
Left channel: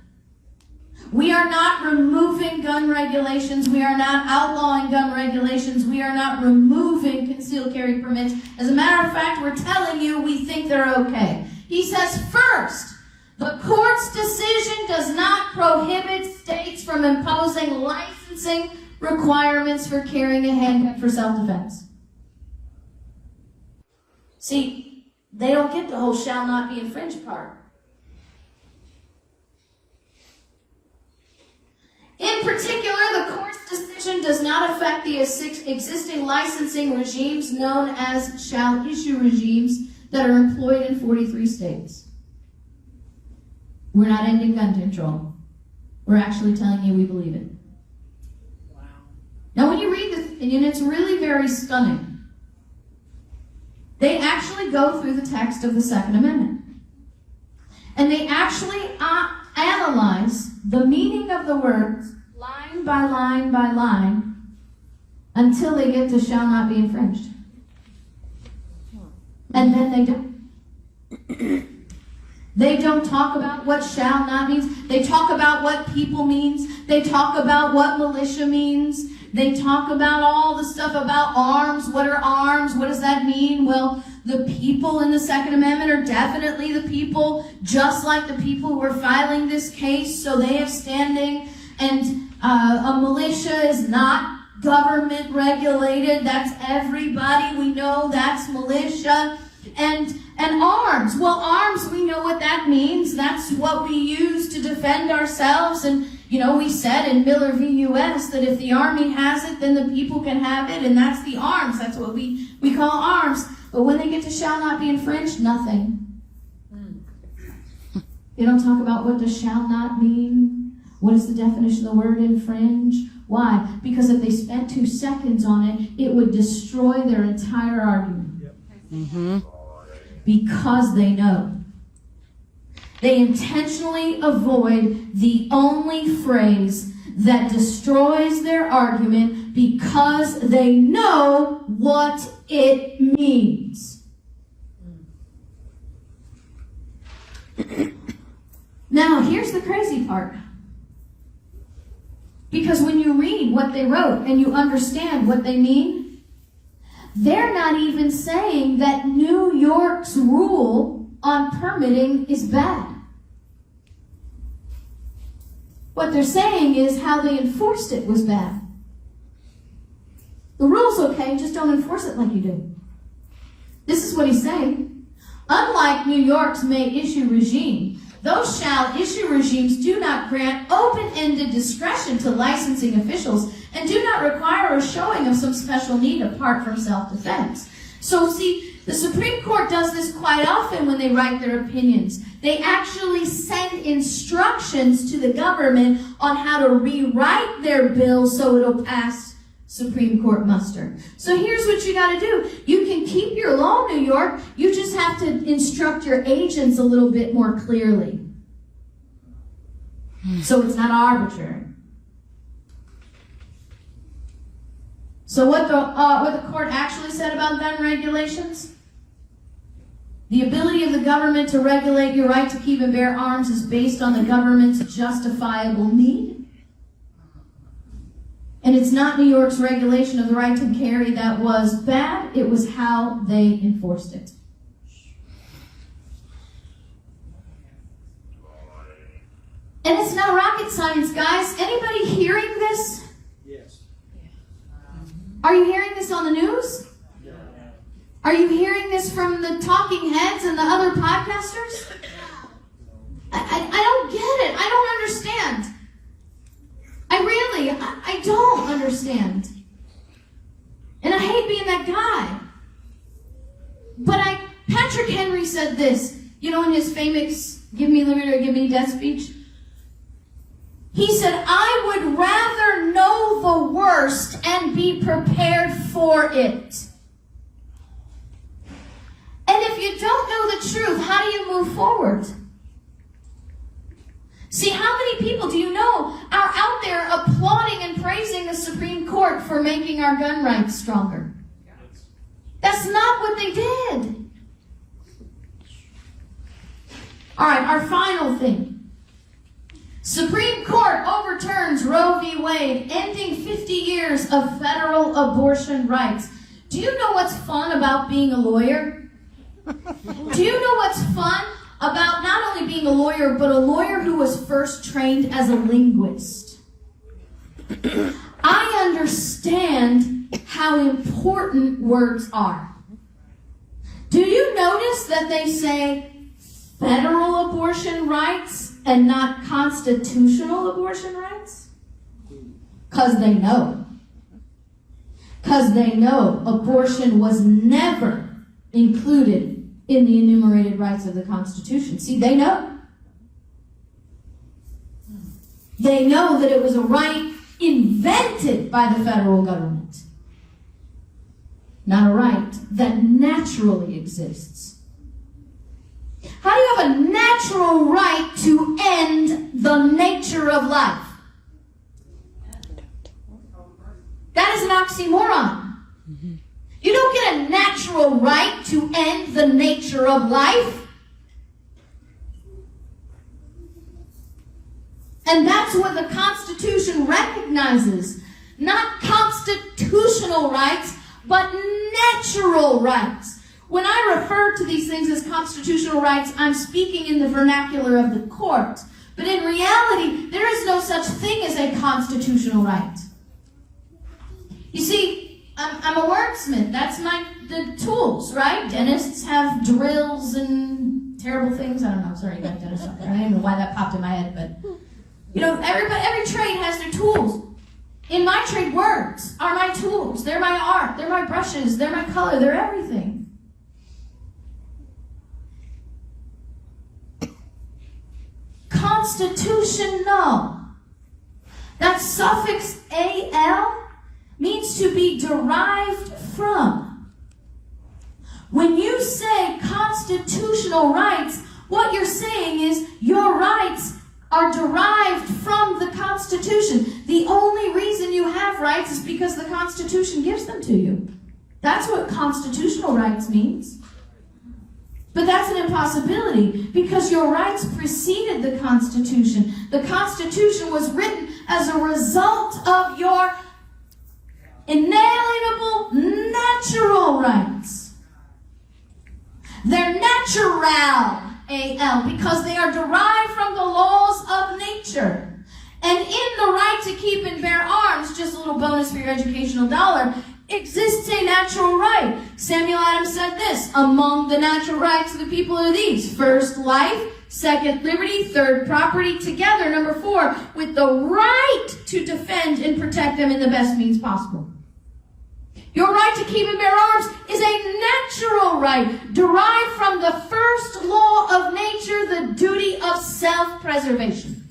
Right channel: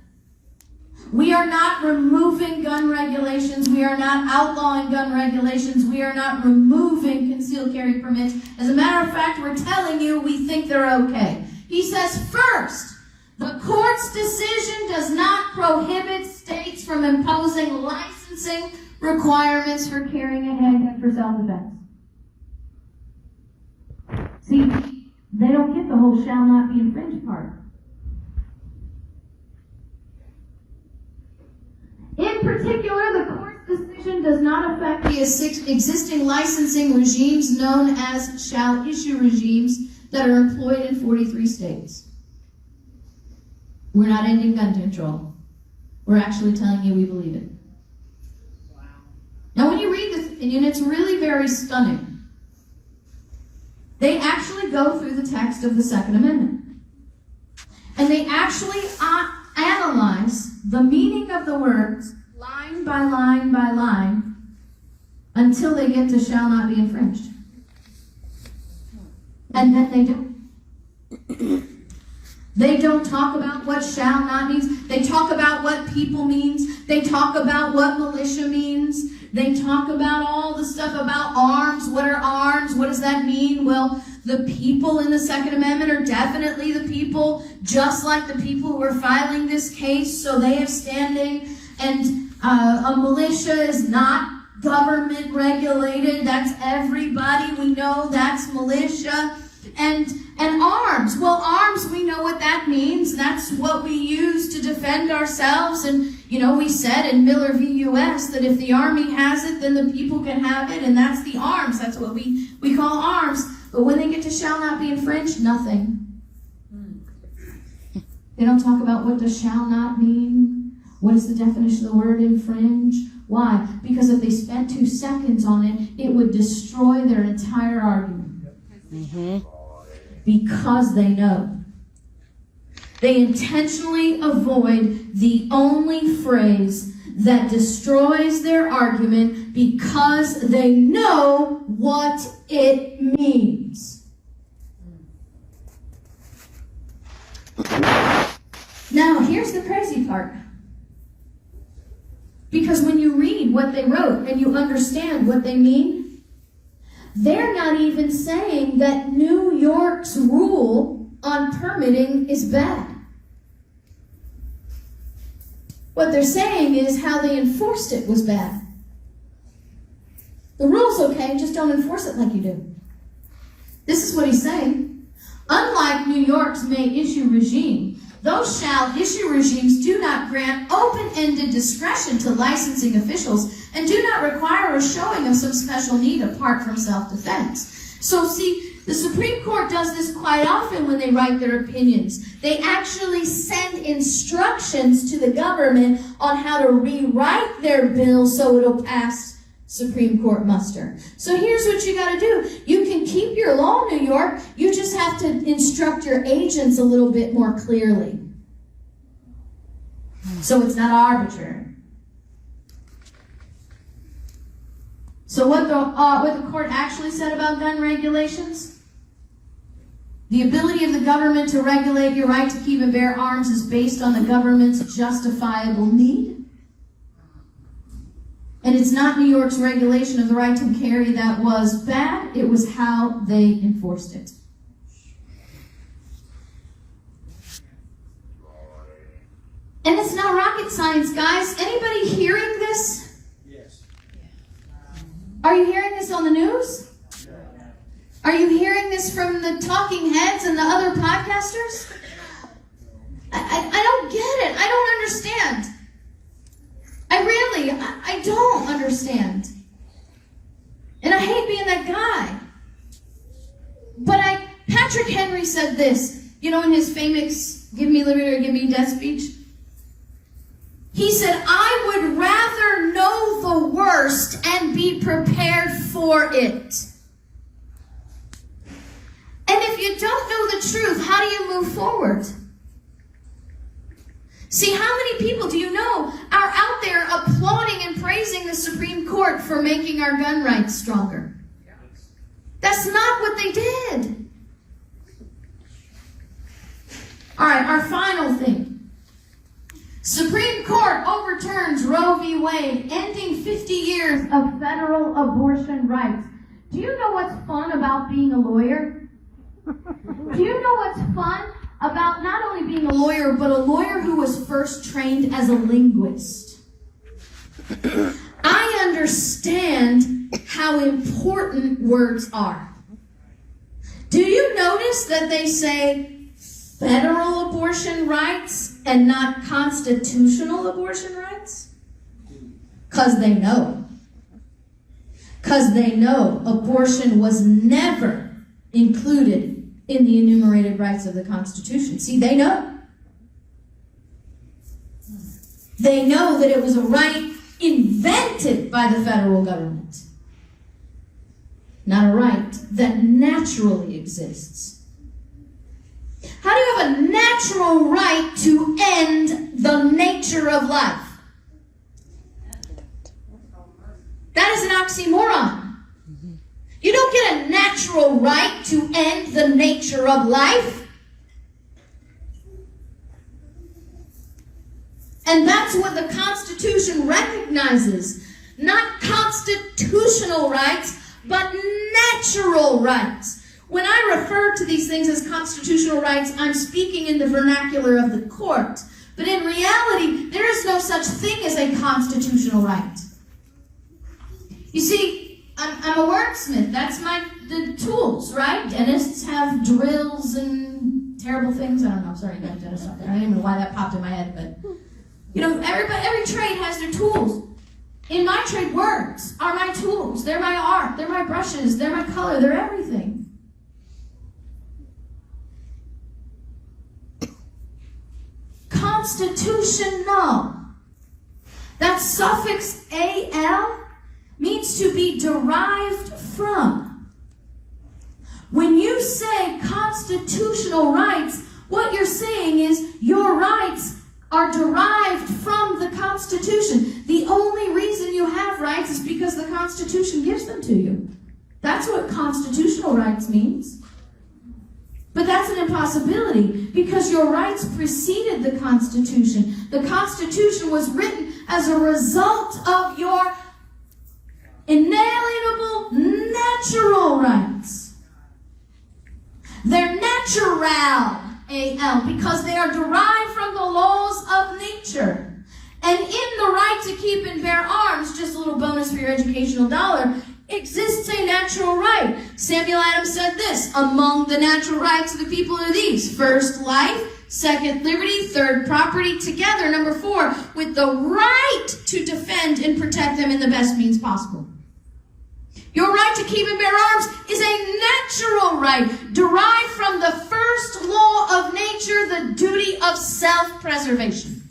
We are not removing gun regulations. We are not outlawing gun regulations. We are not removing concealed carry permits. As a matter of fact, we're telling you we think they're okay. He says, first, the court's decision does not prohibit states from imposing licensing requirements for carrying a handgun for self-defense. See, they don't get the whole shall not be infringed part. In particular, the court's decision does not affect the existing licensing regimes known as shall issue regimes that are employed in 43 states. We're not ending gun control. We're actually telling you we believe it. Wow. Now, when you read this opinion, it's really very stunning. They actually go through the text of the Second Amendment. And they actually analyze the meaning of the words line by line by line until they get to shall not be infringed. And then they don't. They don't talk about what shall not means. They talk about what people means. They talk about what militia means. They talk about all the stuff about arms. What are arms? What does that mean? Well, the people in the Second Amendment are definitely the people, just like the people who are filing this case, so they have standing. And a militia is not government regulated. That's everybody. We know that's militia. And arms. Well, arms, we know what that means. That's what we use to defend ourselves. And, you know, we said in Miller v. U.S. that if the Army has it, then the people can have it. And that's the arms. That's what we call arms. But when they get to shall not be infringed, nothing. They don't talk about what does shall not mean. What is the definition of the word infringe? Why? Because if they spent 2 seconds on it, it would destroy their entire argument. Mm-hmm. Because they know. They intentionally avoid the only phrase that destroys their argument because they know what it means. Now, Now, here's the crazy part. Because when you read what they wrote and you understand what they mean, they're not even saying that New York's rule on permitting is bad. What they're saying is how they enforced it was bad. The rule's okay, just don't enforce it like you do. This is what he's saying. Unlike New York's may issue regime, those shall issue regimes do not grant open-ended discretion to licensing officials and do not require a showing of some special need apart from self-defense. So see, the Supreme Court does this quite often when they write their opinions. They actually send instructions to the government on how to rewrite their bill so it'll pass Supreme Court muster. So here's what you got to do. You can keep your law, New York. You just have to instruct your agents a little bit more clearly. So it's not arbitrary. So what the court actually said about gun regulations? The ability of the government to regulate your right to keep and bear arms is based on the government's justifiable need. And it's not New York's regulation of the right to carry that was bad. It was how they enforced it. And it's not rocket science, guys. Anybody hearing this? Yes. Are you hearing this on the news? Are you hearing this from the talking heads and the other podcasters? I don't get it. I don't understand. I don't understand. And I hate being that guy. But Patrick Henry said this, in his famous "Give me liberty or give me death" speech. He said, "I would rather know the worst and be prepared for it." And if you don't know the truth, how do you move forward? See, how many people do you know are out there applauding and praising the Supreme Court for making our gun rights stronger? That's not what they did. All right, our final thing. Supreme Court overturns Roe v. Wade, ending 50 years of federal abortion rights. Do you know what's fun about being a lawyer? Do you know what's fun about not only being a lawyer, but a lawyer who was first trained as a linguist? I understand how important words are. Do you notice that they say federal abortion rights and not constitutional abortion rights? Because they know. Because they know abortion was never included in the enumerated rights of the Constitution. See, they know. They know that it was a right invented by the federal government, not a right that naturally exists. How do you have a natural right to end the nature of life? That is an oxymoron. You don't get a natural right to end the nature of life. And that's what the Constitution recognizes. Not constitutional rights, but natural rights. When I refer to these things as constitutional rights, I'm speaking in the vernacular of the court. But in reality, there is no such thing as a constitutional right. You see, I'm a wordsmith. That's the tools, right? Dentists have drills and terrible things. I don't know. Sorry, guys, dentists out there. I don't know why that popped in my head, but every trade has their tools. In my trade, words are my tools. They're my art. They're my brushes. They're my color. They're everything. Constitutional. That suffix AL means to be derived from. When you say constitutional rights, what you're saying is your rights are derived from the Constitution. The only reason you have rights is because the Constitution gives them to you. That's what constitutional rights means. But that's an impossibility, because your rights preceded the Constitution. The Constitution was written as a result of your inalienable natural rights. They're natural, A-L, because they are derived from the laws of nature. And in the right to keep and bear arms, just a little bonus for your educational dollar, exists a natural right. Samuel Adams said this: among the natural rights of the people are these: first, life; second, liberty; third, property; together, number 4, with the right to defend and protect them in the best means possible. Your right to keep and bear arms is a natural right derived from the first law of nature, the duty of self-preservation.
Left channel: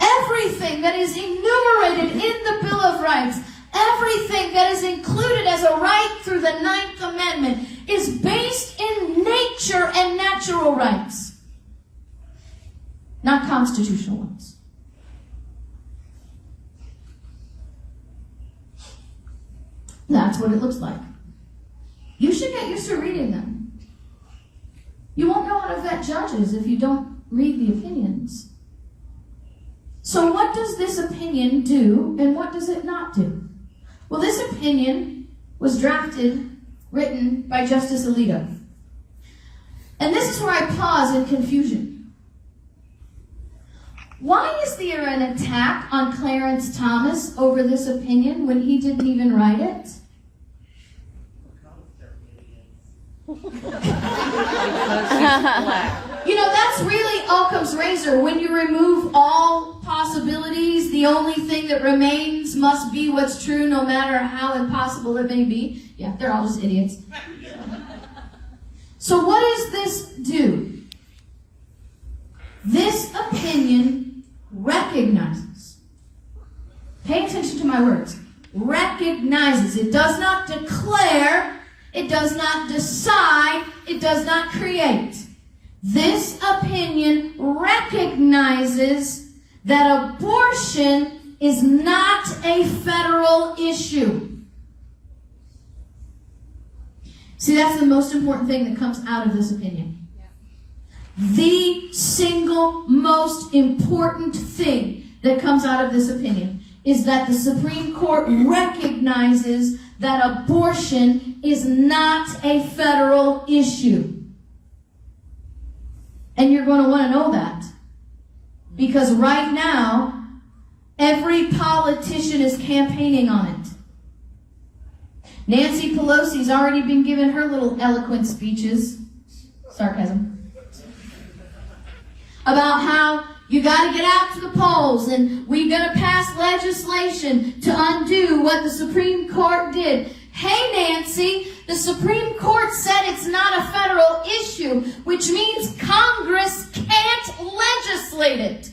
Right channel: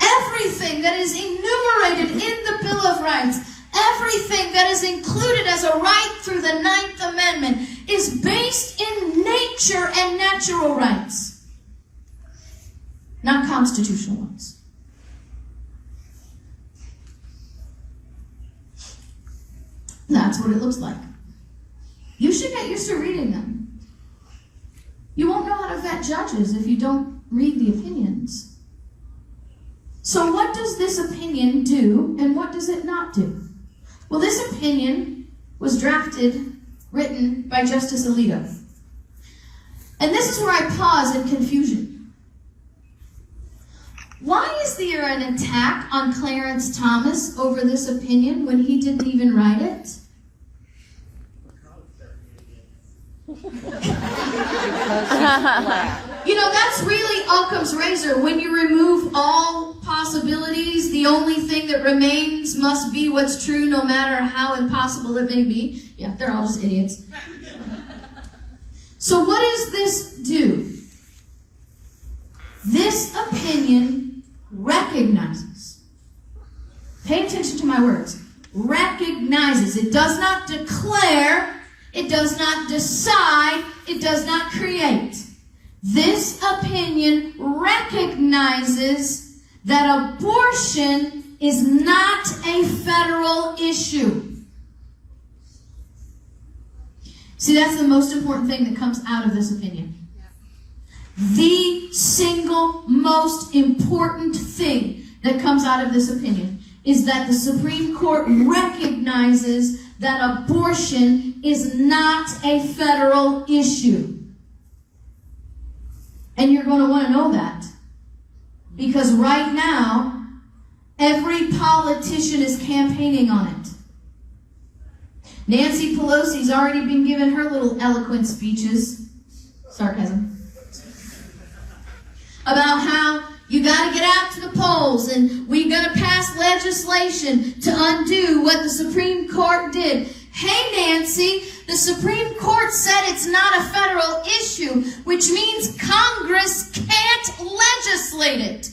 Everything that is enumerated in the Bill of Rights, everything that is included as a right through the 9th Amendment is based in nature and natural rights, not constitutional ones. That's what it looks like. You should get used to reading them. You won't know how to vet judges if you don't read the opinions. So what does this opinion do, and what does it not do? Well, this opinion was written by Justice Alito. And this is where I pause in confusion. Why is there an attack on Clarence Thomas over this opinion when he didn't even write it? You know, that's really Occam's razor. When you remove all possibilities, the only thing that remains must be what's true, no matter how impossible it may be. Yeah, they're all just idiots. So what does this do? This opinion recognizes. Pay attention to my words. Recognizes. It does not declare. It does not decide. It does not create. This opinion recognizes that abortion is not a federal issue. See, that's the most important thing that comes out of this opinion. The single most important thing that comes out of this opinion is that the Supreme Court recognizes that abortion is not a federal issue. And you're going to want to know that. Because right now, every politician is campaigning on it. Nancy Pelosi's already been giving her little eloquent speeches. Sarcasm. About how you got to get out to the polls and we're going to pass legislation to undo what the Supreme Court did. Hey, Nancy, the Supreme Court said it's not a federal issue, which means Congress can't legislate it.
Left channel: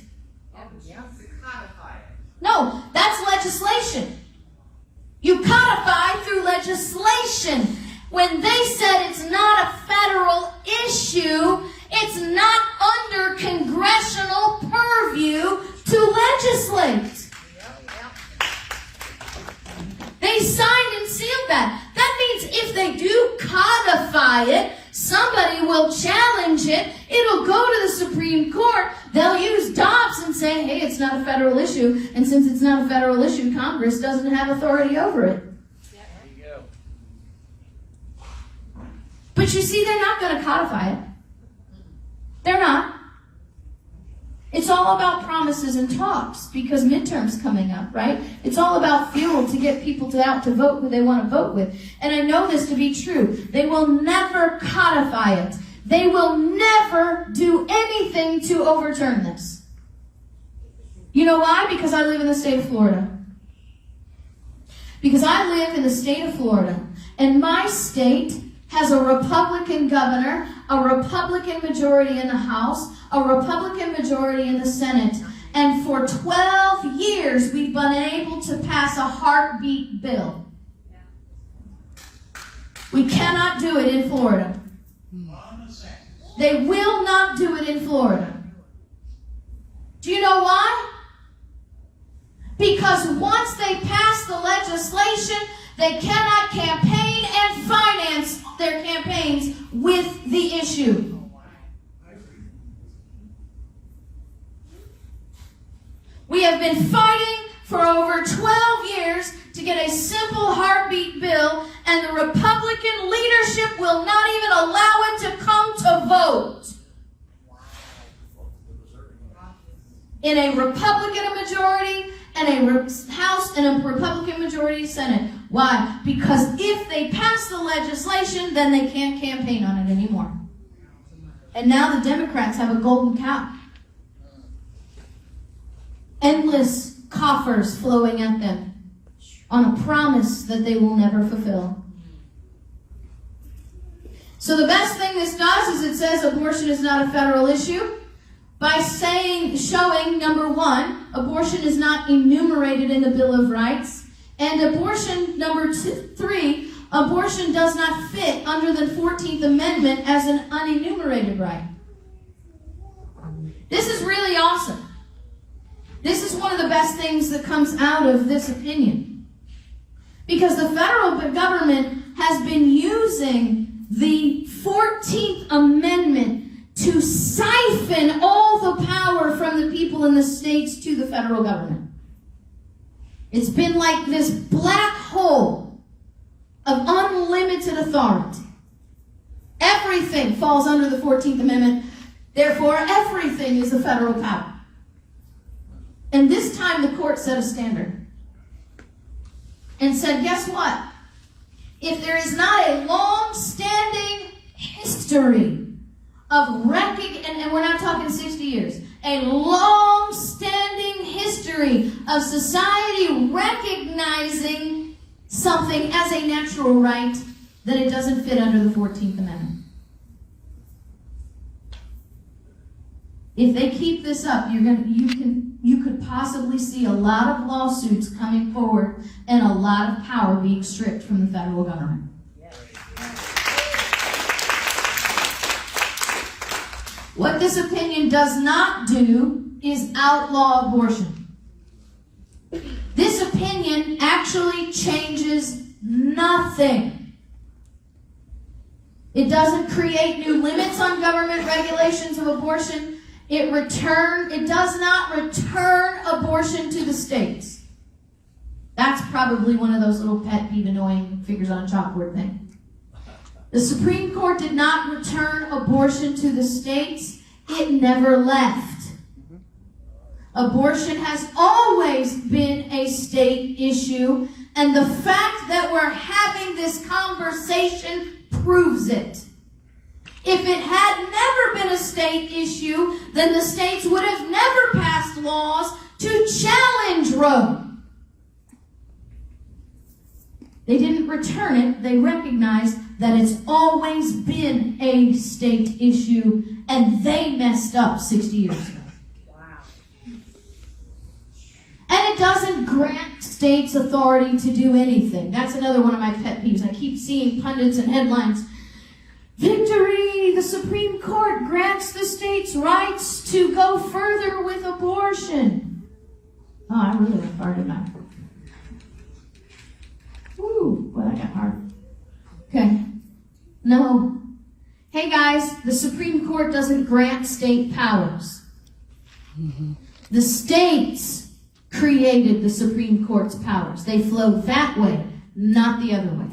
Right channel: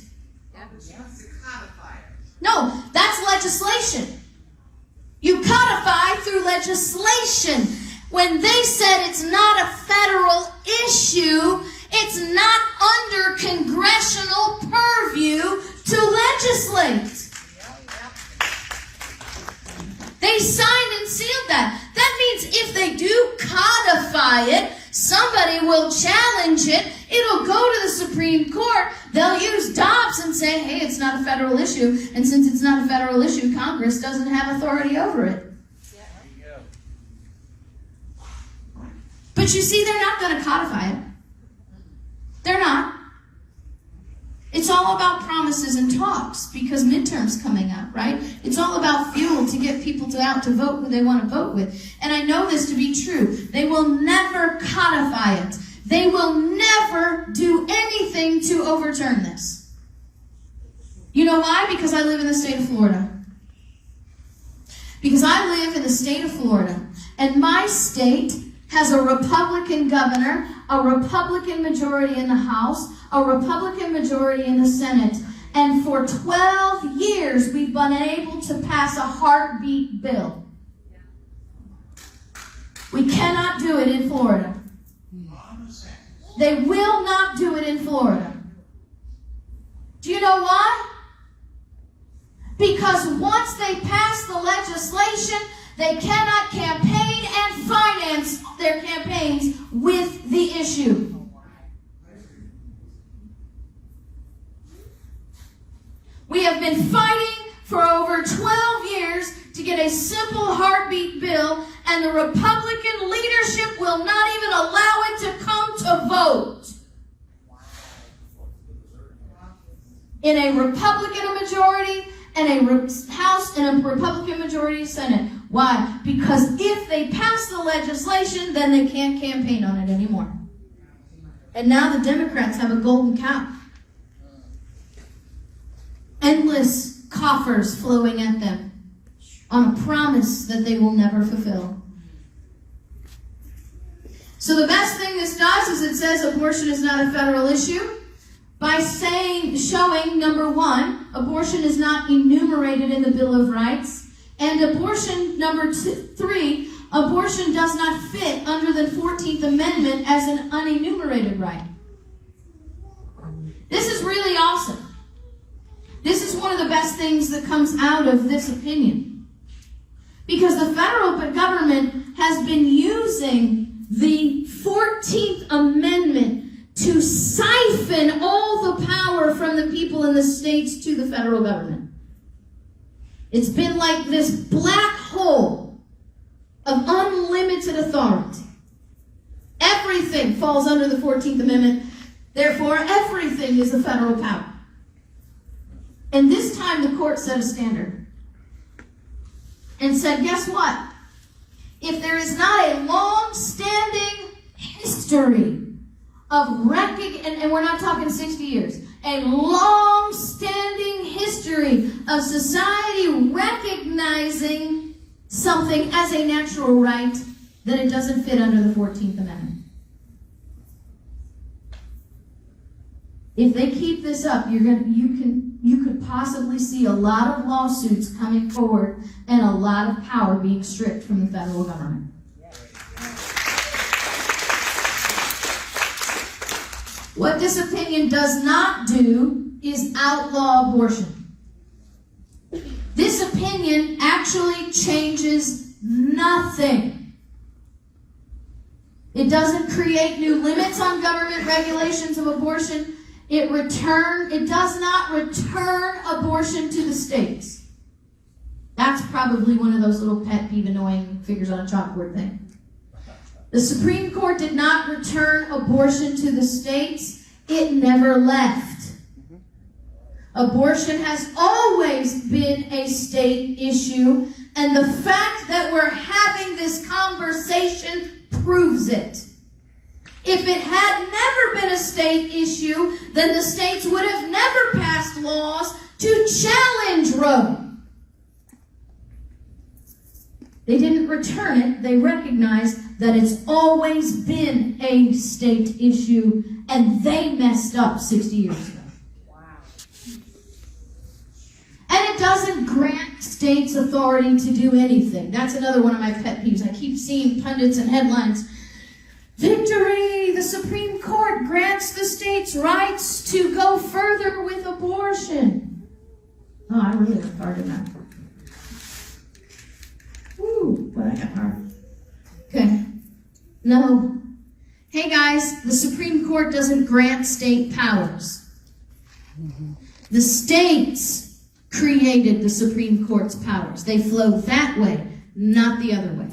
No, that's legislation. You codify through legislation. When they said it's not a federal issue, it's not under congressional purview to legislate. They signed and sealed that. That means if they do codify it, somebody will challenge it. It'll go to the Supreme Court. They'll use Dobbs and say, hey, it's not a federal issue. And since it's not a federal issue, Congress doesn't have authority over it. There you go. But you see, they're not going to codify it. They're not. It's all about promises and talks because midterms coming up, right? It's all about fuel to get people out to vote who they want to vote with. And I know this to be true. They will never codify it. They will never do anything to overturn this. You know why? Because I live in the state of Florida. Because I live in the state of Florida. And my state has a Republican governor, a Republican majority in the House, a Republican majority in the Senate. And for 12 years, we've been able to pass a heartbeat bill. We cannot do it in Florida. They will not do it in Florida. Do you know why? Because once they pass the legislation They cannot campaign and finance their campaigns with the issue. We have been fighting for over 12 years to get a simple heartbeat bill, and the Republican leadership will not even allow it to come to vote. In a Republican majority and a House and a Republican majority Senate. Why? Because if they pass the legislation, then they can't campaign on it anymore. And now the Democrats have a golden cow. Endless coffers flowing at them on a promise that they will never fulfill. So the best thing this does is it says abortion is not a federal issue by showing, number one, abortion is not enumerated in the Bill of Rights, and abortion, number three, abortion does not fit under the 14th Amendment as an unenumerated right. This is really awesome. This is one of the best things that comes out of this opinion. Because the federal government has been using the 14th Amendment to siphon all the power from the people in the states to the federal government. It's been like this black hole of unlimited authority. Everything falls under the 14th Amendment. Therefore, everything is a federal power. And this time the court set a standard and said, guess what? If there is not a long-standing history of and we're not talking 60 years, a long-standing history of society recognizing something as a natural right, then it doesn't fit under the 14th Amendment. If they keep this up, you could possibly see a lot of lawsuits coming forward and a lot of power being stripped from the federal government. What this opinion does not do is outlaw abortion. This opinion actually changes nothing. It doesn't create new limits on government regulations of abortion. It does not return abortion to the states. That's probably one of those little pet peeve annoying figures on a chalkboard thing. The Supreme Court did not return abortion to the states. It never left. Abortion has always been a state issue, and the fact that we're having this conversation proves it. If it had never been a state issue, then the states would have never passed laws to challenge Roe. They didn't return it. They recognized that it's always been a state issue, and they messed up 60 years ago. Wow. And it doesn't grant states authority to do anything. That's another one of my pet peeves. I keep seeing pundits and headlines. Victory! The Supreme Court grants the states rights to go further with abortion. Oh, I really went hard in that. Ooh, boy, that got hard. Okay. No. Hey guys, the Supreme Court doesn't grant state powers. The states created the Supreme Court's powers. They flow that way, not the other way.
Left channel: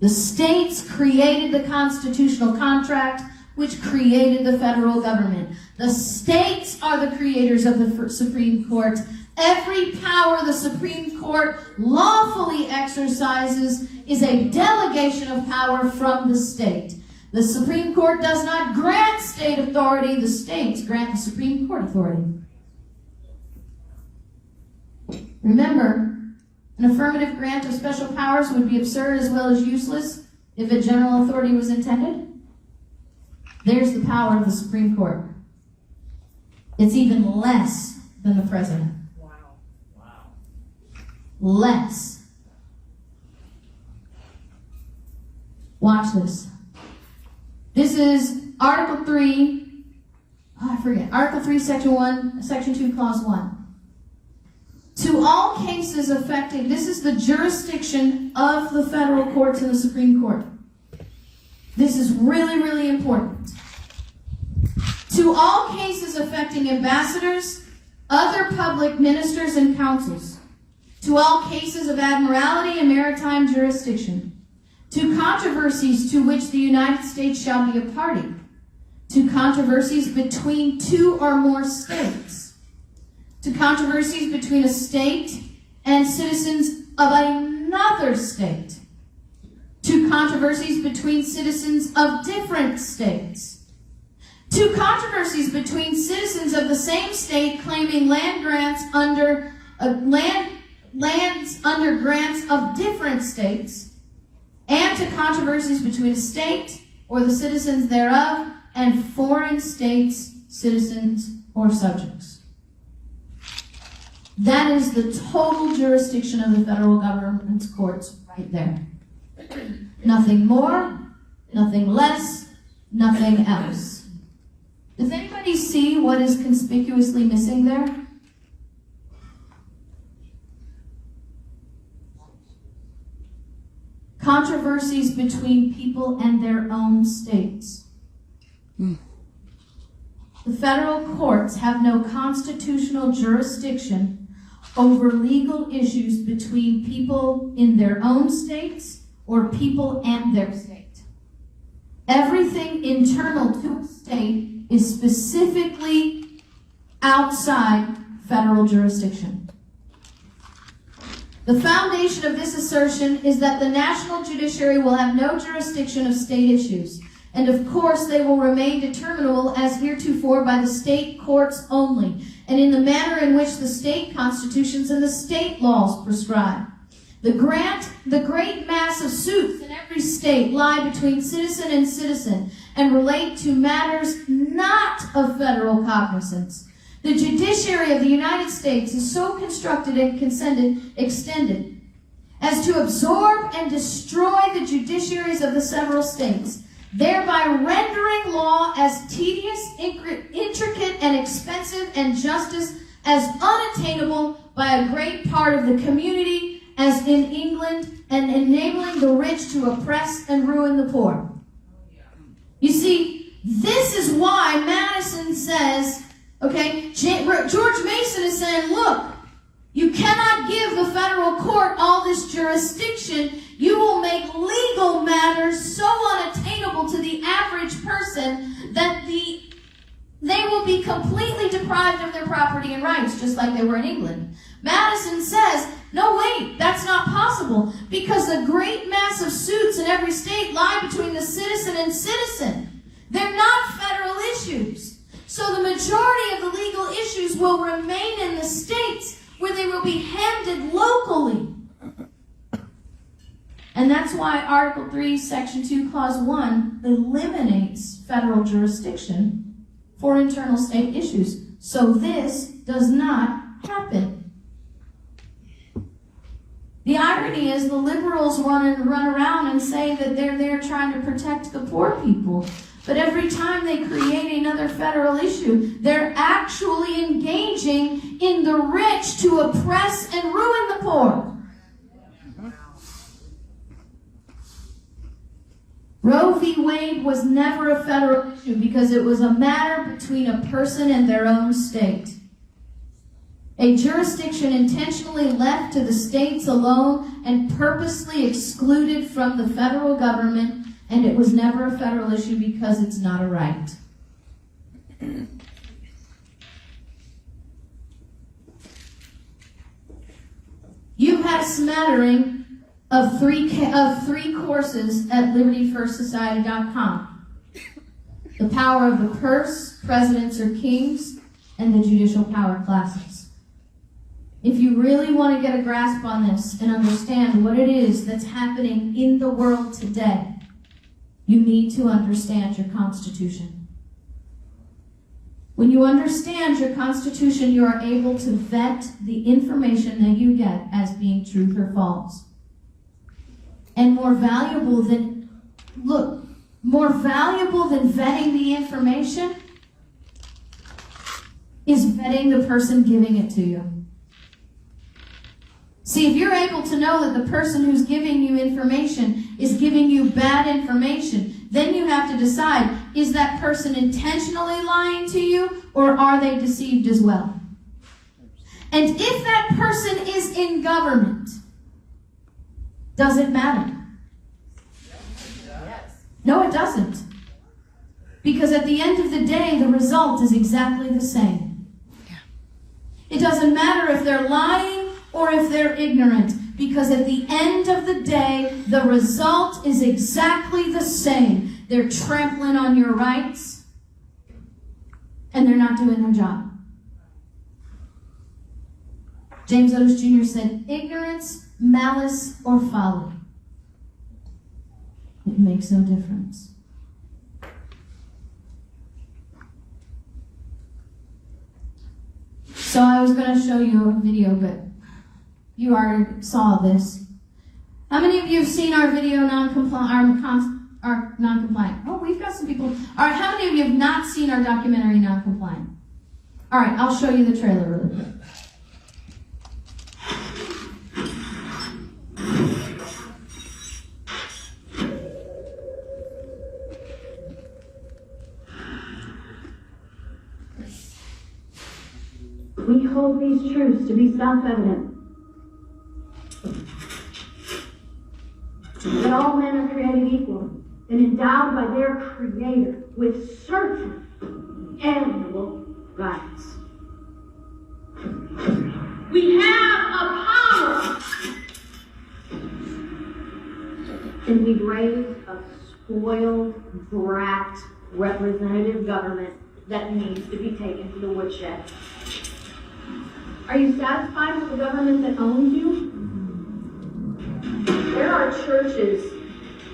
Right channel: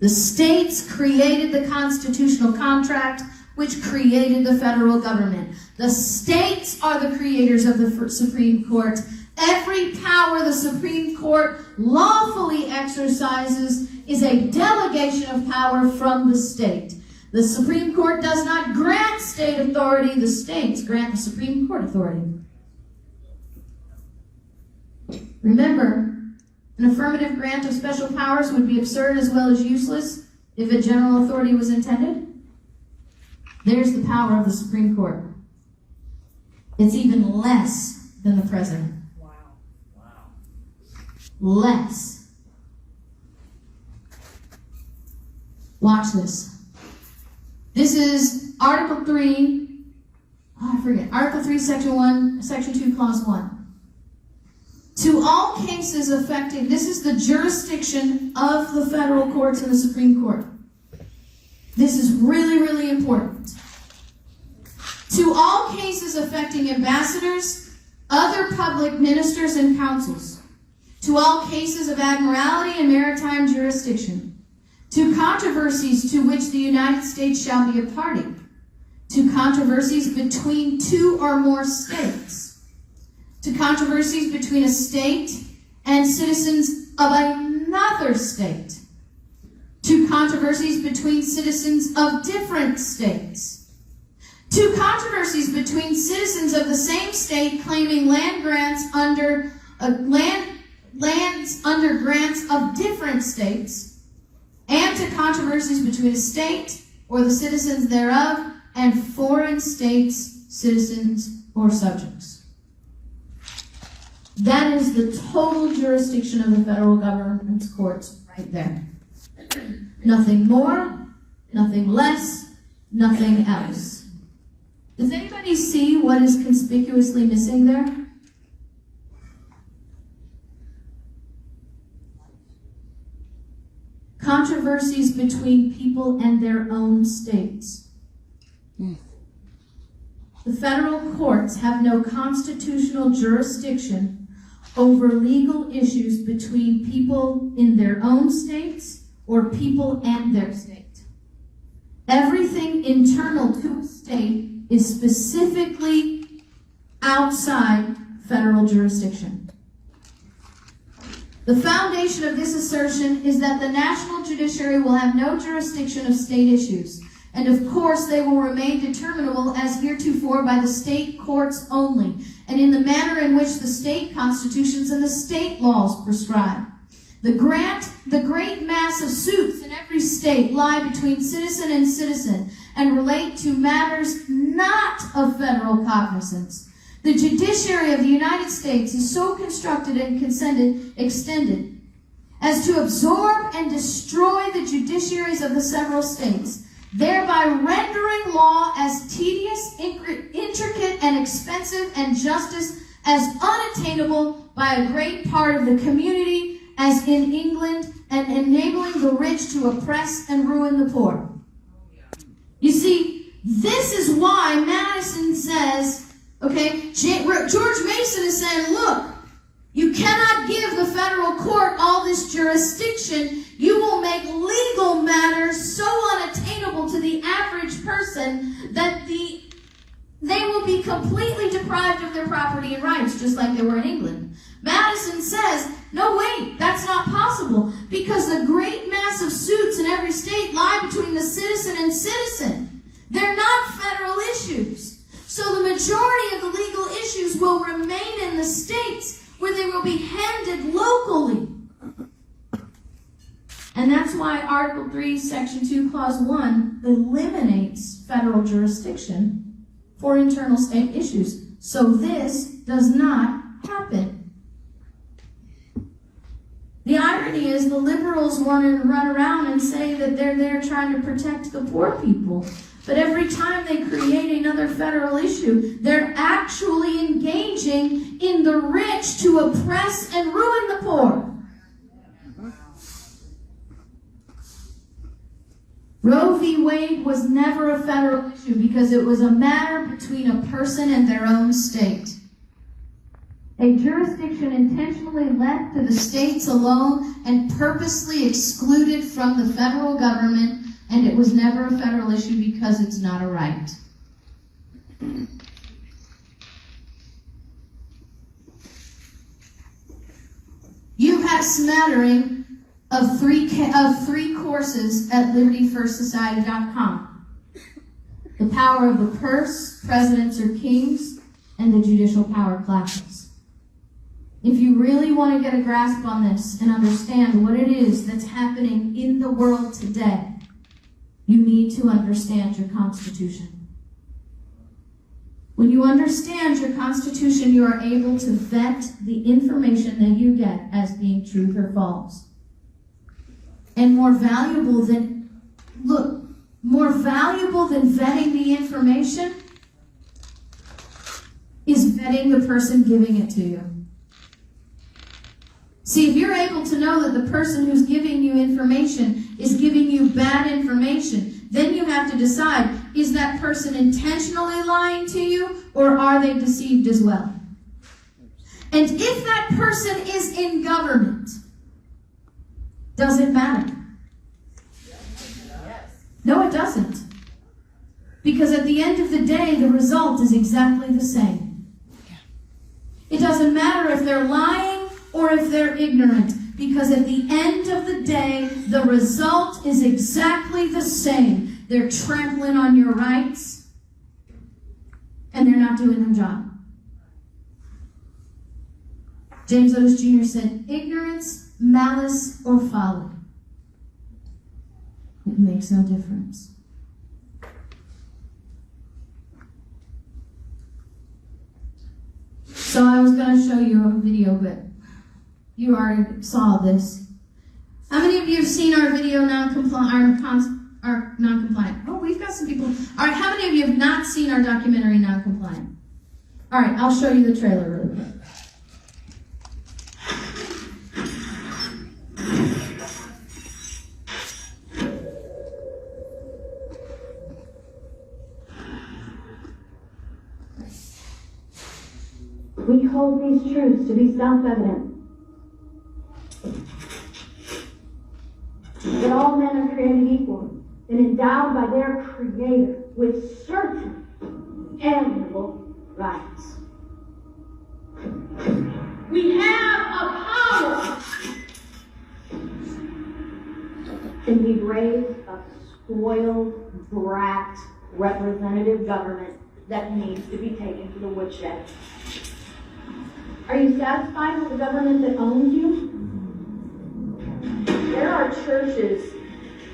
The states created the constitutional contract, which created the federal government. The states are the creators of the Supreme Court. Every power the Supreme Court lawfully exercises is a delegation of power from the state. The Supreme Court does not grant state authority. The states grant the Supreme Court authority. Remember, an affirmative grant of special powers would be absurd as well as useless if a general authority was intended. There's the power of the Supreme Court. It's even less than the president. Wow. Less. Watch this. This is Article 3, Article 3, Section 1, Section 2, Clause 1. To all cases affecting, this is the jurisdiction of the federal courts and the Supreme Court. This is really, really important. To all cases affecting ambassadors, other public ministers and councils. To all cases of admiralty and maritime jurisdiction. To controversies to which the United States shall be a party. To controversies between two or more states. To controversies between a state and citizens of another state. To controversies between citizens of different states. To controversies between citizens of the same state claiming land grants under lands under grants of different states, and to controversies between a state or the citizens thereof and foreign states, citizens, or subjects. That is the total jurisdiction of the federal government's courts right there. Nothing more, nothing less, nothing else. Does anybody see what is conspicuously missing there? Controversies between people and their own states. The federal courts have no constitutional jurisdiction over legal issues between people in their own states or people and their state. Everything internal to a state is specifically outside federal jurisdiction. The foundation of this assertion is that the national judiciary will have no jurisdiction of state issues, and of course they will remain determinable as heretofore by the state courts only, and in the manner in which the state constitutions and the state laws prescribe. The great mass of suits in every state lie between citizen and citizen and relate to matters not of federal cognizance. The judiciary of the United States is so constructed and extended as to absorb and destroy the judiciaries of the several states, thereby rendering law as tedious, intricate, and expensive, and justice as unattainable by a great part of the community as in England, and enabling the rich to oppress and ruin the poor. You see, this is why Madison says, okay, George Mason is saying, look, you cannot give the federal court all this jurisdiction. You will make legal matters so unattainable to the average person that they will be completely deprived of their property and rights, just like they were in England. Madison says, no, wait, that's not possible, because the great mass of suits in every state lie between the citizen and citizen. They're not federal issues. So the majority of the legal issues will remain in the states, where they will be handled locally. And that's why Article 3, Section 2, Clause 1 eliminates federal jurisdiction for internal state issues. So this does not happen. The irony is the liberals want to run around and say that they're there trying to protect the poor people. But every time they create another federal issue, they're actually engaging in the rich to oppress and ruin the poor. Roe v. Wade was never a federal issue because it was a matter between a person and their own state. A jurisdiction intentionally left to the states alone and purposely excluded from the federal government, and it was never a federal issue because it's not a right. You had a smattering of three courses at LibertyFirstSociety.com. The power of the purse, presidents or kings, and the judicial power classes. If you really want to get a grasp on this and understand what it is that's happening in the world today, you need to understand your Constitution. When you understand your Constitution, you are able to vet the information that you get as being truth or false. And more valuable than vetting the information is vetting the person giving it to you. See, if you're able to know that the person who's giving you information is giving you bad information, then you have to decide, is that person intentionally lying to you, or are they deceived as well? And if that person is in government, does it matter? No, it doesn't. Because at the end of the day, the result is exactly the same. It doesn't matter if they're lying or if they're ignorant, because at the end of the day, the result is exactly the same. They're trampling on your rights, and they're not doing their job. James Otis Jr. said, ignorance, malice, or folly. It makes no difference. So I was going to show you a video, but you already saw this. How many of you have seen our video non-compliant? Oh, we've got some people. All right, how many of you have not seen our documentary non-compliant? All right, I'll show you the trailer really quick. We hold these truths to be self-evident. That all men are created equal and endowed by their Creator with certain inalienable rights. We have a power, and we've raised a spoiled, brat, representative government that needs to be taken to the woodshed. Are you satisfied with the government that owns you? There are churches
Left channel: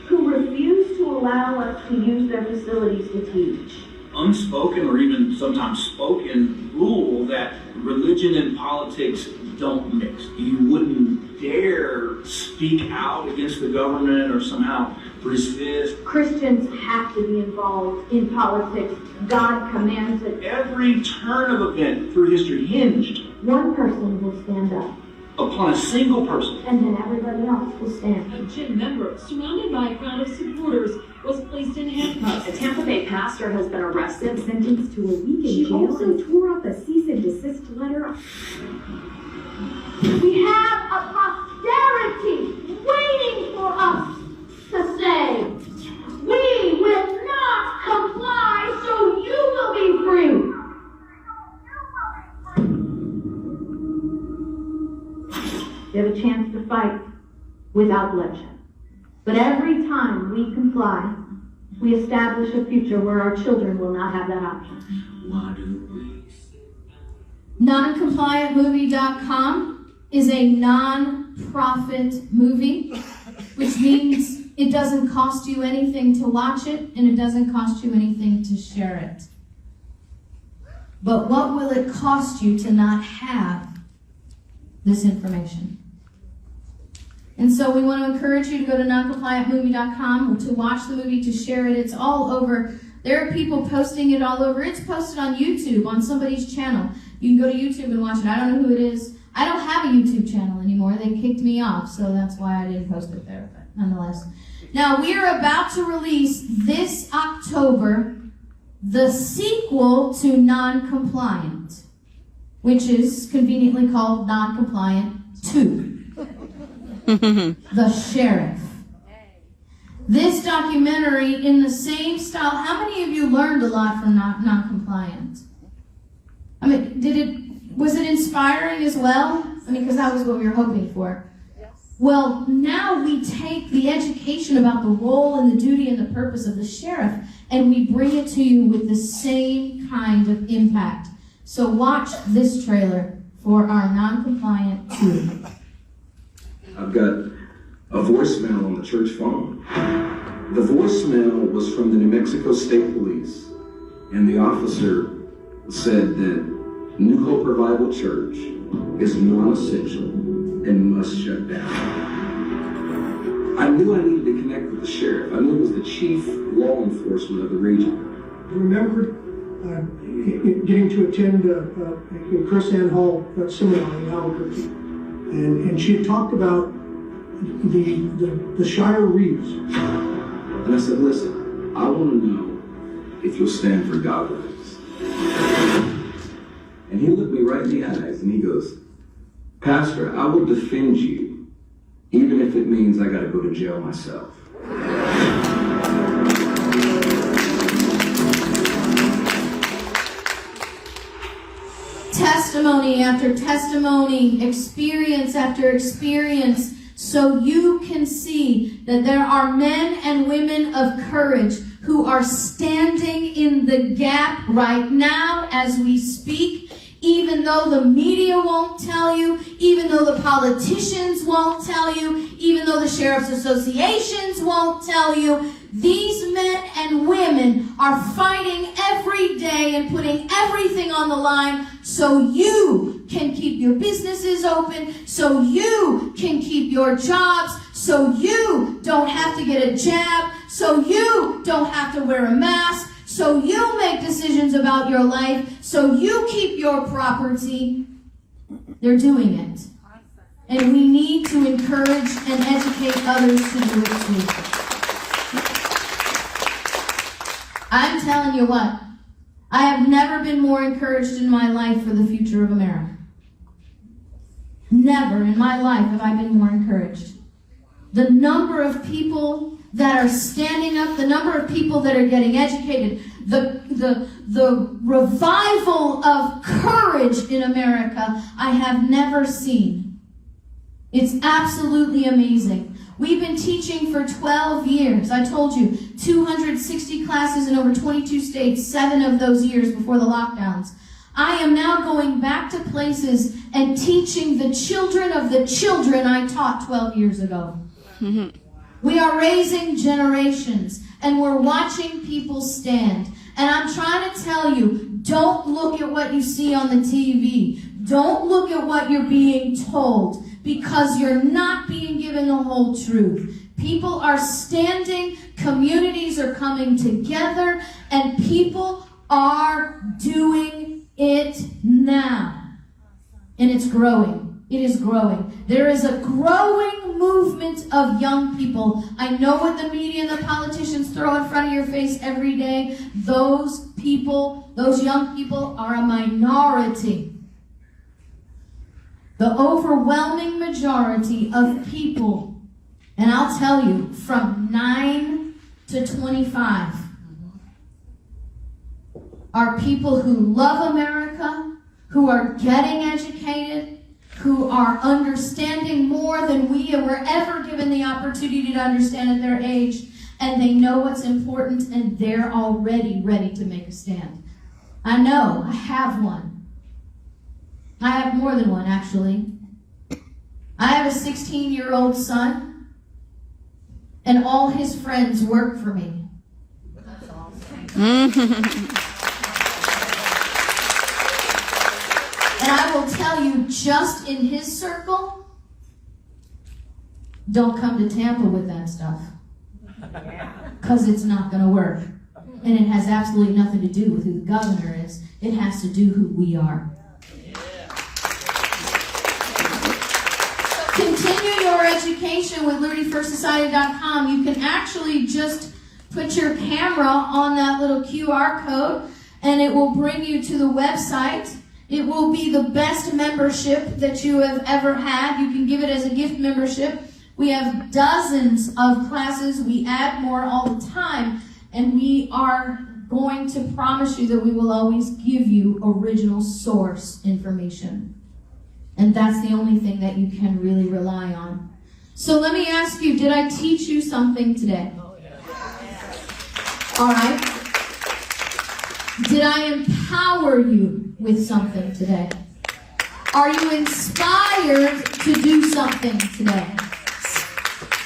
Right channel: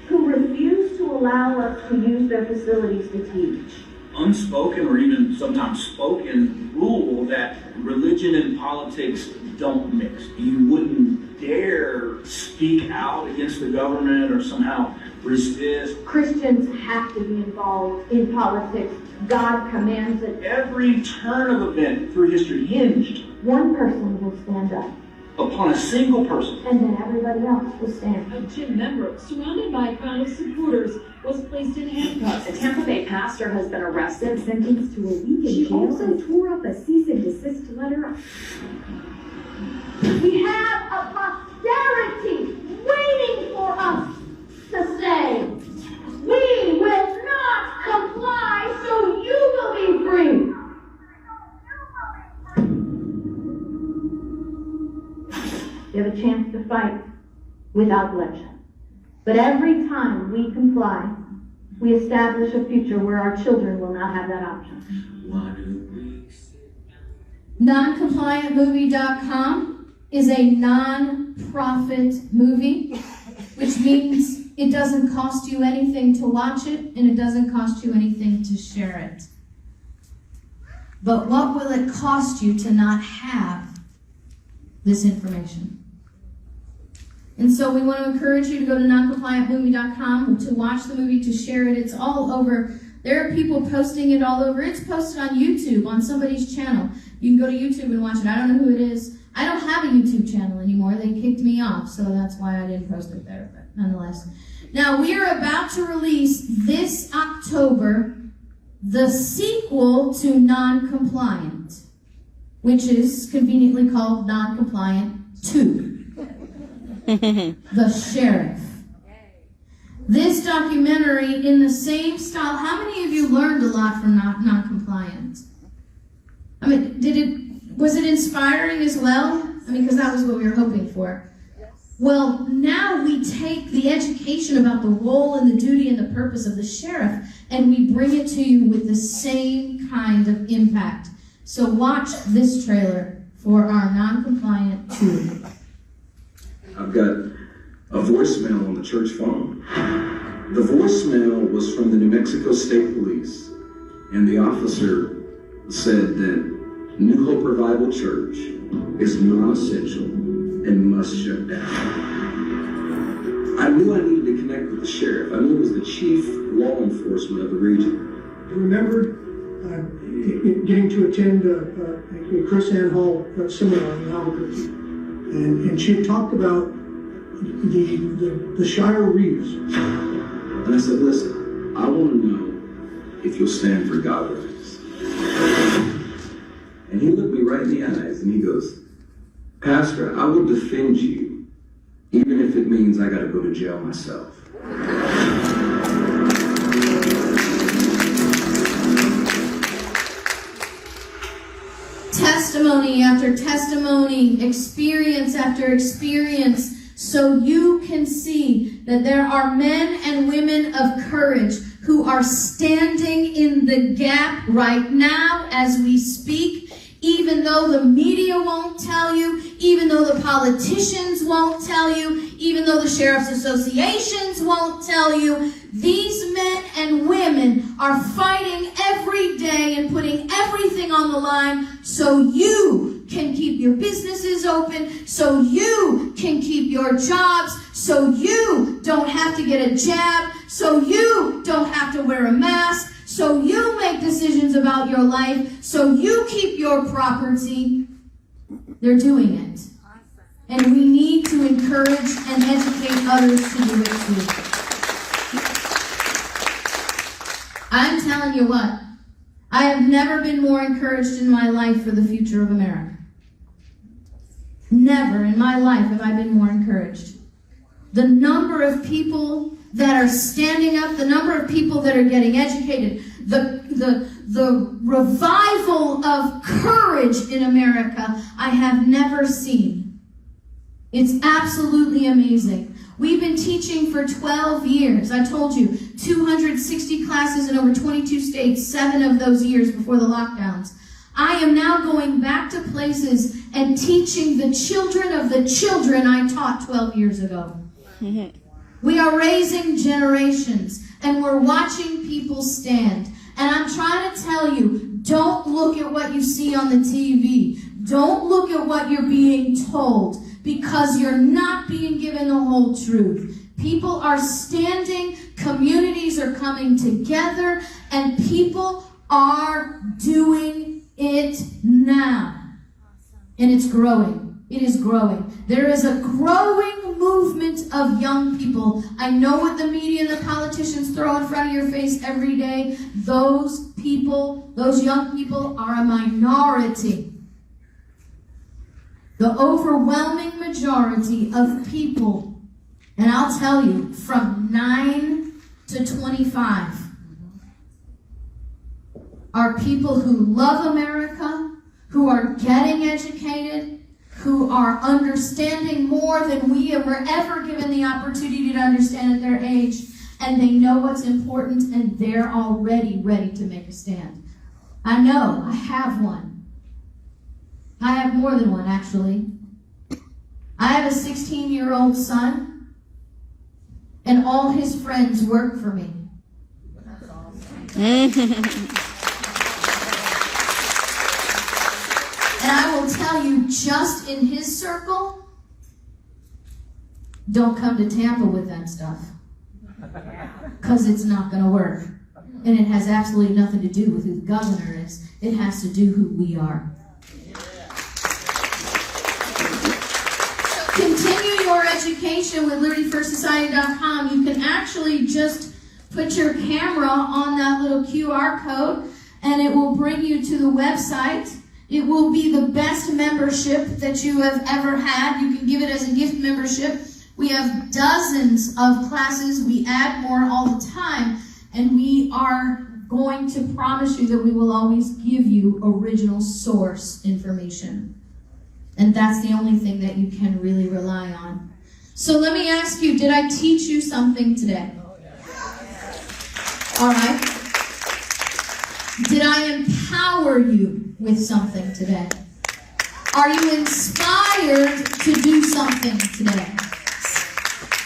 who refuse to allow us to use their facilities to teach. Unspoken or even sometimes spoken rule that religion and politics don't mix. You wouldn't dare speak out against the government or somehow resist. Christians have to be involved in politics. God commands it. Every turn of event through history hinged One person will stand up, upon a single person. and then everybody else will stand. A gym member, surrounded by a crowd of supporters, was placed in handcuffs. A Tampa Bay pastor has been arrested, sentenced to a week in She jail, also and tore up a cease and desist letter. We have a posterity waiting for us to say, we will not comply, so you will be free. We have a chance to fight without bloodshed. But every time we comply, we establish a future where our children will not have that option. Noncompliantmovie.com is a non-profit movie, which means it doesn't cost you anything to watch it, and it doesn't cost you anything to share it. But what will it cost you to not have this information? And so we want to encourage you to go to noncompliantmovie.com to watch the movie, to share it. It's all over. There are people posting it all over. It's posted on YouTube, on somebody's channel. You can go to YouTube and watch it. I don't know who it is. I don't have a YouTube channel anymore. They kicked me off, so that's why I didn't post it there, but nonetheless. Now, we are about to release this October the sequel to Non-Compliant, which is conveniently called Non-Compliant 2. The Sheriff. This documentary, in the same style, how many of you learned a lot from Non-Compliant? I mean, was it inspiring as well? I mean, because that was what we were hoping for. Well, now we take the education about the role and the duty and the purpose of the sheriff, and we bring it to you with the same kind of impact. So watch this trailer for our Non-Compliant 2. I've got a voicemail on the church phone. The voicemail was from the New Mexico State Police, and the officer said that New Hope Revival Church is non-essential and must shut down. I knew I needed to connect with the sheriff. I knew it was the chief law enforcement of the region. I remembered getting to attend a KrisAnne Hall seminar in Albuquerque. and she had talked about the Shire Reeves. And I said, listen, I want to know if you'll stand for godliness. And he looked me right in the eyes and he goes, Pastor, I will defend you, even if it means I got to go to jail myself. Testimony after testimony, experience after experience, so you can see that there are men and women of courage who are standing in the gap right now as we speak, even though the media won't tell you, even though the politicians won't tell you, even though the sheriff's associations won't tell you. These men and women are fighting every day and putting everything on the line so you can keep your businesses open, so you can keep your jobs, so you don't have to get a jab, so you don't have to wear a mask, so you make decisions about your life, so you keep your property. They're doing it. And we need to encourage and educate others to do it too. I'm telling you what, I have never been more encouraged in my life for the future of America. Never in my life have I been more encouraged. The number of people that are standing up, the number of people that are getting educated, the revival of courage in America, I have never seen. It's absolutely amazing. We've been teaching for 12 years. I told you, 260 classes in over 22 states, 7 of those years before the lockdowns. I am now going back to places and teaching the children of the children I taught 12 years ago. Mm-hmm. We are raising generations, and we're watching people stand. And I'm trying to tell you, don't look at what you see on the TV. Don't look at what you're being told, because you're not being given the whole truth. People are standing, communities are coming together, and people are doing it now. And it's growing. It is growing. There is a growing movement of young people. I know what the media and the politicians throw in front of your face every day. Those people, those young people, are a minority. The overwhelming majority of people, and I'll tell you, from 9 to 25, are people who love America, who are getting educated, who are understanding more than we were ever given the opportunity to understand at their age, and they know what's important, and they're already ready to make a stand. I know, I have one. I have more than one, actually. I have a 16-year-old son, and all his friends work for me. That's awesome. And I will tell you, just in his circle, don't come to Tampa with that stuff. Because it's not going to work. And it has absolutely nothing to do with who the governor is. It has to do who we are. Continue your education with LibertyFirstSociety.com. You can actually just put your camera on that little QR code, and it will bring you to the website. It will be the best membership that you have ever had. You can give it as a gift membership. We have dozens of classes. We add more all the time, and we are going to promise you that we will always give you original source information. And that's the only thing that you can really rely on. So let me ask you, did I teach you something today? All right. Did I empower you with something today? Are you inspired to do something today?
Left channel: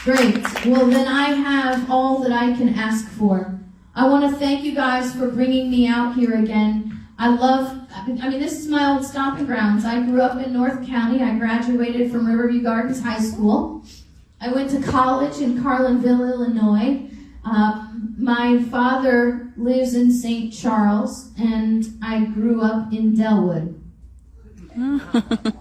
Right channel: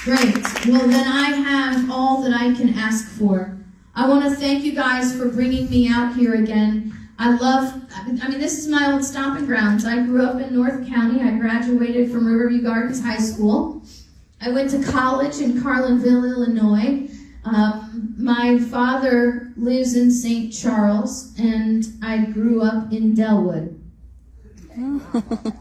Great. Well, then I have all that I can ask for. I want to thank you guys for bringing me out here again. This is my old stomping grounds. I grew up in North County. I graduated from Riverview Gardens High School. I went to college in Carlinville, Illinois. My father lives in St. Charles, and I grew up in Delwood.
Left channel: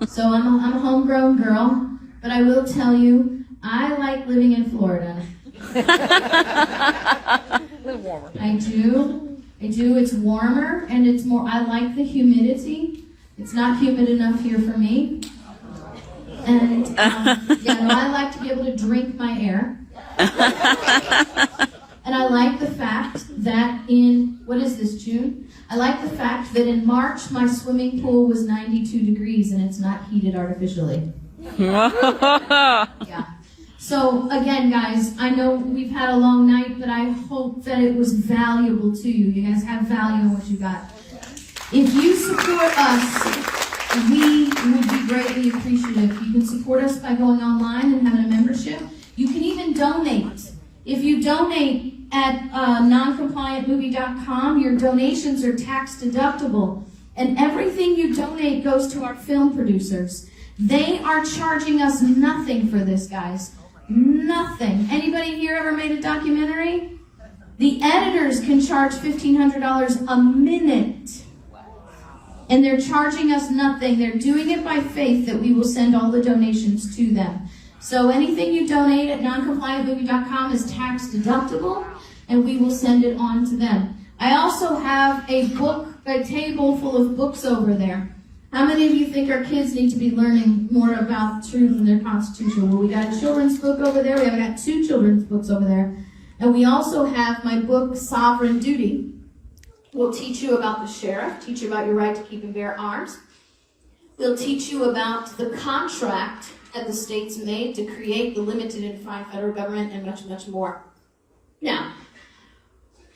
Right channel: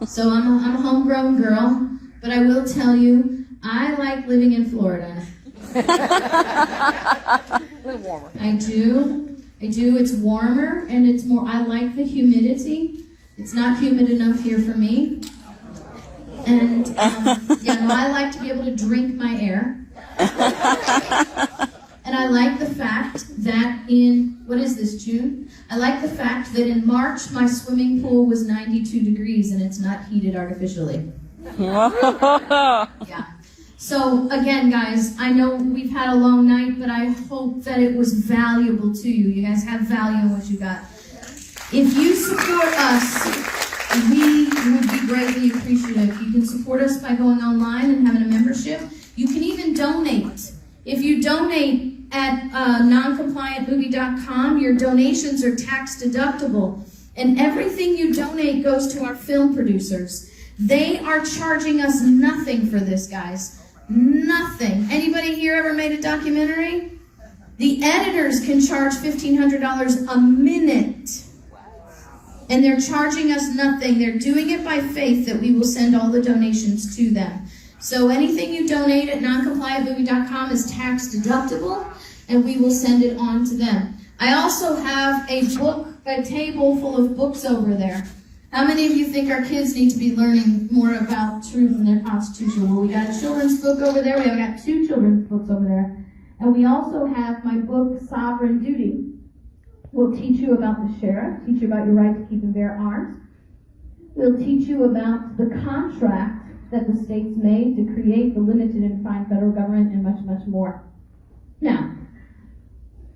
So I'm a homegrown girl, but I will tell you, I like living in Florida. A little warmer. I do. It's warmer and it's more, I like the humidity. It's not humid enough here for me. And I like to be able to drink my air. And I like the fact that in, what is this, June? I like the fact that in March my swimming pool was 92 degrees and it's not heated artificially. Yeah. So again, guys, I know we've had a long night, but I hope that it was valuable to you. You guys have value in what you got. If you support us, we would be greatly appreciative. You can support us by going online and having a membership. You can even donate. If you donate at noncompliantmovie.com, your donations are tax deductible. And everything you donate goes to our film producers. They are charging us nothing for this, guys. Nothing. Anybody here ever made a documentary? The editors can charge $1,500 a minute. And they're charging us nothing. They're doing it by faith that we will send all the donations to them. So anything you donate at noncompliantmovie.com is tax deductible, and we will send it on to them. I also have a table full of books over there. How many of you think our kids need to be learning more about truth in their Constitution? Well, we got a children's book over there. We have got 2 children's books over there. And we also have my book, Sovereign Duty. We'll teach you about the sheriff, teach you about your right to keep and bear arms. We'll teach you about the contract that the states made to create the limited and defined federal government and much, much more. Now,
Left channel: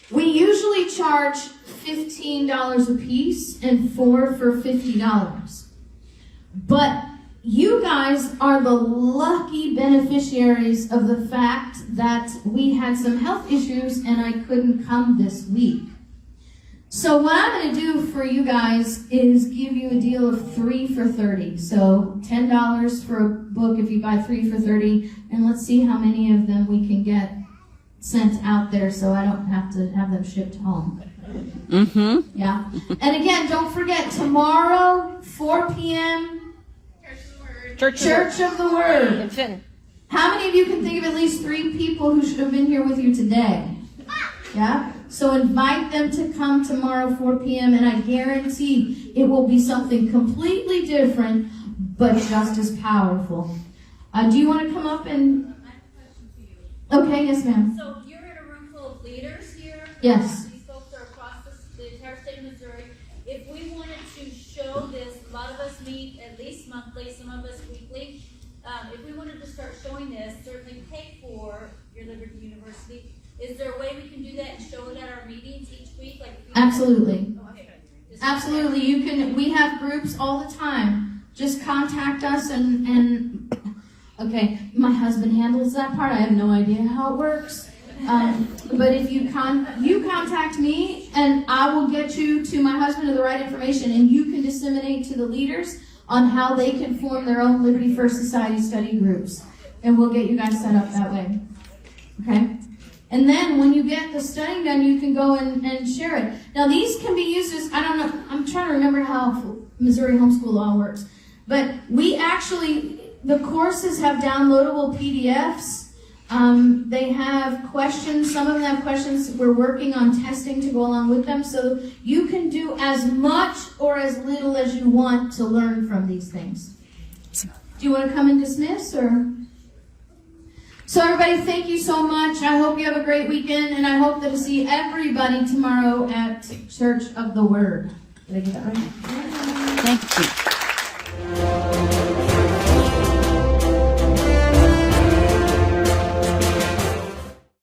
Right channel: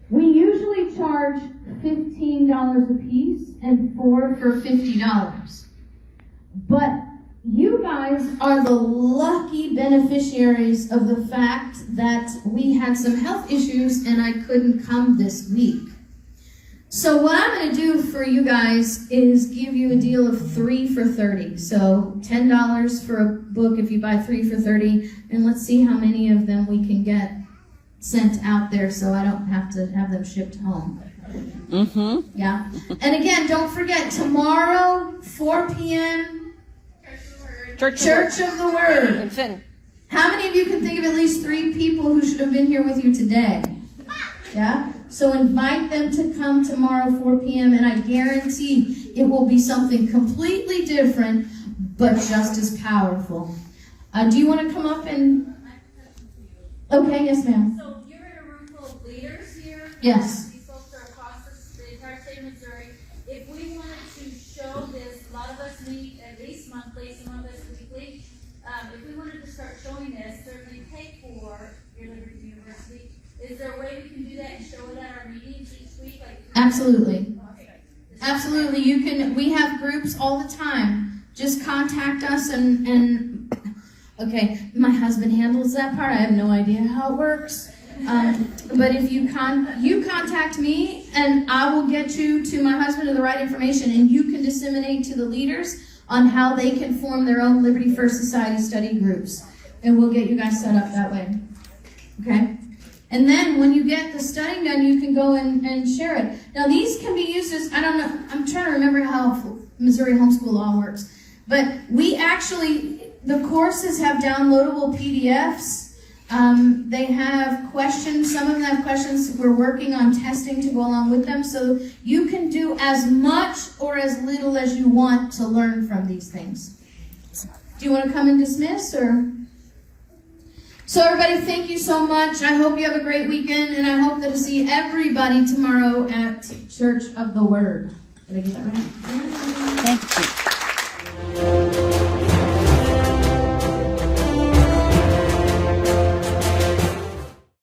we usually charge $15 a piece and 4 for $50. But you guys are the lucky beneficiaries of the fact that we had some health issues and I couldn't come this week. So what I'm going to do for you guys is give you a deal of 3 for $30. So $10 for a book if you buy 3 for $30. And let's see how many of them we can get sent out there so I don't have to have them shipped home. Mm-hmm. Yeah. And again, don't forget, tomorrow, 4 p.m., Church of the Word. How many of you can think of at least 3 people who should have been here with you today? Yeah? So invite them to come tomorrow, 4 p.m., and I guarantee it will be something completely different, but just as powerful. Do you want to come up and... Okay, yes, ma'am. So you're in a room full of leaders here? Yes. These folks are across the entire state of Missouri. If we wanted to show this, a lot of us meet at least monthly, some of us weekly. If we wanted to start showing this, certainly pay for your Liberty University. Is there a way we can do that and show it at our meetings each week? Absolutely. Absolutely. You can. We have groups all the time. Just contact us and okay, my husband handles that part. I have no idea how it works. But if you contact me, and I will get you to my husband with the right information, and you can disseminate to the leaders on how they can form their own Liberty First Society study groups. And we'll get you guys set up that way. Okay? And then when you get the studying done, you can go and share it. Now these can be used as, I don't know, I'm trying to remember how Missouri Homeschool Law works. But we actually, the courses have downloadable PDFs. They have questions. Some of them have questions. We're working on testing to go along with them. So you can do as much or as little as you want to learn from these things. Do you want to come and dismiss? So everybody, thank you so much. I hope you have a great weekend. And I hope that to see everybody tomorrow at Church of the Word. Did I get that right? Thank you.